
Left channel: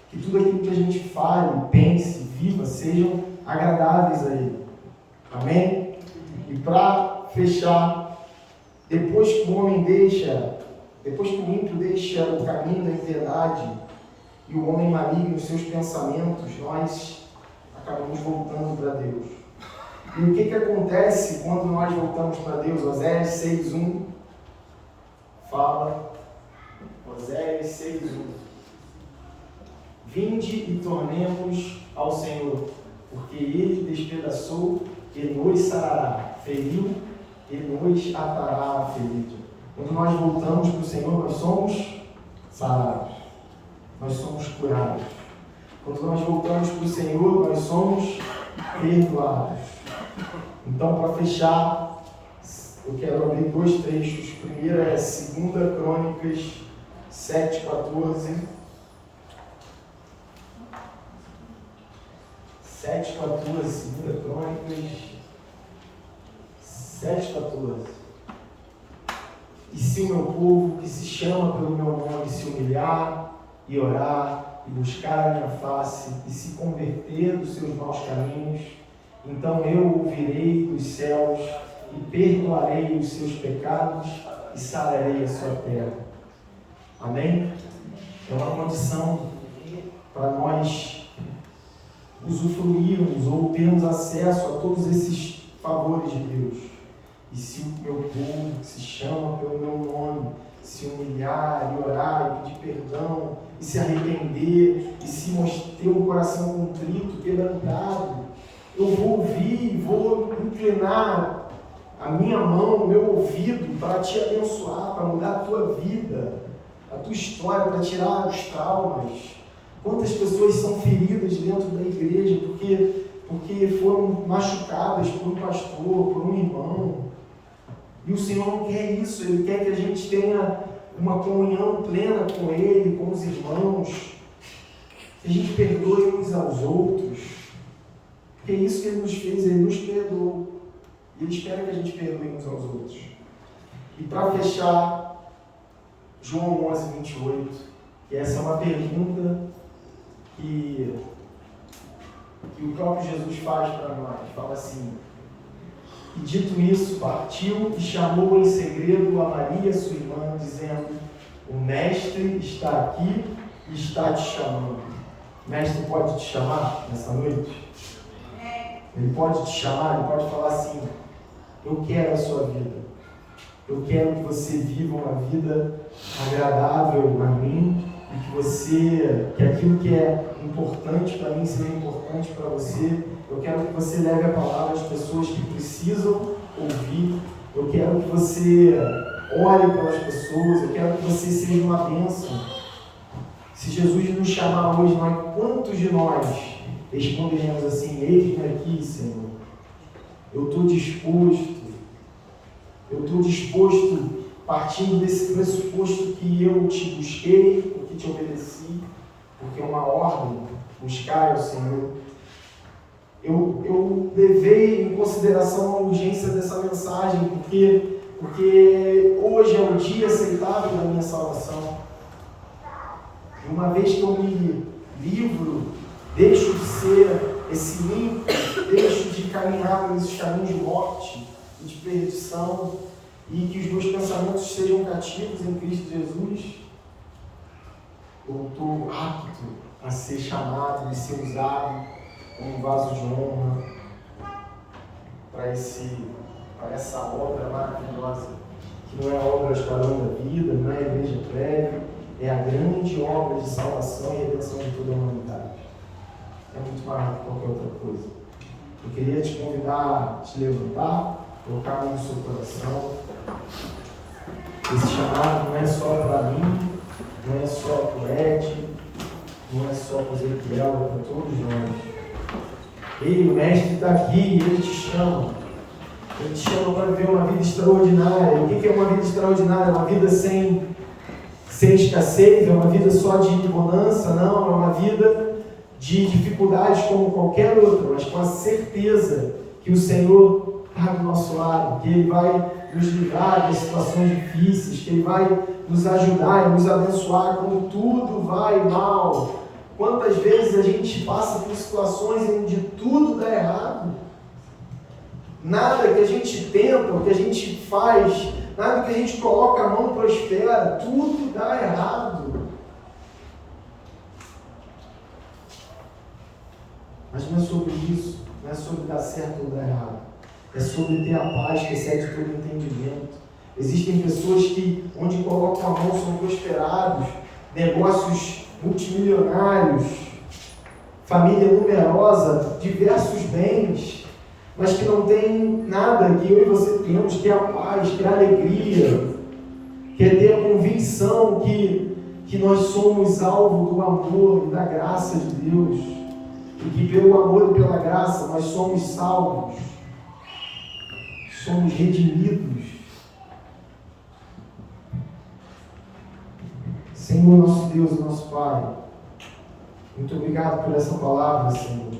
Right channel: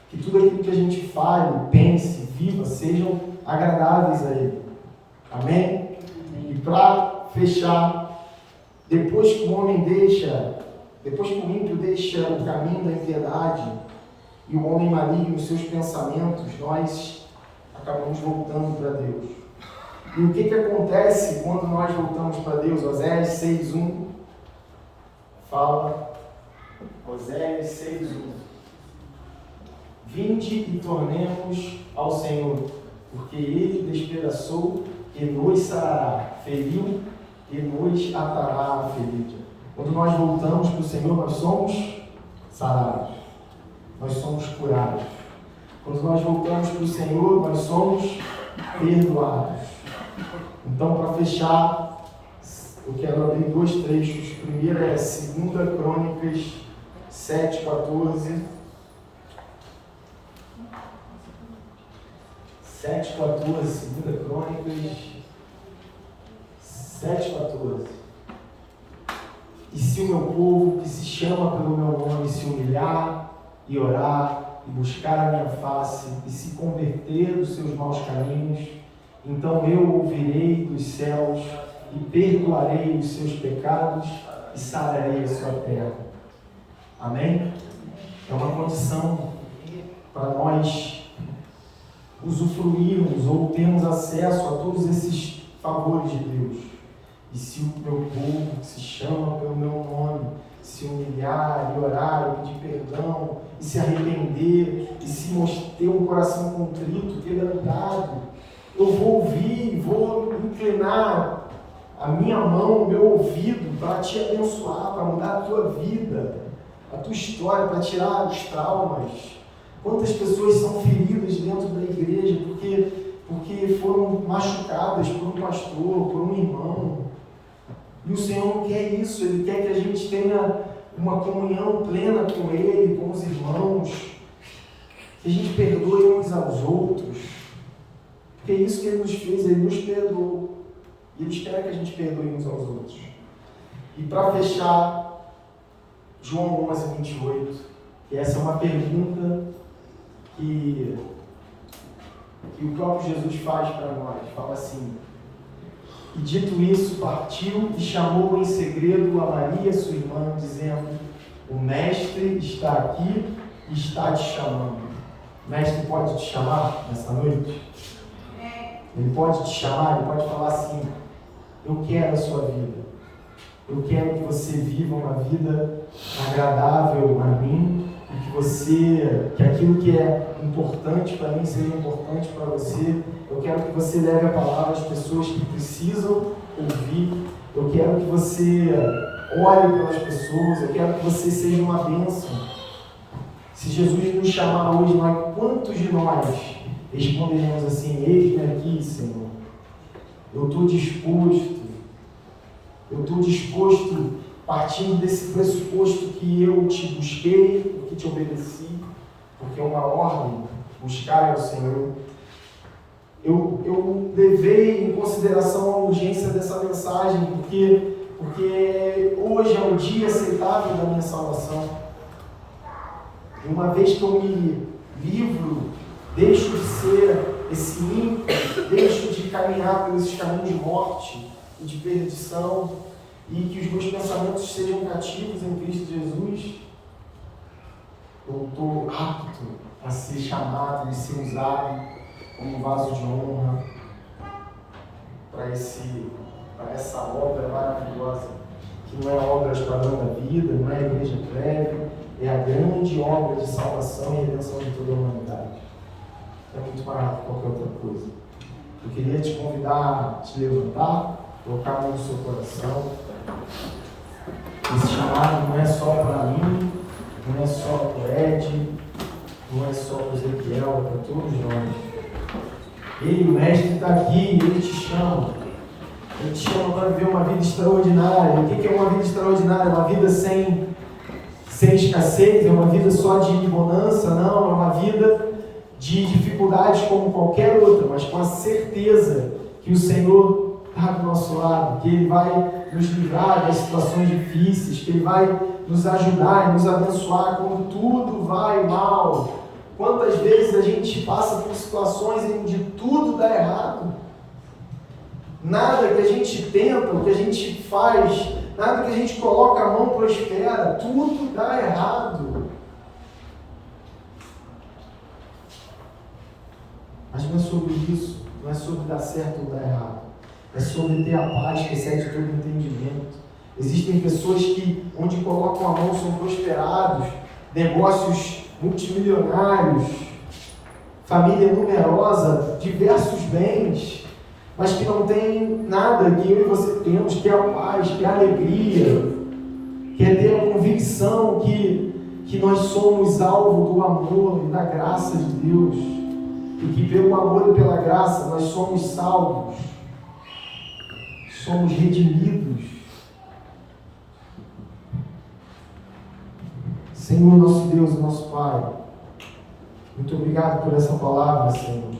Que tudo aquilo que a gente fale, pense, viva, sejam agradáveis a Ele. Amém? E para fechar, depois que o ímpio deixa o caminho da impiedade e o homem maligno os seus pensamentos, nós acabamos voltando para Deus. E o que acontece quando nós voltamos para Deus? Oséias 6:1 fala, Oséias 6:1. Vinde e tornemos ao Senhor, porque Ele despedaçou e nos sarará, feriu e nos atará a ferida. Quando nós voltamos para o Senhor, nós somos sarados, nós somos curados. Quando nós voltamos para o Senhor, nós somos perdoados. Então, para fechar, eu quero abrir 2 trechos. O primeiro é 2 Crônicas 7:14. 7:14, 2 Crônicas 7:14. E se o meu povo, que se chama pelo meu nome, se humilhar e orar e buscar a minha face e se converter dos seus maus caminhos, então eu ouvirei dos céus e perdoarei os seus pecados e sararei a sua terra. Amém? É uma condição para nós usufruirmos ou termos acesso a todos esses favores de Deus. E se o meu povo, que se chama pelo meu nome, se humilhar e orar e pedir perdão e se arrepender e se ter um coração contrito, quebrantado, eu vou ouvir, vou inclinar a minha mão, o meu ouvido para te abençoar, para mudar a tua vida, a tua história, para tirar os traumas. Quantas pessoas são feridas dentro da igreja porque foram machucadas por um pastor, por um irmão. E o Senhor não quer isso, Ele quer que a gente tenha uma comunhão plena com Ele, com os irmãos, que a gente perdoe uns aos outros, porque é isso que Ele nos fez, Ele nos perdoou, e Ele espera que a gente perdoe uns aos outros. E para fechar, João 11:28, que essa é uma pergunta que o próprio Jesus faz para nós, fala assim: e dito isso, partiu e chamou em segredo a Maria, sua irmã, dizendo: o Mestre está aqui e está te chamando. O Mestre pode te chamar nessa noite? Ele pode te chamar, ele pode falar assim: eu quero a sua vida. Eu quero que você viva uma vida agradável a mim e que aquilo que é importante para mim seja importante para você. Eu quero que você leve a palavra às pessoas que precisam ouvir. Eu quero que você ore pelas pessoas. Eu quero que você seja uma bênção. Se Jesus nos chamar hoje, quantos de nós responderemos assim: eis-me aqui, Senhor. Eu estou disposto, partindo desse pressuposto que eu te busquei, porque te obedeci, porque é uma ordem, buscar ao Senhor. Eu levei em consideração a urgência dessa mensagem, porque hoje é um dia aceitável da minha salvação. E uma vez que eu me livro, deixo de ser esse ímpio, deixo de caminhar por esses caminhos de morte e de perdição, e que os meus pensamentos sejam cativos em Cristo Jesus, eu estou apto a ser chamado e ser usado como um vaso de honra para essa obra maravilhosa, que não é a obra Esquadrão da Vida, não é a Igreja Prévia, é a grande obra de salvação e redenção de toda a humanidade. É muito maior que qualquer outra coisa. Eu queria te convidar a te levantar, colocar a mão no seu coração. Esse chamado não é só para mim, não é só para o Ed, não é só para o Ezequiel, é para todos nós. Ele, o Mestre, está aqui, ele te chama. Ele te chama para viver uma vida extraordinária. O que é uma vida extraordinária? Uma vida sem escassez, é uma vida só de bonança? Não, é uma vida de dificuldades como qualquer outra, mas com a certeza que o Senhor está do nosso lado, que Ele vai nos livrar das situações difíceis, que Ele vai nos ajudar e nos abençoar quando tudo vai mal. Quantas vezes a gente passa por situações onde tudo dá errado? Nada que a gente tenta, o que a gente faz, nada que a gente coloca a mão prospera, tudo dá errado. Mas não é sobre isso, não é sobre dar certo ou dar errado. É sobre ter a paz que excede todo entendimento. Existem pessoas que, onde colocam a mão, são prosperados, negócios multimilionários, família numerosa, diversos bens, mas que não tem nada que eu e você temos, que é a paz, que é a alegria, que é ter a convicção que nós somos alvo do amor e da graça de Deus, e que pelo amor e pela graça nós somos salvos, somos redimidos. Senhor, nosso Deus e nosso Pai, muito obrigado por essa palavra, Senhor.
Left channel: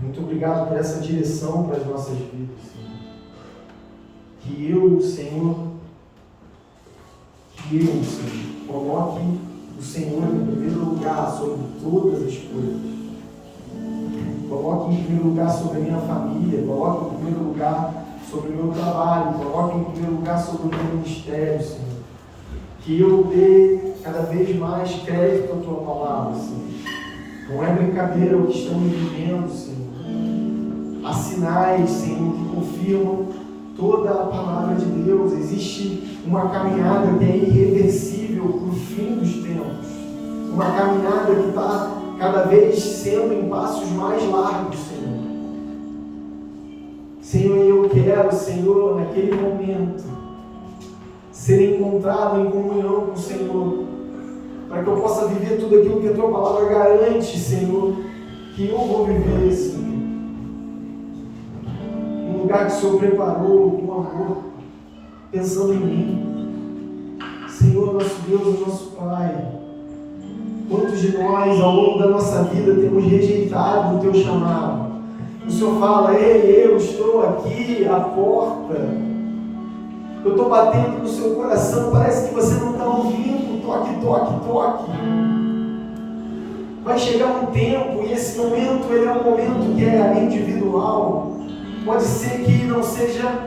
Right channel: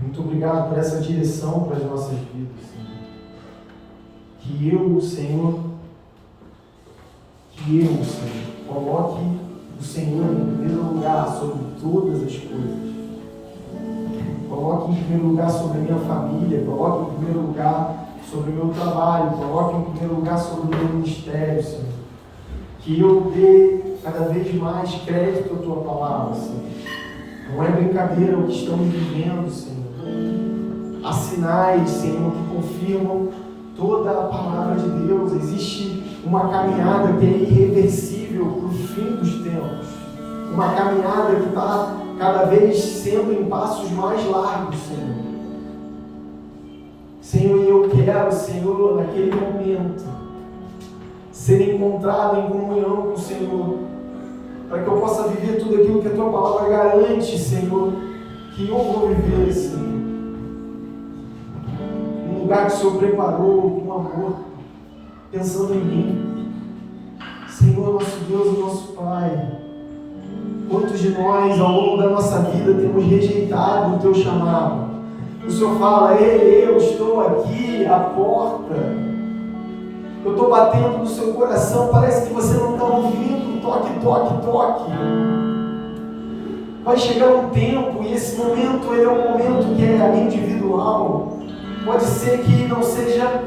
Muito obrigado por essa direção para as nossas vidas, Senhor. Que eu, Senhor, coloque o Senhor em primeiro lugar sobre todas as coisas. Coloque em primeiro lugar sobre a minha família, coloque em primeiro lugar sobre o meu trabalho, coloque em primeiro lugar sobre o meu ministério, Senhor. Que eu dê cada vez mais crédito à Tua palavra, Senhor. Não é brincadeira o que estamos vivendo, Senhor. Há sinais, Senhor, que confirmam toda a palavra de Deus. Existe uma caminhada que é irreversível para o fim dos tempos. Uma caminhada que está cada vez sendo em passos mais largos, Senhor. Senhor, eu quero, Senhor, naquele momento, ser encontrado em comunhão com o Senhor, para que eu possa viver tudo aquilo que a Tua palavra garante, Senhor, que eu vou viver, Senhor. Um lugar que o Senhor preparou com amor, pensando em mim. Senhor, nosso Deus e nosso Pai, quantos de nós, ao longo da nossa vida, temos rejeitado o Teu chamado? O Senhor fala: ei, eu estou aqui à porta. Eu estou batendo no seu coração, parece que você não está ouvindo. Toque, toque, toque. Vai chegar um tempo, e esse momento, ele é um momento que é individual. Pode ser que não seja,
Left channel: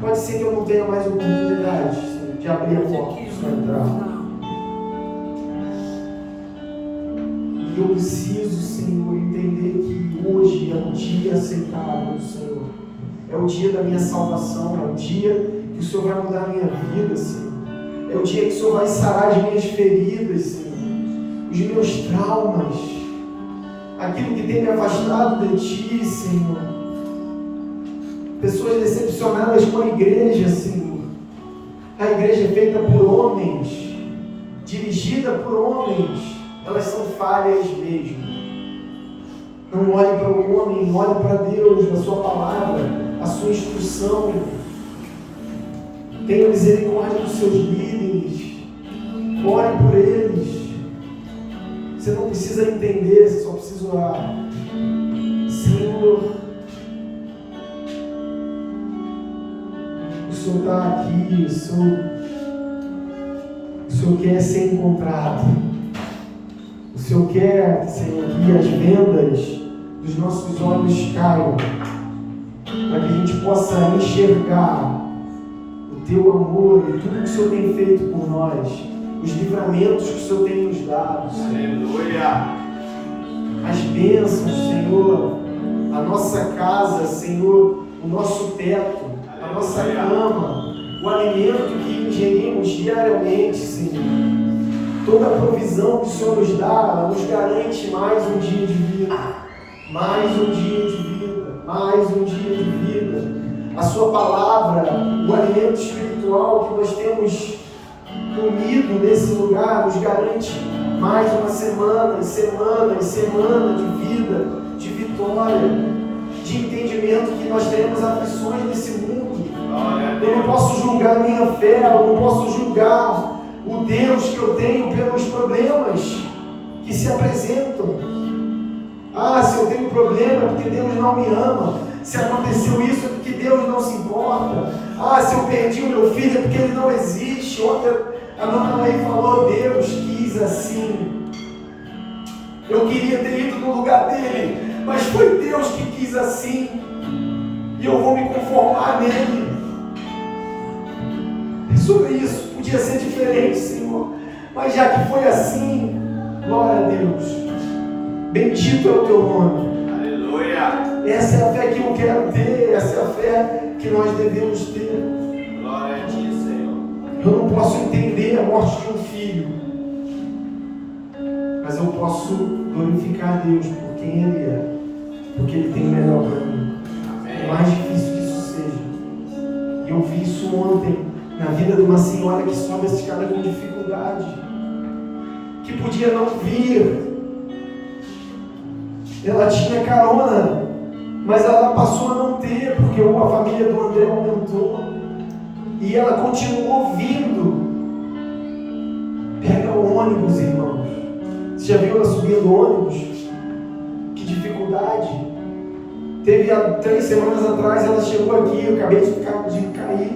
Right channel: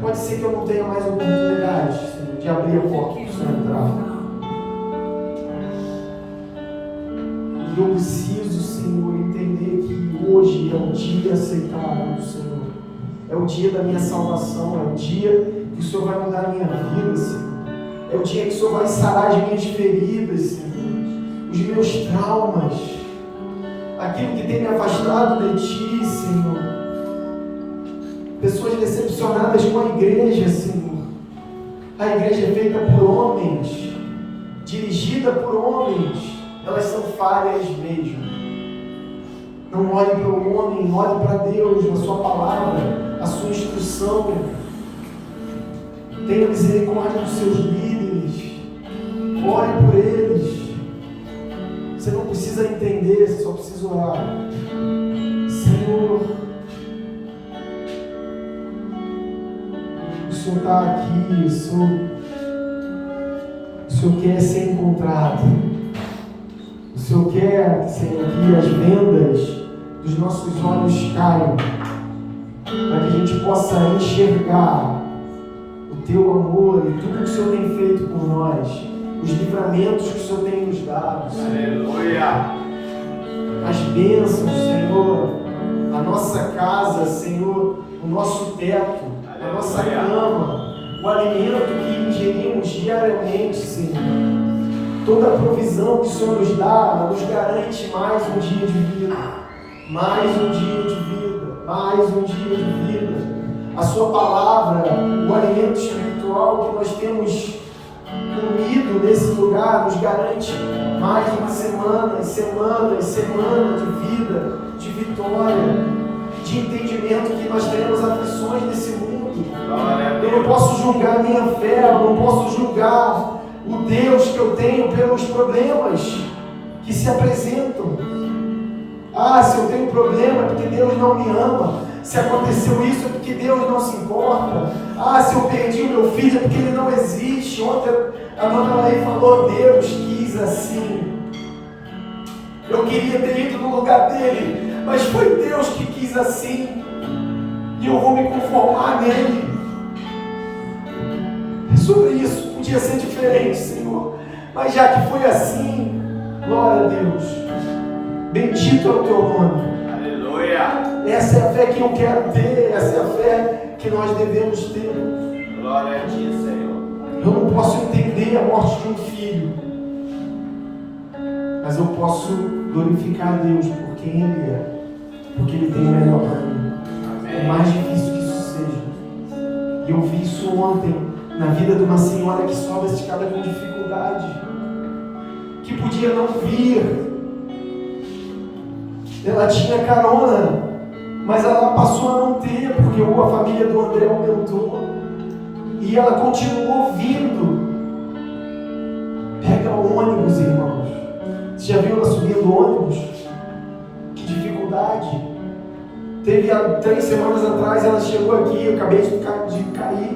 pode ser que eu não tenha mais oportunidade, Senhor, de abrir a porta para o Senhor entrar. E eu preciso, Senhor, entender que hoje é o dia aceitável do Senhor. É o dia da minha salvação, é o dia que o Senhor vai mudar a minha vida, Senhor. É o dia que o Senhor vai sarar as minhas feridas, Senhor. Os meus traumas. Aquilo que tem me afastado de Ti, Senhor. Pessoas decepcionadas com a igreja, Senhor. A igreja é feita por homens, dirigida por homens. Elas são falhas mesmo. Não olhe para o homem, olhe para Deus, a sua palavra, a sua instrução. Tenha misericórdia dos seus líderes. Ore por eles. Você não precisa entender, você só precisa orar. Senhor, o Senhor está aqui, o Senhor quer ser encontrado. O Senhor quer, Senhor, que as vendas dos nossos olhos caiam, para que a gente possa enxergar o Teu amor e tudo que o Senhor tem feito por nós, os livramentos que o Senhor tem nos dado, Senhor. Aleluia. As bênçãos, Senhor, a nossa casa, Senhor, o nosso teto, a nossa cama, o alimento que ingerimos diariamente, Senhor. Toda a provisão que o Senhor nos dá, nos garante mais um dia de vida, mais um dia de vida, mais um dia de vida. A sua palavra, o alimento espiritual que nós temos comido nesse lugar, nos garante mais uma semana e semana e semana de vida, de vitória, de entendimento que nós teremos aflições nesse mundo. Eu não posso julgar a minha fé, eu não posso julgar o Deus que eu tenho pelos problemas que se apresentam. Ah, se eu tenho problema é porque Deus não me ama. Se aconteceu isso é porque Deus não se importa. Ah, se eu perdi o meu filho é porque ele não existe. Ontem a mamãe falou, Deus quis assim. Eu queria ter ido no lugar dele, mas foi Deus que quis assim. E eu vou me conformar nele. É sobre isso. Podia ser diferente, Senhor. Mas já que foi assim, glória a Deus. Bendito é o teu nome. Aleluia. Essa é a fé que eu quero ter. Essa é a fé que nós devemos ter. Glória a ti, Senhor. Eu não posso entender a morte de um filho, mas eu posso glorificar a Deus por quem Ele é, porque Ele tem o melhor para mim. É mais difícil que isso seja. E eu vi isso ontem na vida de uma senhora que sobe essa escada com dificuldade, que podia não vir. Ela tinha carona, mas ela passou a não ter, porque a família do André aumentou. E ela continuou vindo. Pega o ônibus, irmãos. Você já viu ela subindo o ônibus? Que dificuldade. Teve há 3 semanas atrás, ela chegou aqui, eu acabei de cair,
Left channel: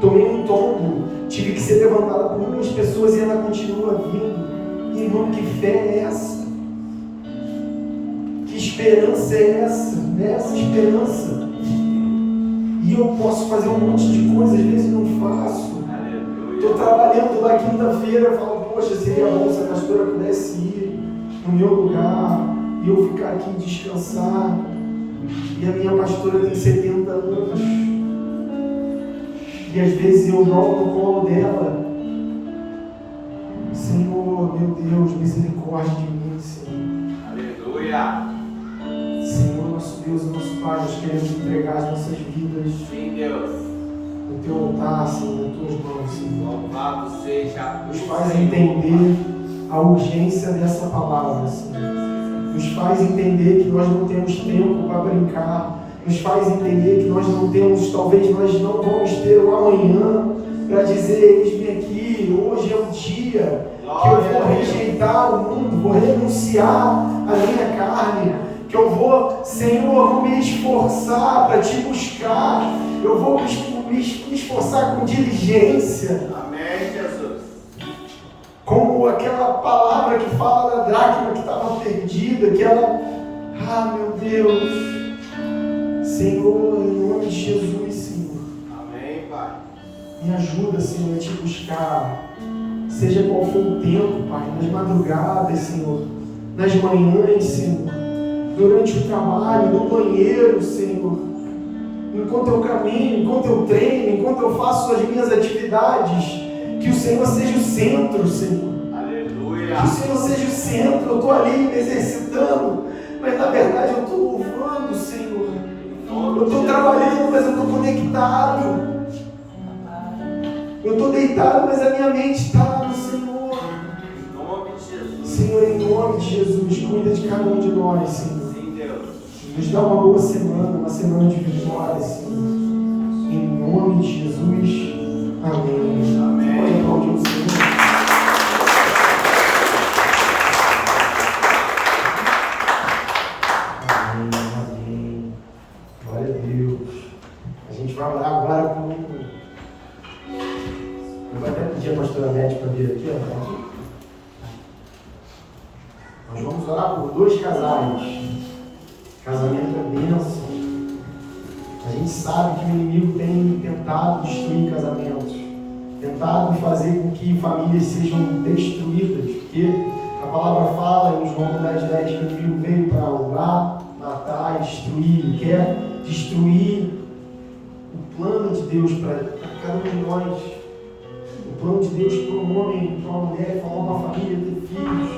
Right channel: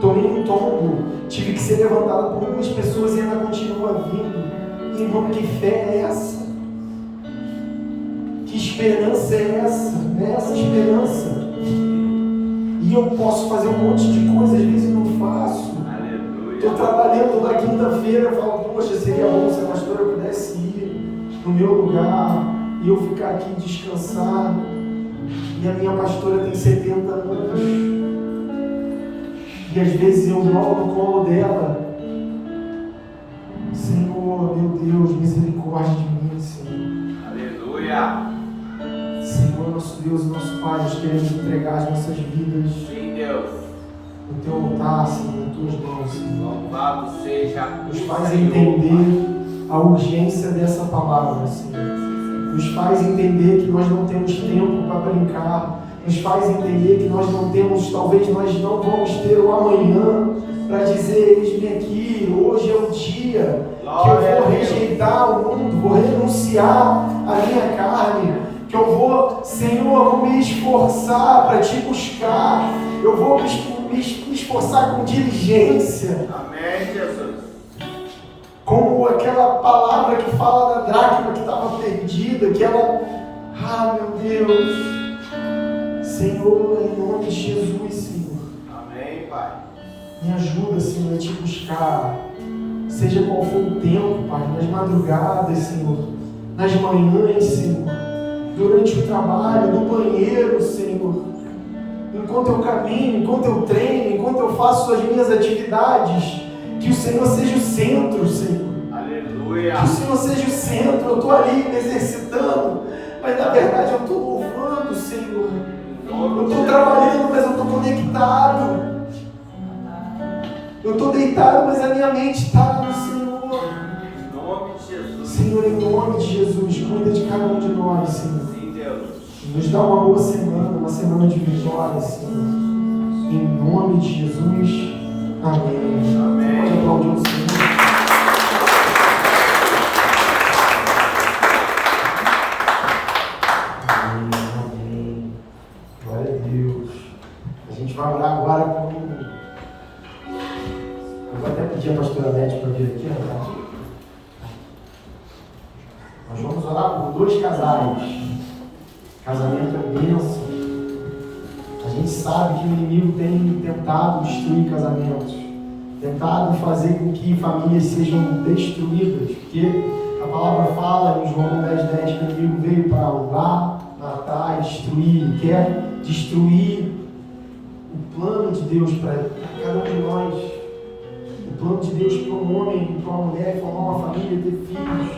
tomei um tombo, tive que ser levantada por 2 pessoas e ela continua vindo. Irmão, que fé é essa? Que esperança é essa? É essa esperança. E eu posso fazer um monte de coisa, às vezes não faço. Estou trabalhando na quinta-feira, falo, poxa, seria bom se a pastora pudesse ir no meu lugar e eu ficar aqui e descansar. E a minha pastora tem 70 anos. E às vezes eu jogo no colo dela. Senhor, meu Deus, misericórdia de mim, Senhor. Aleluia. Senhor, nosso Deus e nosso Pai, nós queremos entregar as nossas vidas. Sim, Deus. No teu altar, Senhor, nas tuas mãos, Senhor. Louvado seja. Nos faz entender a urgência dessa palavra, Senhor. Nos faz entender que nós não temos tempo para brincar. Nos faz entender que nós não temos, talvez nós não vamos ter o amanhã para dizer, eis-me aqui, hoje é o dia que eu vou rejeitar o mundo, vou renunciar à minha carne, que eu vou, Senhor, eu vou me esforçar para te buscar, eu vou me esforçar com diligência. Amém, Jesus. Como aquela palavra que fala da dracma que estava perdida, que ela, meu Deus, Senhor, em nome de Jesus, Senhor. Amém, Pai. Me ajuda, Senhor, a te buscar, seja qual for o tempo, Pai, nas madrugadas, Senhor, nas manhãs, Senhor, durante o trabalho, no banheiro, Senhor, enquanto eu caminho, enquanto eu treino, enquanto eu faço as minhas atividades, que o Senhor seja o centro, Senhor. Aleluia. Que o Senhor seja o centro. Eu estou ali me exercitando, mas na verdade eu estou louvando, Senhor. Eu estou trabalhando, mas eu estou conectado. Eu estou deitado, mas a minha mente está no Senhor. Em nome de Jesus. Senhor, em nome de Jesus, cuida de cada um de nós, Senhor. Sim, Deus. e nos dá uma boa semana, uma semana de vitória, Senhor. Em nome de Jesus. Amém. Amém. Pode aplaudir o Senhor. Amém. Glória a Deus. A gente vai orar agora com... Eu vou até pedir a pastora Nete para vir aqui, ó. Tá aqui. Nós vamos orar por 2 casais. Casamento é bênção. A gente sabe que o inimigo tem tentado destruir casamentos, tentado fazer com que famílias sejam destruídas, porque a palavra fala em João 10:10 que o inimigo veio para roubar, matar e destruir. Ele quer destruir o plano de Deus para cada um de nós. O plano de Deus para um homem, para uma mulher, formar uma família, ter filhos,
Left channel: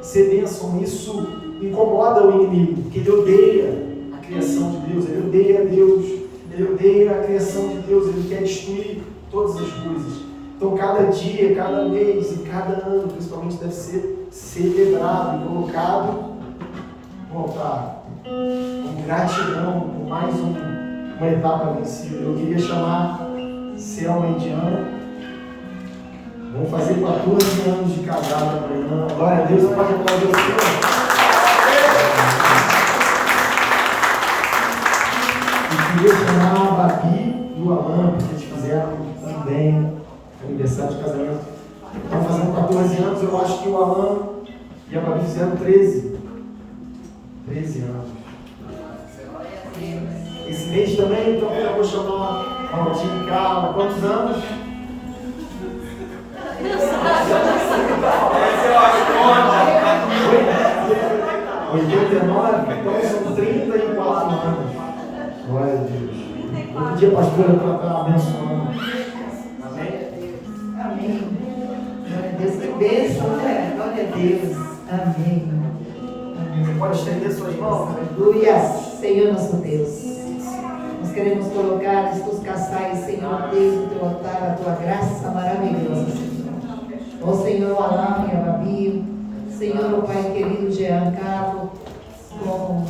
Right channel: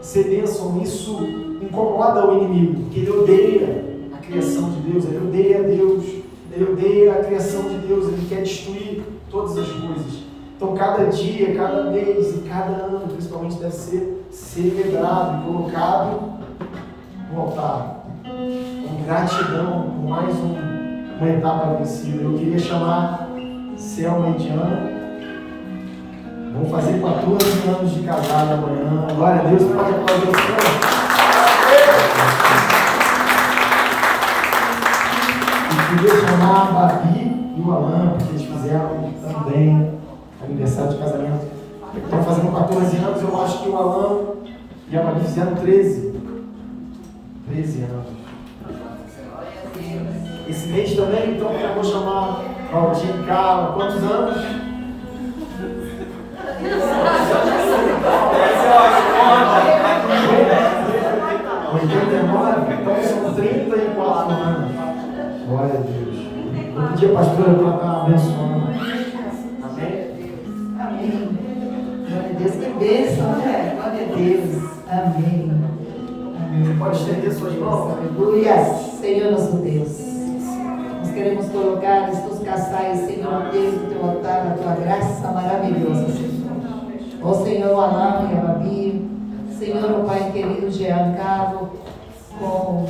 ser bênção. Isso incomoda o inimigo, porque ele odeia a criação de Deus, ele odeia Deus, ele odeia a criação de Deus, ele quer destruir todas as coisas. Então cada dia, cada mês e cada ano, principalmente, deve ser celebrado e colocado no altar, com gratidão por mais uma etapa vencida. Eu queria chamar Selma e Diana. Vamos fazer 14 anos de casado amanhã. Glória a Deus, pode aplaudir o Senhor. E queria chamar a Babi e o Alan, porque eles fizeram também aniversário de casamento. Estão fazendo 14 anos, eu acho que o Alan e a Babi fizeram 13 anos. Esse mês também, então eu vou chamar Valdir e Carla. Quantos anos? 89, então são 34 anos. Glória a Deus. Vou pedir a pastora para estar abençoando. Amém? Amém. Glória a Deus, que bênção, né? Glória a Deus. Amém. Você pode estender suas mãos? Aleluia. Senhor nosso Deus, nós queremos colocar estes casais, Senhor Deus, no teu altar, a tua graça maravilhosa, Senhor. Ó Senhor, o Alan e a Babi, Senhor, o Pai querido, Giancarlo, com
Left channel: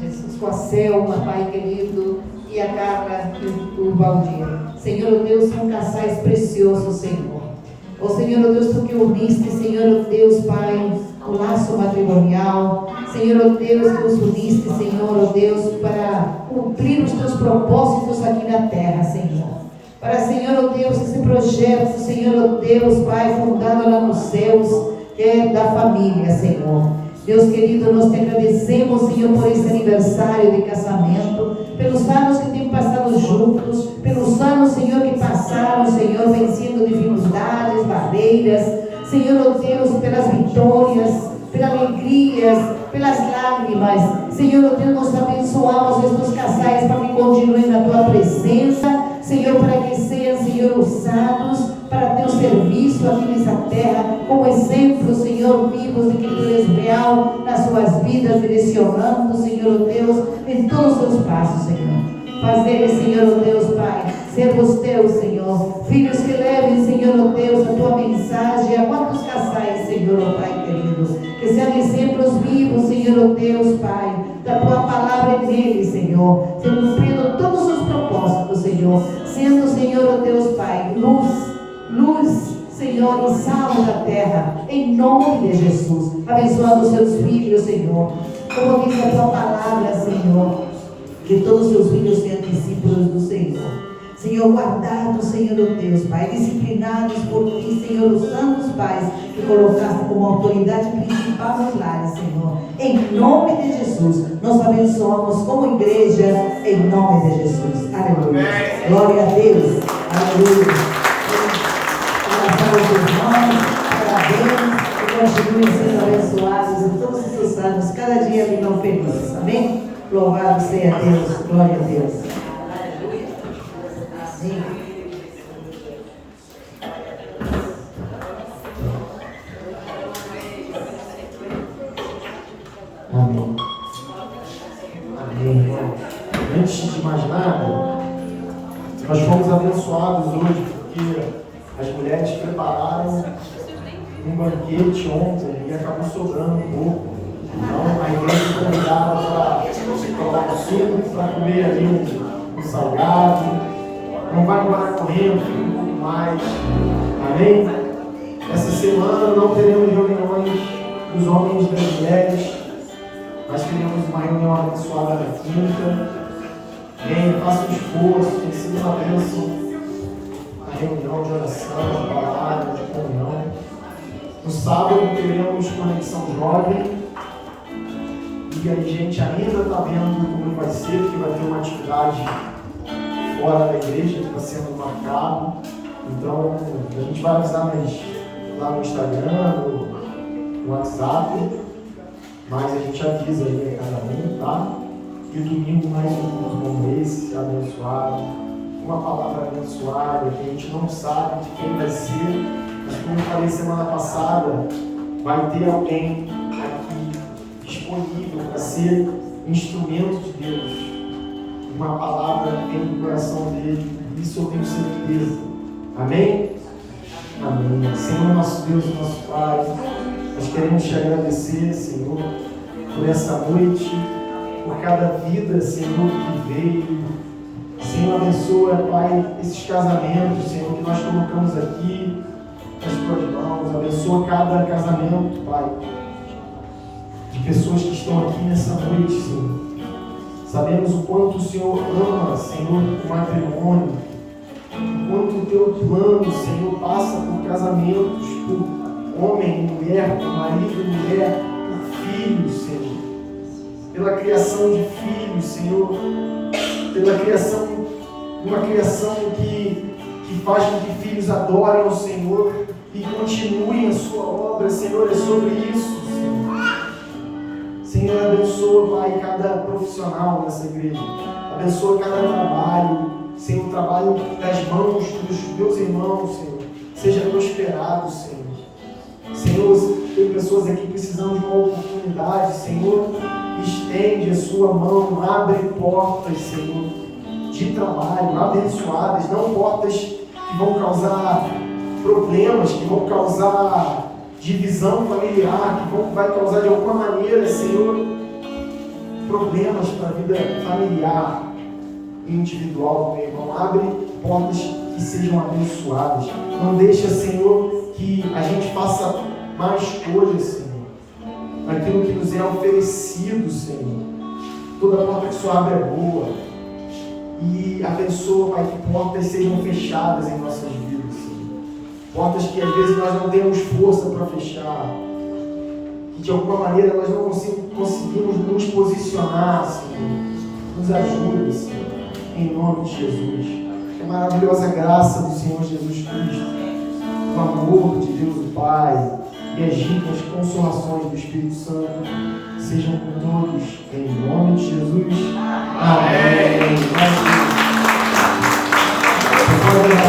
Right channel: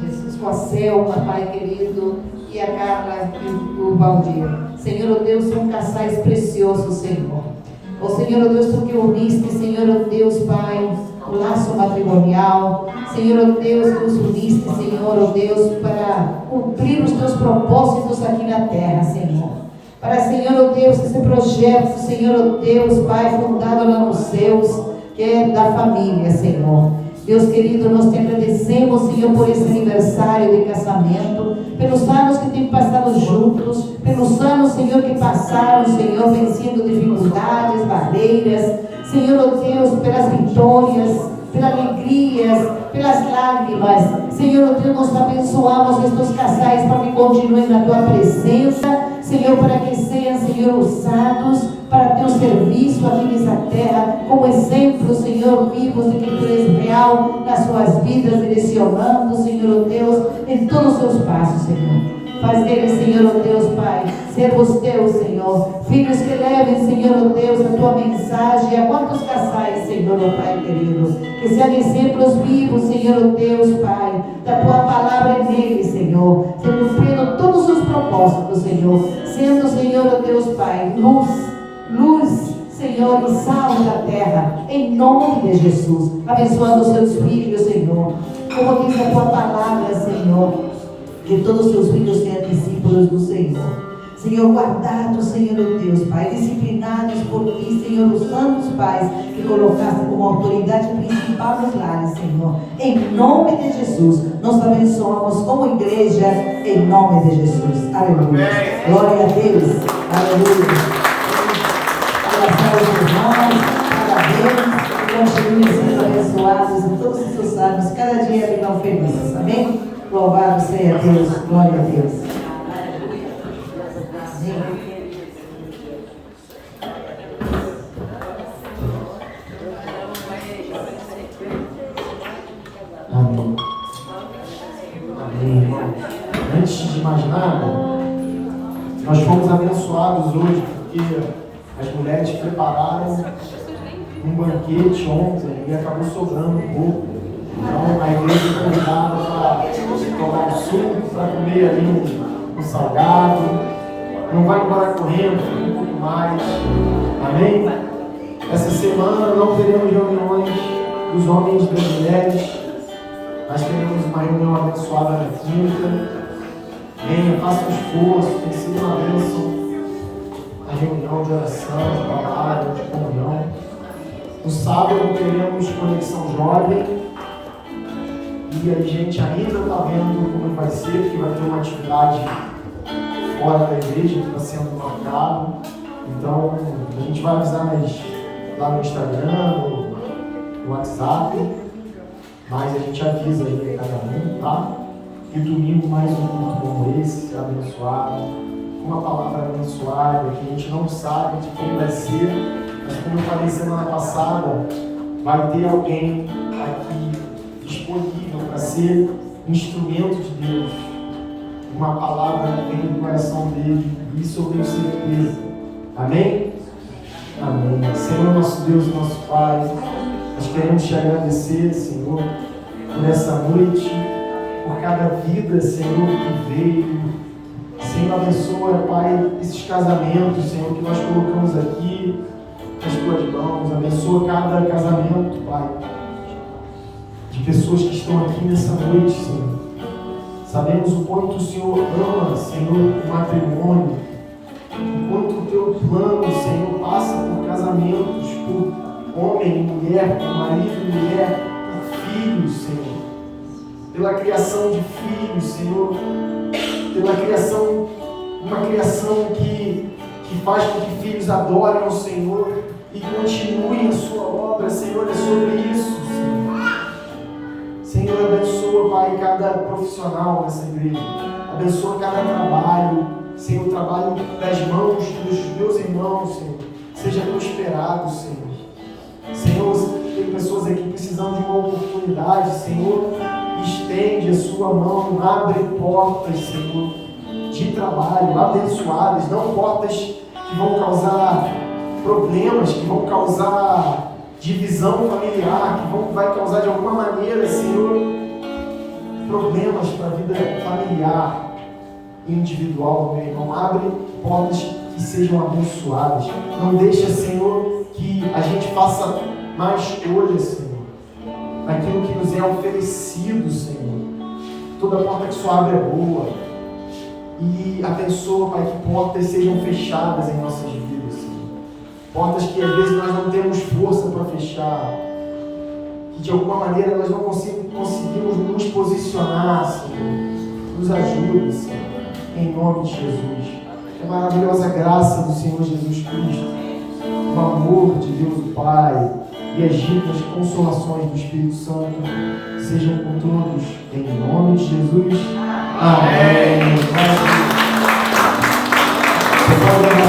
Jesus, com a Selma, Pai querido, e a Carla e o Valdir. Senhor, Deus, são casais preciosos, Senhor. Ó Senhor, Deus, tu que uniste, Senhor, Deus, Pai, o laço matrimonial. Senhor, Deus, que nos uniste, Senhor, Deus, para cumprir os teus propósitos aqui na terra, Senhor. Para, Senhor, Deus, esse projeto, Senhor, Deus, Pai, fundado lá nos céus, que é da família, Senhor. Deus querido, nós te agradecemos, Senhor, por esse aniversário de casamento, pelos anos que temos passado juntos, pelos anos, Senhor, que passaram, Senhor, vencendo dificuldades, barreiras, Senhor, Deus, pelas vitórias, pelas alegrias, pelas lágrimas. Senhor, Deus, nós abençoamos estes casais para que continuem na tua presença, Senhor, para que sejam, Senhor, usados para teu serviço aqui nessa terra, como exemplo, Senhor, vivos de que tu és real nas suas vidas, direcionando, Senhor, Deus, em todos os seus passos, Senhor. Faz deles, Senhor, Deus, Pai, servos teus, Senhor, filhos que levem, Senhor, Deus, a tua mensagem a quantos casais, Senhor, Pai querido, que sejam exemplos vivos, Senhor, Deus, Pai, da tua palavra neles, Senhor, cumprindo todos os propósitos, Senhor, sendo, Senhor, Deus, Pai, luz, Senhor, e sal da terra, em nome de Jesus, abençoando os seus filhos, Senhor, como diz a tua palavra, Senhor, que todos os seus filhos sejam discípulos do Senhor. Senhor, guardados, Senhor Deus, Pai, disciplinados por Ti, Senhor, os santos pais que colocaste como autoridade principal nos lares, Senhor. Em nome de Jesus, nós abençoamos como igreja, em nome de Jesus. Aleluia. Glória a Deus. Aleluia. Abraçar os irmãos, parabéns, que continuem sendo abençoados em todos esses anos, cada dia virão felizes. Amém? Louvado seja Deus, glória a Deus. Amém. Amém. Amém, irmão. Antes de mais nada, nós fomos abençoados hoje porque as mulheres prepararam um banquete ontem e acabou sobrando um pouco. Então, a igreja está convidada para tomar um suco, para comer ali um salgado. Não vai embora correndo, fica um pouco mais. Amém? Essa semana não teremos reuniões dos homens e das mulheres, mas teremos uma reunião abençoada na quinta. Venham, façam um esforço, tem sido uma bênção. A reunião de oração, de palavra, de comunhão. No sábado teremos Conexão Jovem. E a gente ainda está vendo como vai ser, porque vai ter uma atividade fora da igreja que está sendo marcado. Então, a gente vai avisar lá no Instagram, no WhatsApp, mas a gente avisa aí a cada um, tá? E domingo mais um culto como esse, abençoado, uma palavra abençoada, que a gente não sabe de quem vai ser, mas como eu falei semana passada, vai ter alguém aqui disponível para ser um instrumento de Deus, uma palavra que vem do coração dele, isso eu tenho certeza. Amém? Amém. Senhor, nosso Deus, nosso Pai, nós queremos te agradecer, Senhor, por essa noite, por cada vida, Senhor, que veio. Senhor, abençoa, Pai, esses casamentos, Senhor, que nós colocamos aqui nas tuas mãos. Abençoa cada casamento, Pai, de pessoas que estão aqui nessa noite, Senhor. Sabemos o quanto o Senhor ama, Senhor, o matrimônio, o quanto o teu plano, Senhor, passa por casamentos, por homem e mulher, por marido e mulher, por filhos, Senhor, pela criação de filhos, Senhor, pela criação, uma criação que faz com que filhos adorem ao Senhor e continuem a sua obra, Senhor, é sobre isso, Senhor. Senhor, abençoa, Pai, cada profissional nessa igreja. Abençoa cada trabalho. Senhor, o trabalho das mãos dos meus irmãos, Senhor, seja prosperado, Senhor. Senhor, tem pessoas aqui precisando de uma oportunidade, Senhor, estende a sua mão, abre portas, Senhor, de trabalho, abençoadas, não portas que vão causar problemas, que vão causar divisão familiar, que vai causar de alguma maneira, Senhor, problemas para a vida familiar e individual, meu irmão. Abre portas que sejam abençoadas. Não deixa, Senhor, que a gente faça má escolha, Senhor, naquilo que nos é oferecido, Senhor. Toda porta que só abre é boa. E abençoa, Pai, que portas sejam fechadas em nossas vidas, Senhor. Portas que às vezes nós não temos força para fechar, que de alguma maneira nós não conseguimos nos posicionar, Senhor. Nos ajude, Senhor, em nome de Jesus. É maravilhosa graça do Senhor Jesus Cristo, o amor de Deus o Pai e as ricas consolações do Espírito Santo sejam com todos, em nome de Jesus. Amém. Você pode